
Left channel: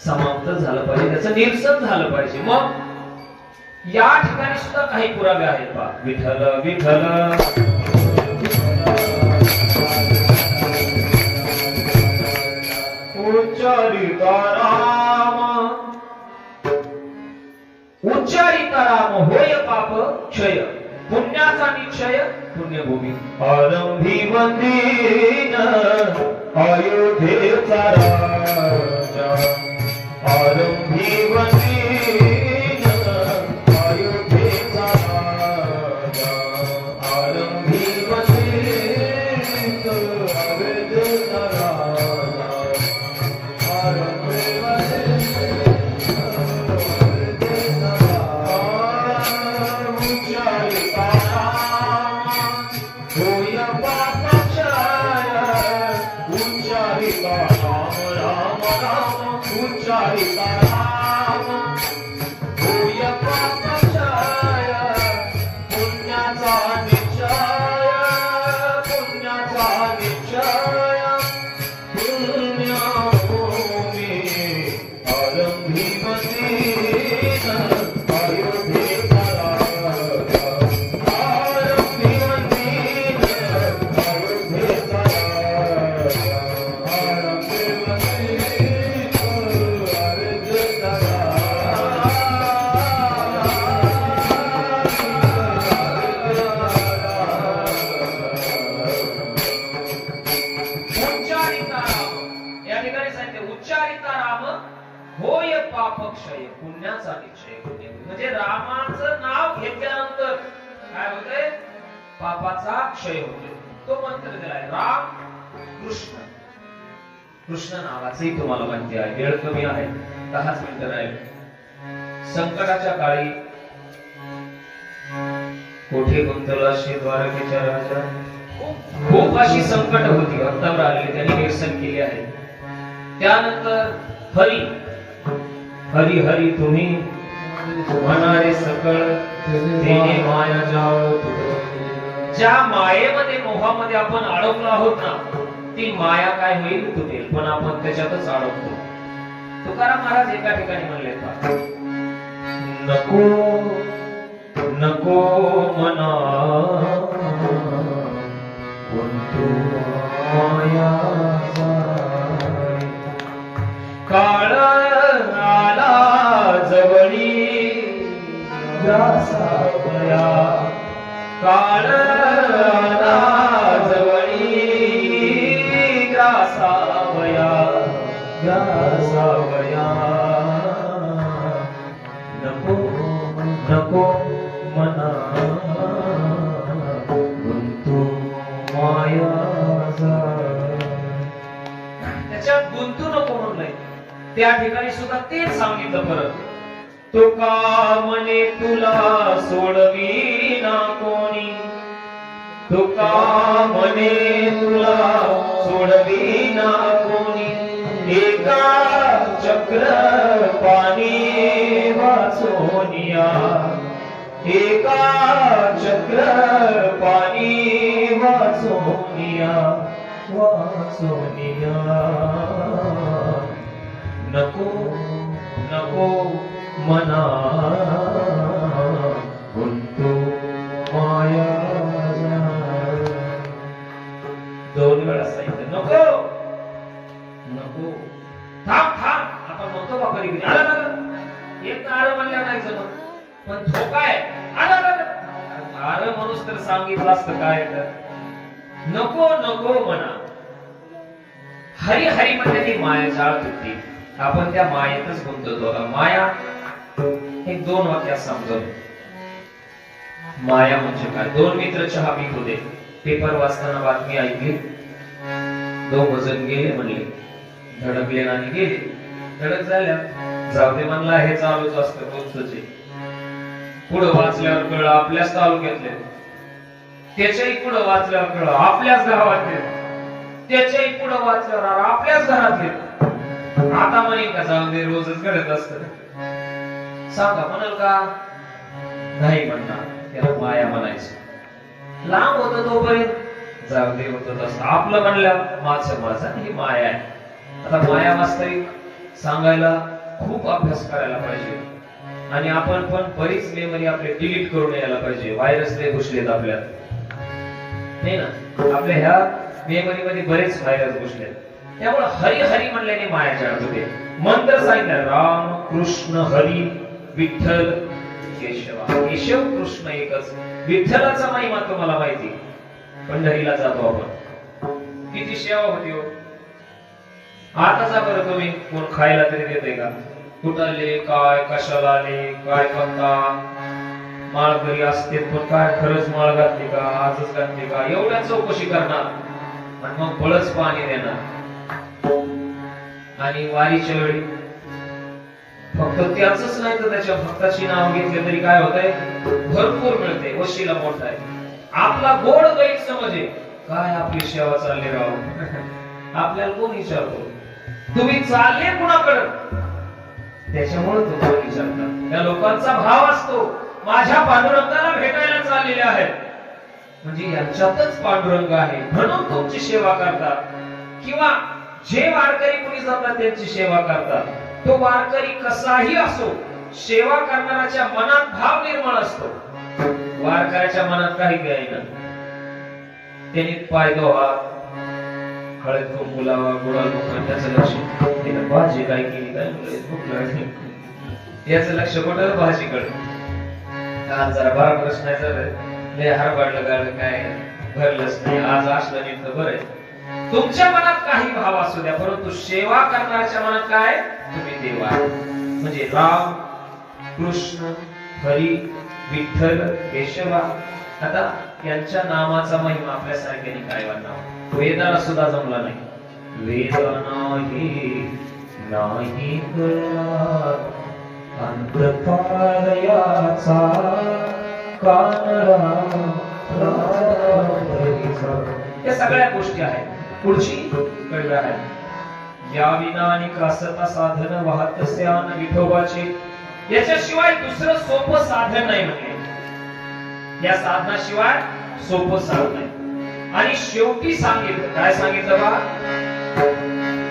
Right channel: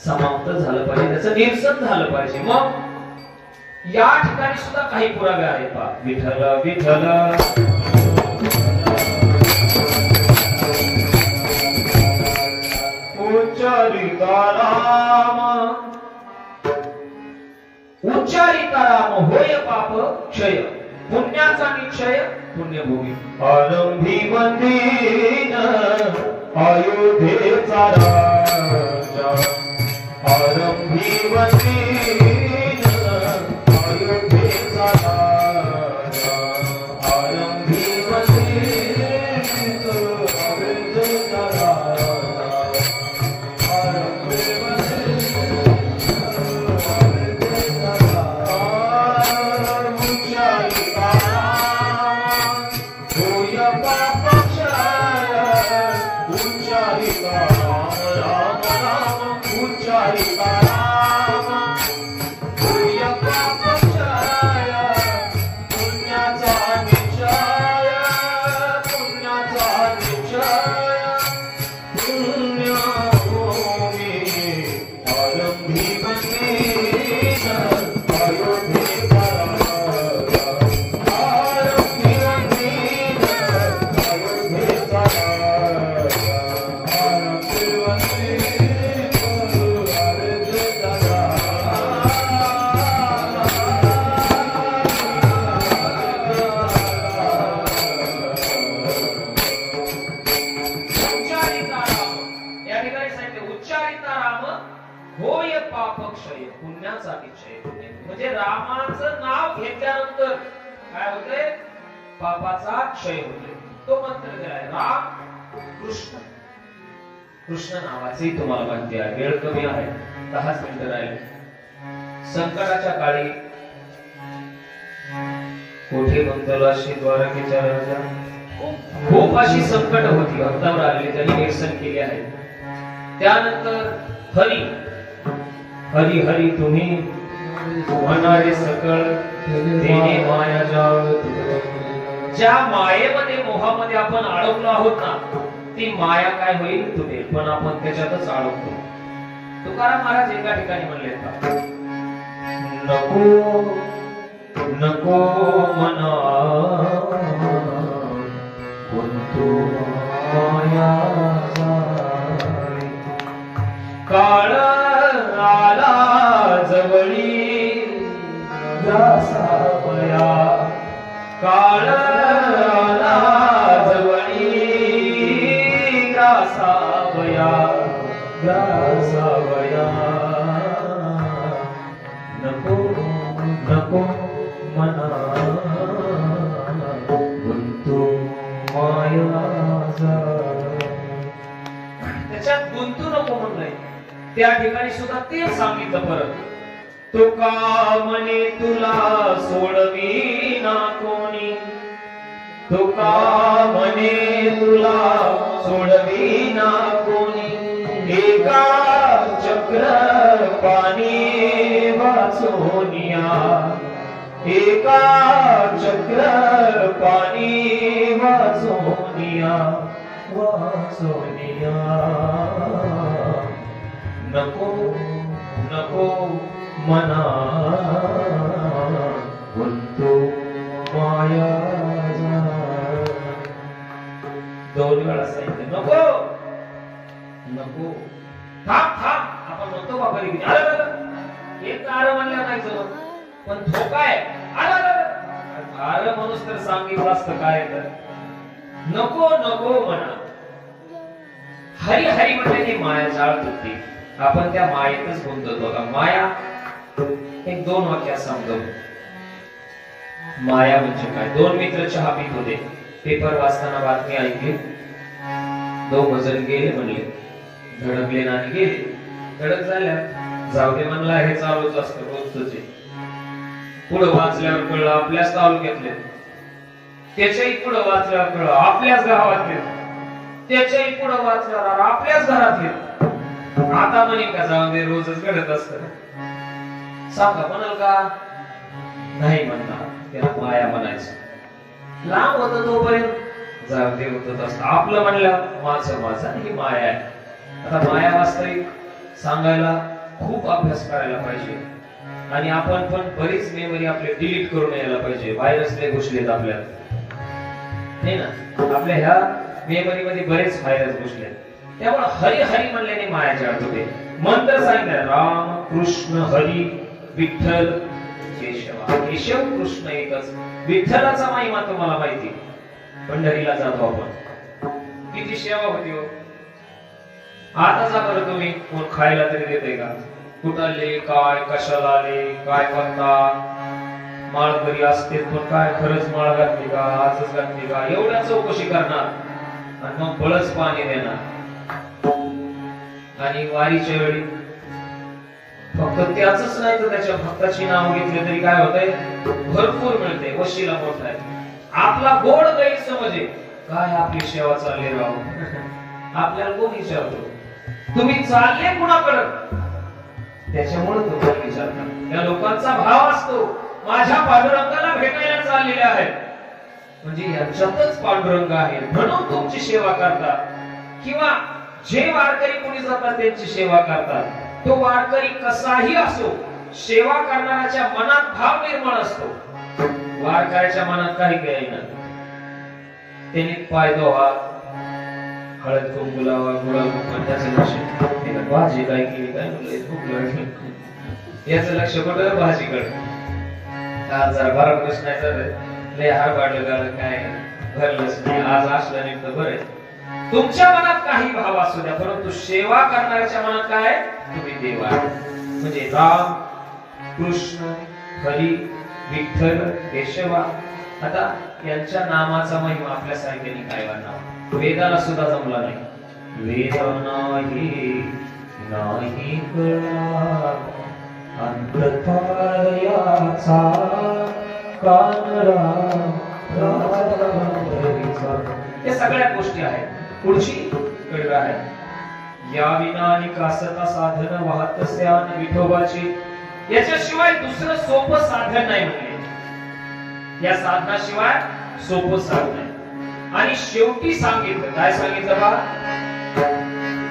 समाप्त झालं पाहिजे, त्याचं निरसन झालं पाहिजे. मग या ठिकाणी सुद्धा काही पुरावे आहेत पहा. विठ्ठल विठ्ठल उच्चारिता राम उच्चारिता राम होय पाप क्षय पुण्याचा निक्षय पुण्यभूमी. आरंभी मंदिर अयोध्येचा राजा, आरंभी मंदिर अयोध्येचा राजा, आरंभी मंदिर अयोध्येचा राजा, आरंभी मंदिर अयोध्येचा राजा. उच्चारिता राम होय पाप क्षय उच्चारिता राम राम राम उच्चारिता राम होय पाप क्षय पुण्याचा निश्चय पुण्याचा निश्चय पुण्यभूमी. आरंभी मंदिर अयोध्येचा राजा, आरंभी मंदिर अयोध्येचा राजा, आरंभी मंदिर अयोध्येचा उच्चारिता राम. या ठिकाणी सांगितले उच्चारिता राम होय पाप क्षय पुण्याचा निश्चय. म्हणजे रामाचं नाव घेतल्यानंतर काय होतंय? पापाचा क्षय होतोय. तो मंत्र दिलाय राम कृष्ण. कृष्ण नावाचंही तुम्हाला माहिती आहे. वेळ कमी आहे, 10 मिनिटं राहिले. संकटाच्या काळी कोठे गुंतलाशी द्वारकेच्या राजा. खूप अशी संकट होती, अंतावर आलेली, त्यांनी निरसन केले आहे. त्यानंतर हरी हरी हरी तुम्ही म्हणारे सकळ तेने माया जाळ. ज्या मायेमध्ये मोहामध्ये आपण अडकलो आहोत ना, ती माया काय होईल? तुटेल. पण आपण त्याच्यातच अडकतो. तुकाराम महाराज एका ठिकाणी म्हणले का, नको नको मना कोणतो माया जाय. काळ आला जवळी ग्रासावया, काळ आला जवळी ग्रासावया ग्रासावया. नको नको मना गुंतू माया जाय. त्याच्यात गुंतू नको म्हणलंय. त्या ठिकाणी सुद्धा तेच सांगितलं परत. तुका म्हणे तुला सोडविना कोणी, तुका म्हणे तुला सोडविना कोणी. एका चक्र पाणी सोनिया एका चक्र पाणी वाचोनिया वाचोनिया नको नको मना गुंतो माया दोन वेळा सांगितलं नको नको थांब थांब आता म्हणतो बाबा एक आर म्हणल्या नाही जमत पण धोका आहे आर म्हणूस तर सांगितलं असतं काय तर नको नको म्हणा हरी हरी म्हणजे माया जाळ होती आपण त्या मायेतच गुंततो होता माया एक दोन वाक्यात समजवतो माया म्हणजे काय दोन मित्र चहा पीत होते पेपर वाचताना बातमी ऐकली दोघ जण गेले म्हणले धडकले आणि गेले धडक झाल्या जाऊ दे म्हणला हे चालूच असतं रोजच पुढे वाचल्यावर कळलं आपल्याच तालुक्यातले त्याच्याही पुढे वाचल्यावर कळलं आपल्याच गावातले त्याच्याही पुढे वाचल्यावर आपल्याच घरातले आता म्हणेल का जाऊ दे रोजच घडत असत सांगा म्हणाल का नाही म्हणणार त्याला माया म्हणायचं लांब होत तोपर्यंत जाऊ दे होत असत आपलं म्हणलं माझं माझं ही माया आहे आता माया वास्तविक सांगायला खूप अभ्यास करायला पाहिजे आणि आपण पण बरीच मेमरी आपले डिलीट करून यायला पाहिजे व्हायरस लय घुसलेत आपल्यात नाही ना आपल्या ह्या मेमरी मध्ये बरेच व्हायरस घुसलेत त्यामुळे हरी हरी म्हणल्याने माया जाणत होते मंत्र सांगितलं राम कृष्ण हरी विठ्ठल केशवा केशव कृष्ण एकच विठ्ठलाचा महिमा तुम्हाला माहिती पंढरीला जातो आपण किती सेवा होती हो आताचा बरं तुम्ही कोण खायला तरी देते का कुठले काय कशाला आले काय पत्ता माळकरी असते पण काय खरंच माळ घातली का आजच घातली का एवढ्या चौकशी करणार आणि मग बळच पाणी देणार आणि वारीच्या वेळी फक्त त्याच नाही तर त्याच्या भक्ताची नाव घेतले तरी काय होतंय भरपूर मिळते वशिला मोठा आहे आपला गोड गैरसमज आहे काय आपली सेवा चालली राहू आपल्याला कोण विचारतो तुम्ही चालले कुणाकडे त्याच्यामुळे तुम्हाला विचारतात त्या लोकांचा भाव असतो माझ्या पांडुरंगाला भेटायला चाललेले आहेत म्हणजे यांच्यातच पांडुरंग आहे म्हणून तुमची सेवा करतात किंवा जे वारकरी कुणी जातात त्यांची सेवा करतात तो वारकरी कसाही असो सेवा करणाऱ्याच्या मनात भाव निर्माण असतो वारकऱ्याच्या मनात काही काही नाही त्यांनी पाय धुवा हळद कुंकू लावा गुलाल त्याचं लक्ष त्यानं भाजी काय केली काय याचं लक्ष कुठं भाजीकडे आज जरा बारा प्रश्न आहे लय हरबाडलं गाणं काय भरलंच नाही आज असलं नाही तर बरं तुमच्या मनात काही भाव असू द्या परंतु सेवा करणाऱ्याच्या मनात काय तुम्ही देव आहे म्हणजे राम कृष्ण हरी विठ्ठल केशवा आता यांच्या नामाचा महिमा आपल्यासारख्याने काय वाटणार वेदाला सुद्धा जमला नाही वेद नाही अंतपाळयाचा कानरा या सगळ्या गोष्टी आहेत पुढची कडव्या आहेत या विनानी कासता साधन वाहत स्यान विठोबाची याच्याशिवाय दुसरं सोपं साधन नाही म्हणजे या साधनाशिवाय सोपं साधन नाही आणि शेवटी सांगितलं काय सांगितलं बा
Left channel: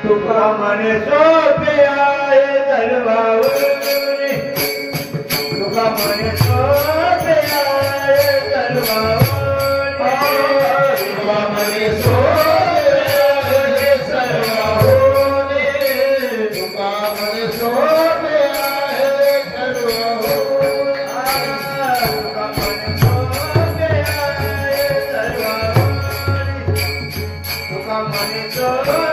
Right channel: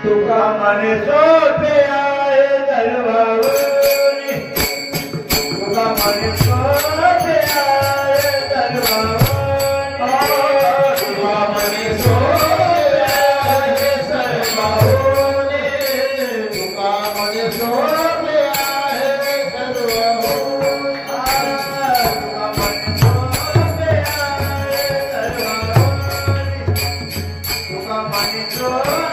तुका मने सोपे आहे दरबारी तुका मने सोपे आहे दरबारी तुका मने सोपे आहे दरबारी तुका मने सोपे आहे दरबारी तुका मने सोपे आहे दरबारी तुका मने सोपे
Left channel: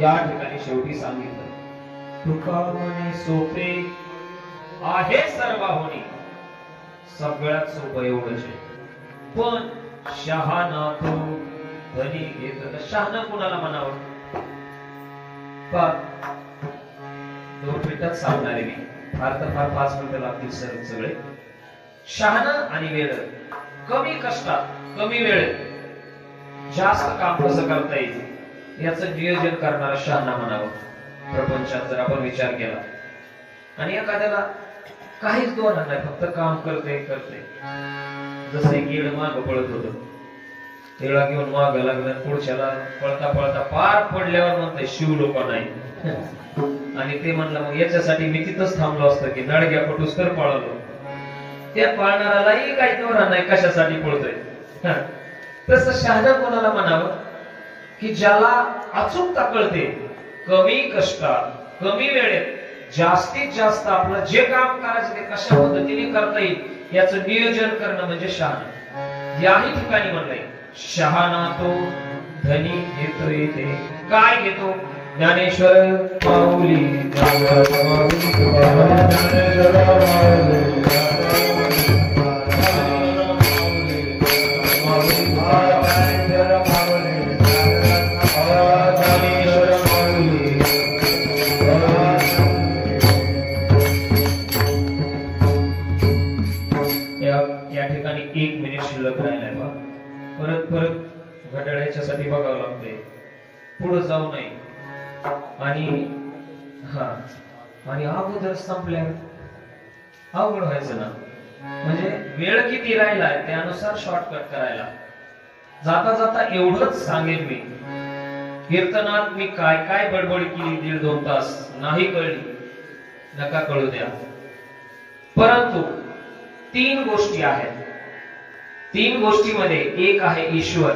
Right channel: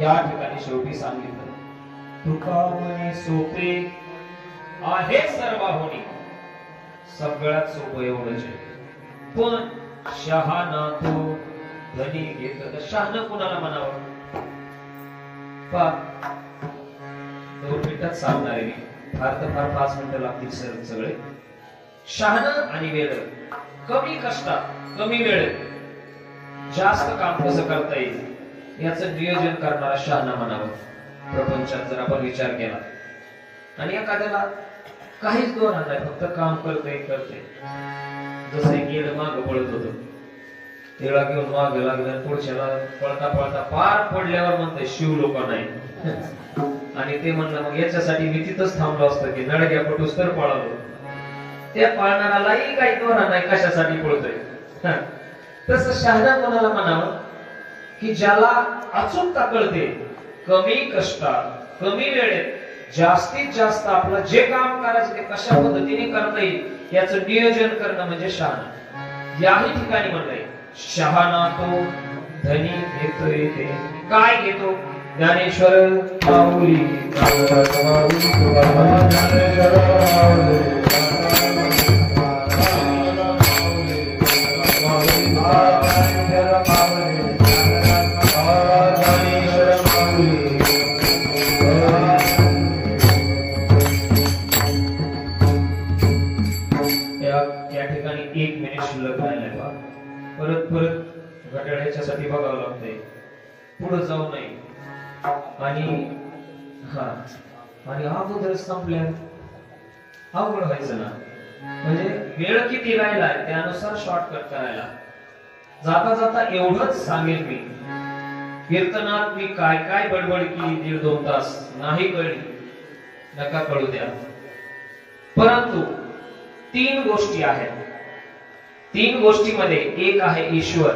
या ठिकाणी शेवटी सांगितलं, तुका म्हणे सोपे आहे सर्वाहुनी, सगळ्यात सोपं एवढंच आहे. पण शहाणा तो धनी घेत. शहाणा कुणाला म्हणावं? 2 मिनिटात सांगणार आहे मी, फार तर फार 5 मिनिटं लागतील सगळे. शहाणा आणि वेळ, कमी कष्टात कमी वेळेत जास्त काम कसं करता येईल याचं नियोजन करणारा शहाणा म्हणावं प्रपंचात जर आपण विचार केला. आणि एखाद्याला काहीच दोन नाही, फक्त काम करते. जसं एक येड माग पळत होत, तिळा घेऊन माग लागलं, पुढच्याला पळता पळता पार पडल्यावर म्हणते शिव लोक नाही. आणि ते म्हणलं मग याच्यासाठी मी तिथंच थांबलो असतं की नडग्या पटूस तर पळालो. त्या पळणाऱ्यालाही काही दोरा नाही, कशासाठी पळतोय. तसं शहाणा कोणाला म्हणावं? की ज्याला अचूकता कळते, कमी कष्टात कमी वेळेत जास्तीत जास्त आपलं जे काम करायचं ते कशा पद्धतीने करता येईल याचं नियोजन करणं म्हणजे शहाणा. याही ठिकाणी म्हणलंय, शहाणा तो धनी घेतो येते. काय घेतो? ज्ञानेश्वर माऊली या ठिकाणी 1 मिनिट शिल्लक राहिलाय. परत घड्याळ ह्याच्यासाठी बघावं लागतंय, पुढे जाऊ नये. आणि अगोदर संपल्या अवघड व्हायचं ना. म्हणजे वेळ किती राहिलाय त्यानुसार शॉर्टकट करायला. जाता जाता एवढंच सांगेन मी, कीर्तनात मी काय काय बडबड केली 1.5-2 तास नाही कळली, नका कळू द्या. परंतु 3 गोष्टी आहेत. 3 गोष्टीमध्ये एक आहे ईश्वर.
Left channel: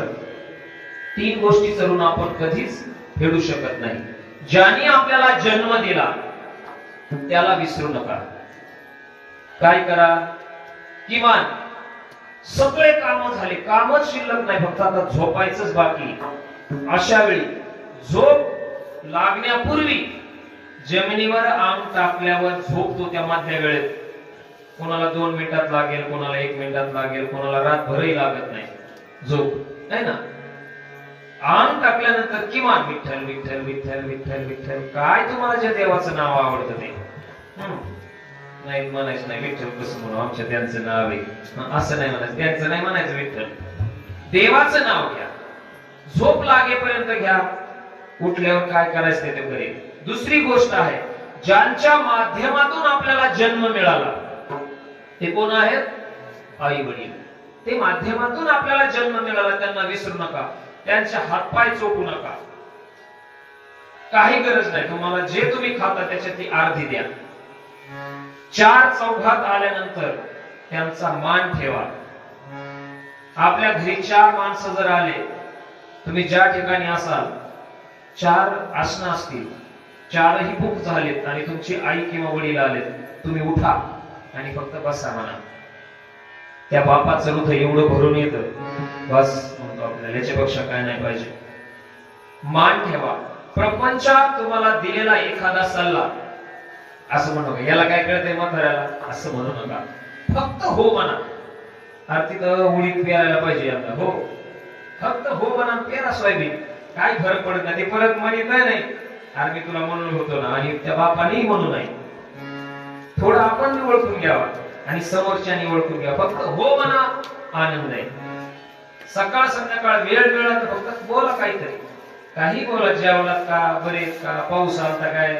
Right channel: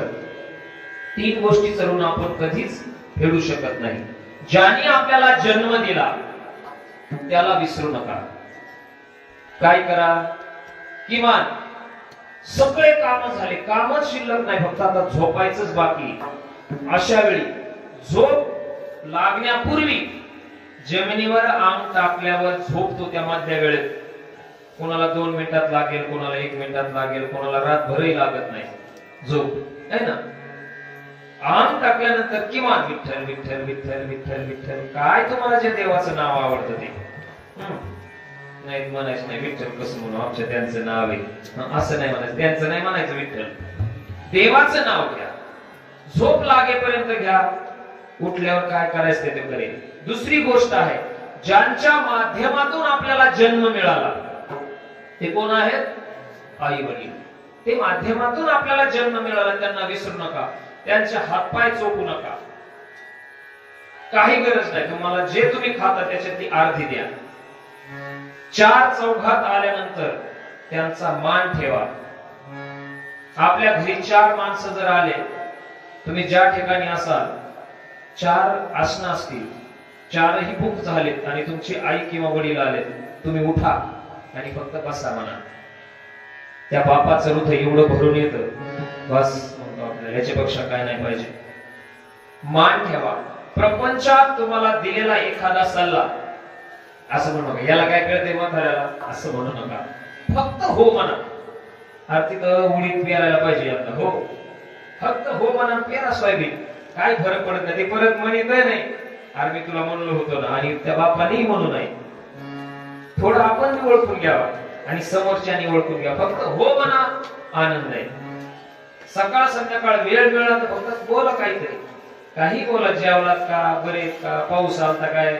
3 गोष्टी करून आपण कधीच फेडू शकत नाही. ज्याने आपल्याला जन्म दिला त्याला विसरू नका. काय करा? किमान सगळे काम झाले, कामच शिल्लक नाही, फक्त आता झोपायचंच बाकी. अशा वेळी झोप लागण्यापूर्वी जमिनीवर अंग टाकल्यावर झोपतो त्या मध्य वेळेत. कोणाला 2 मिनिटात लागेल, कोणाला 1 मिनिटात लागेल, कोणाला रातभरही लागत नाही झोप, है ना. अंग टाकल्यानंतर किमान विठ्ठल विठ्ठल विठ्ठल विठ्ठल विठ्ठल, काय तुम्हाला जे देवाचं नाव आवडतं ते नाही म्हणायचं. नाही विठ्ठल कसं म्हणू, आमच्या त्यांचं नाव आहे असं नाही म्हणायचं. त्यांचं नाही म्हणायचं, विठ्ठल देवाचं नाव घ्या. झोप लागेपर्यंत घ्या, उठल्यावर काय करायचं ते करेल. दुसरी गोष्ट आहे, ज्यांच्या माध्यमातून आपल्याला जन्म मिळाला ते कोण आहेत? आई वडील. ते माध्यमातून आपल्याला जन्म मिळाला, त्यांना विसरू नका. त्यांचे हातपाय चोपू नका. काही गरज नाही, तुम्हाला जे तुम्ही खाता त्याच्यातली अर्धी द्या. 4 चौघात आल्यानंतर त्यांचा मान ठेवा. आपल्या घरी 4 माणसं जर आले, तुम्ही ज्या ठिकाणी असाल 4 आसनं असतील, 4ही बुक झालेत आणि तुमची आई किंवा वडील आलेत, तुम्ही उठा आणि फक्त बसा म्हणा. त्या बापाचं हृदय एवढं भरून येतं, बस म्हणतो आपल्याला, याच्यापेक्षा काय नाही पाहिजे. मान ठेवा. प्रपंचात तुम्हाला दिलेला एखादा सल्ला असं म्हणू नका, याला काय कळतंय म्हाताऱ्याला असं म्हणू नका. फक्त हो म्हणा. अरे तिथं उडीद पेरायला पाहिजे आता, हो फक्त हो म्हणा, पेरा सोयाबीन, काही फरक पडत नाही. ते परत म्हणत नाही अरे मी तुला म्हणलो होतो ना, आणि त्या बापानेही म्हणू नाही. थोडं आपण ओळखून घ्यावा आणि समोरच्यानी ओळखून घ्यावा. फक्त हो म्हणा, आनंद आहे. सकाळ संध्याकाळ वेळ मिळाला तर फक्त बोला काहीतरी, काही बोला. जेवलात का, बरेच का, पाऊस आलता काय,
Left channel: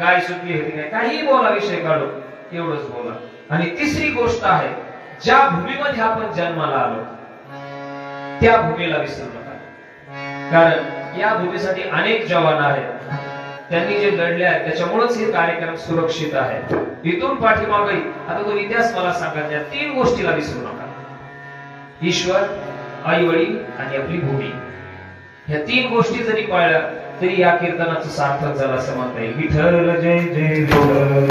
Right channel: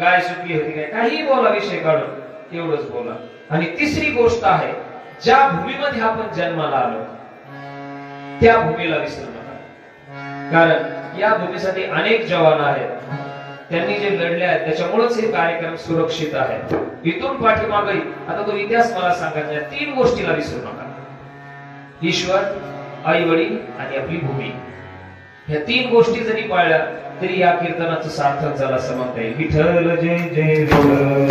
गाय सुटली होती काय, काही बोला, विषय काढून एवढंच बोला. आणि तिसरी गोष्ट आहे, ज्या भूमीमध्ये आपण जन्माला आलो त्या भूमीला विसरू नका. कारण या भूमीसाठी अनेक जवान आहेत, त्यांनी जे लढले आहेत त्याच्यामुळेच हे कार्यक्रम सुरक्षित आहे. इथून पाठीमागे आता तो इतिहास मला सांगायचा, 3 गोष्टीला विसरू नका. ईश्वर, आई वडील आणि आपली भूमी. ह्या 3 गोष्टी जरी पाळल्या तरी या कीर्तनाचं सार्थक झालं असं म्हणता येईल. विठ्ठल जय जय विठ्ठल.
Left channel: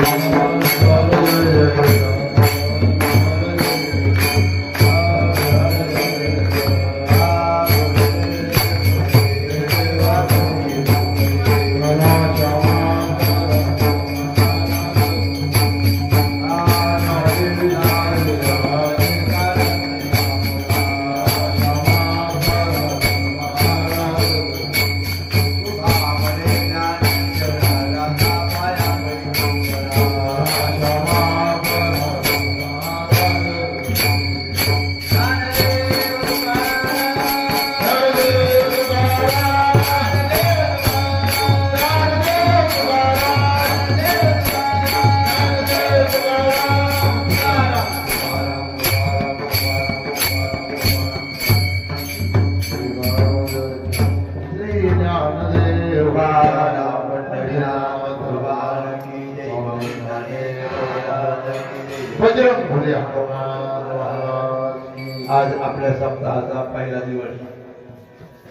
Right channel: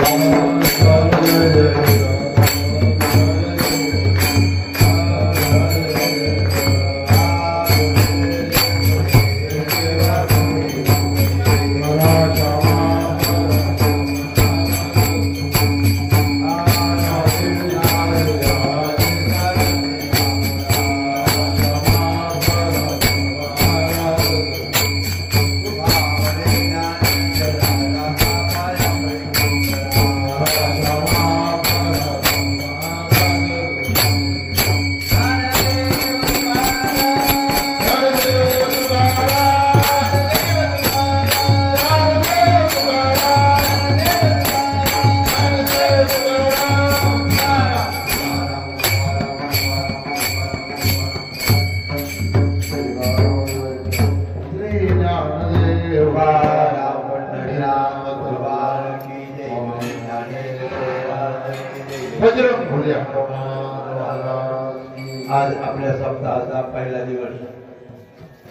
बजरंग भोले हनुमान महाराज की आज आपल्या सप्ताहाचा पहिला दिवस.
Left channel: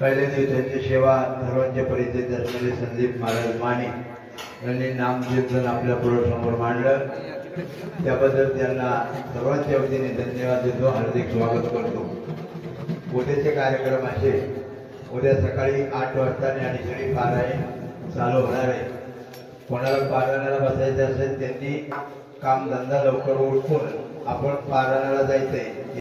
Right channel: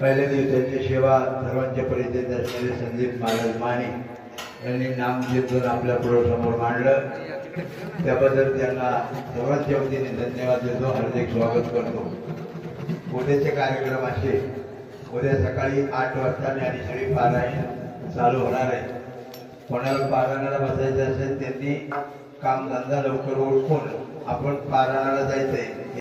पहिल्या दिवसाची सेवा सर्वांचे परिचय असलेले संदीप महाराज माने यांनी नामकीर्तन आपल्या पुढे समोर मांडलं. त्याबद्दल त्यांना सर्वांच्या वतीने धन्यवाद देतो, हार्दिक स्वागत करतो. उद्याचे कार्यक्रम असे, उद्या सकाळी 8 वाजता आणि सगळी पारायण चालू होणार आहे. कोणाला पारायणाला बसायचं असेल त्यांनी काम धंदा लवकर उरकून आपण पारायणाला जायचंय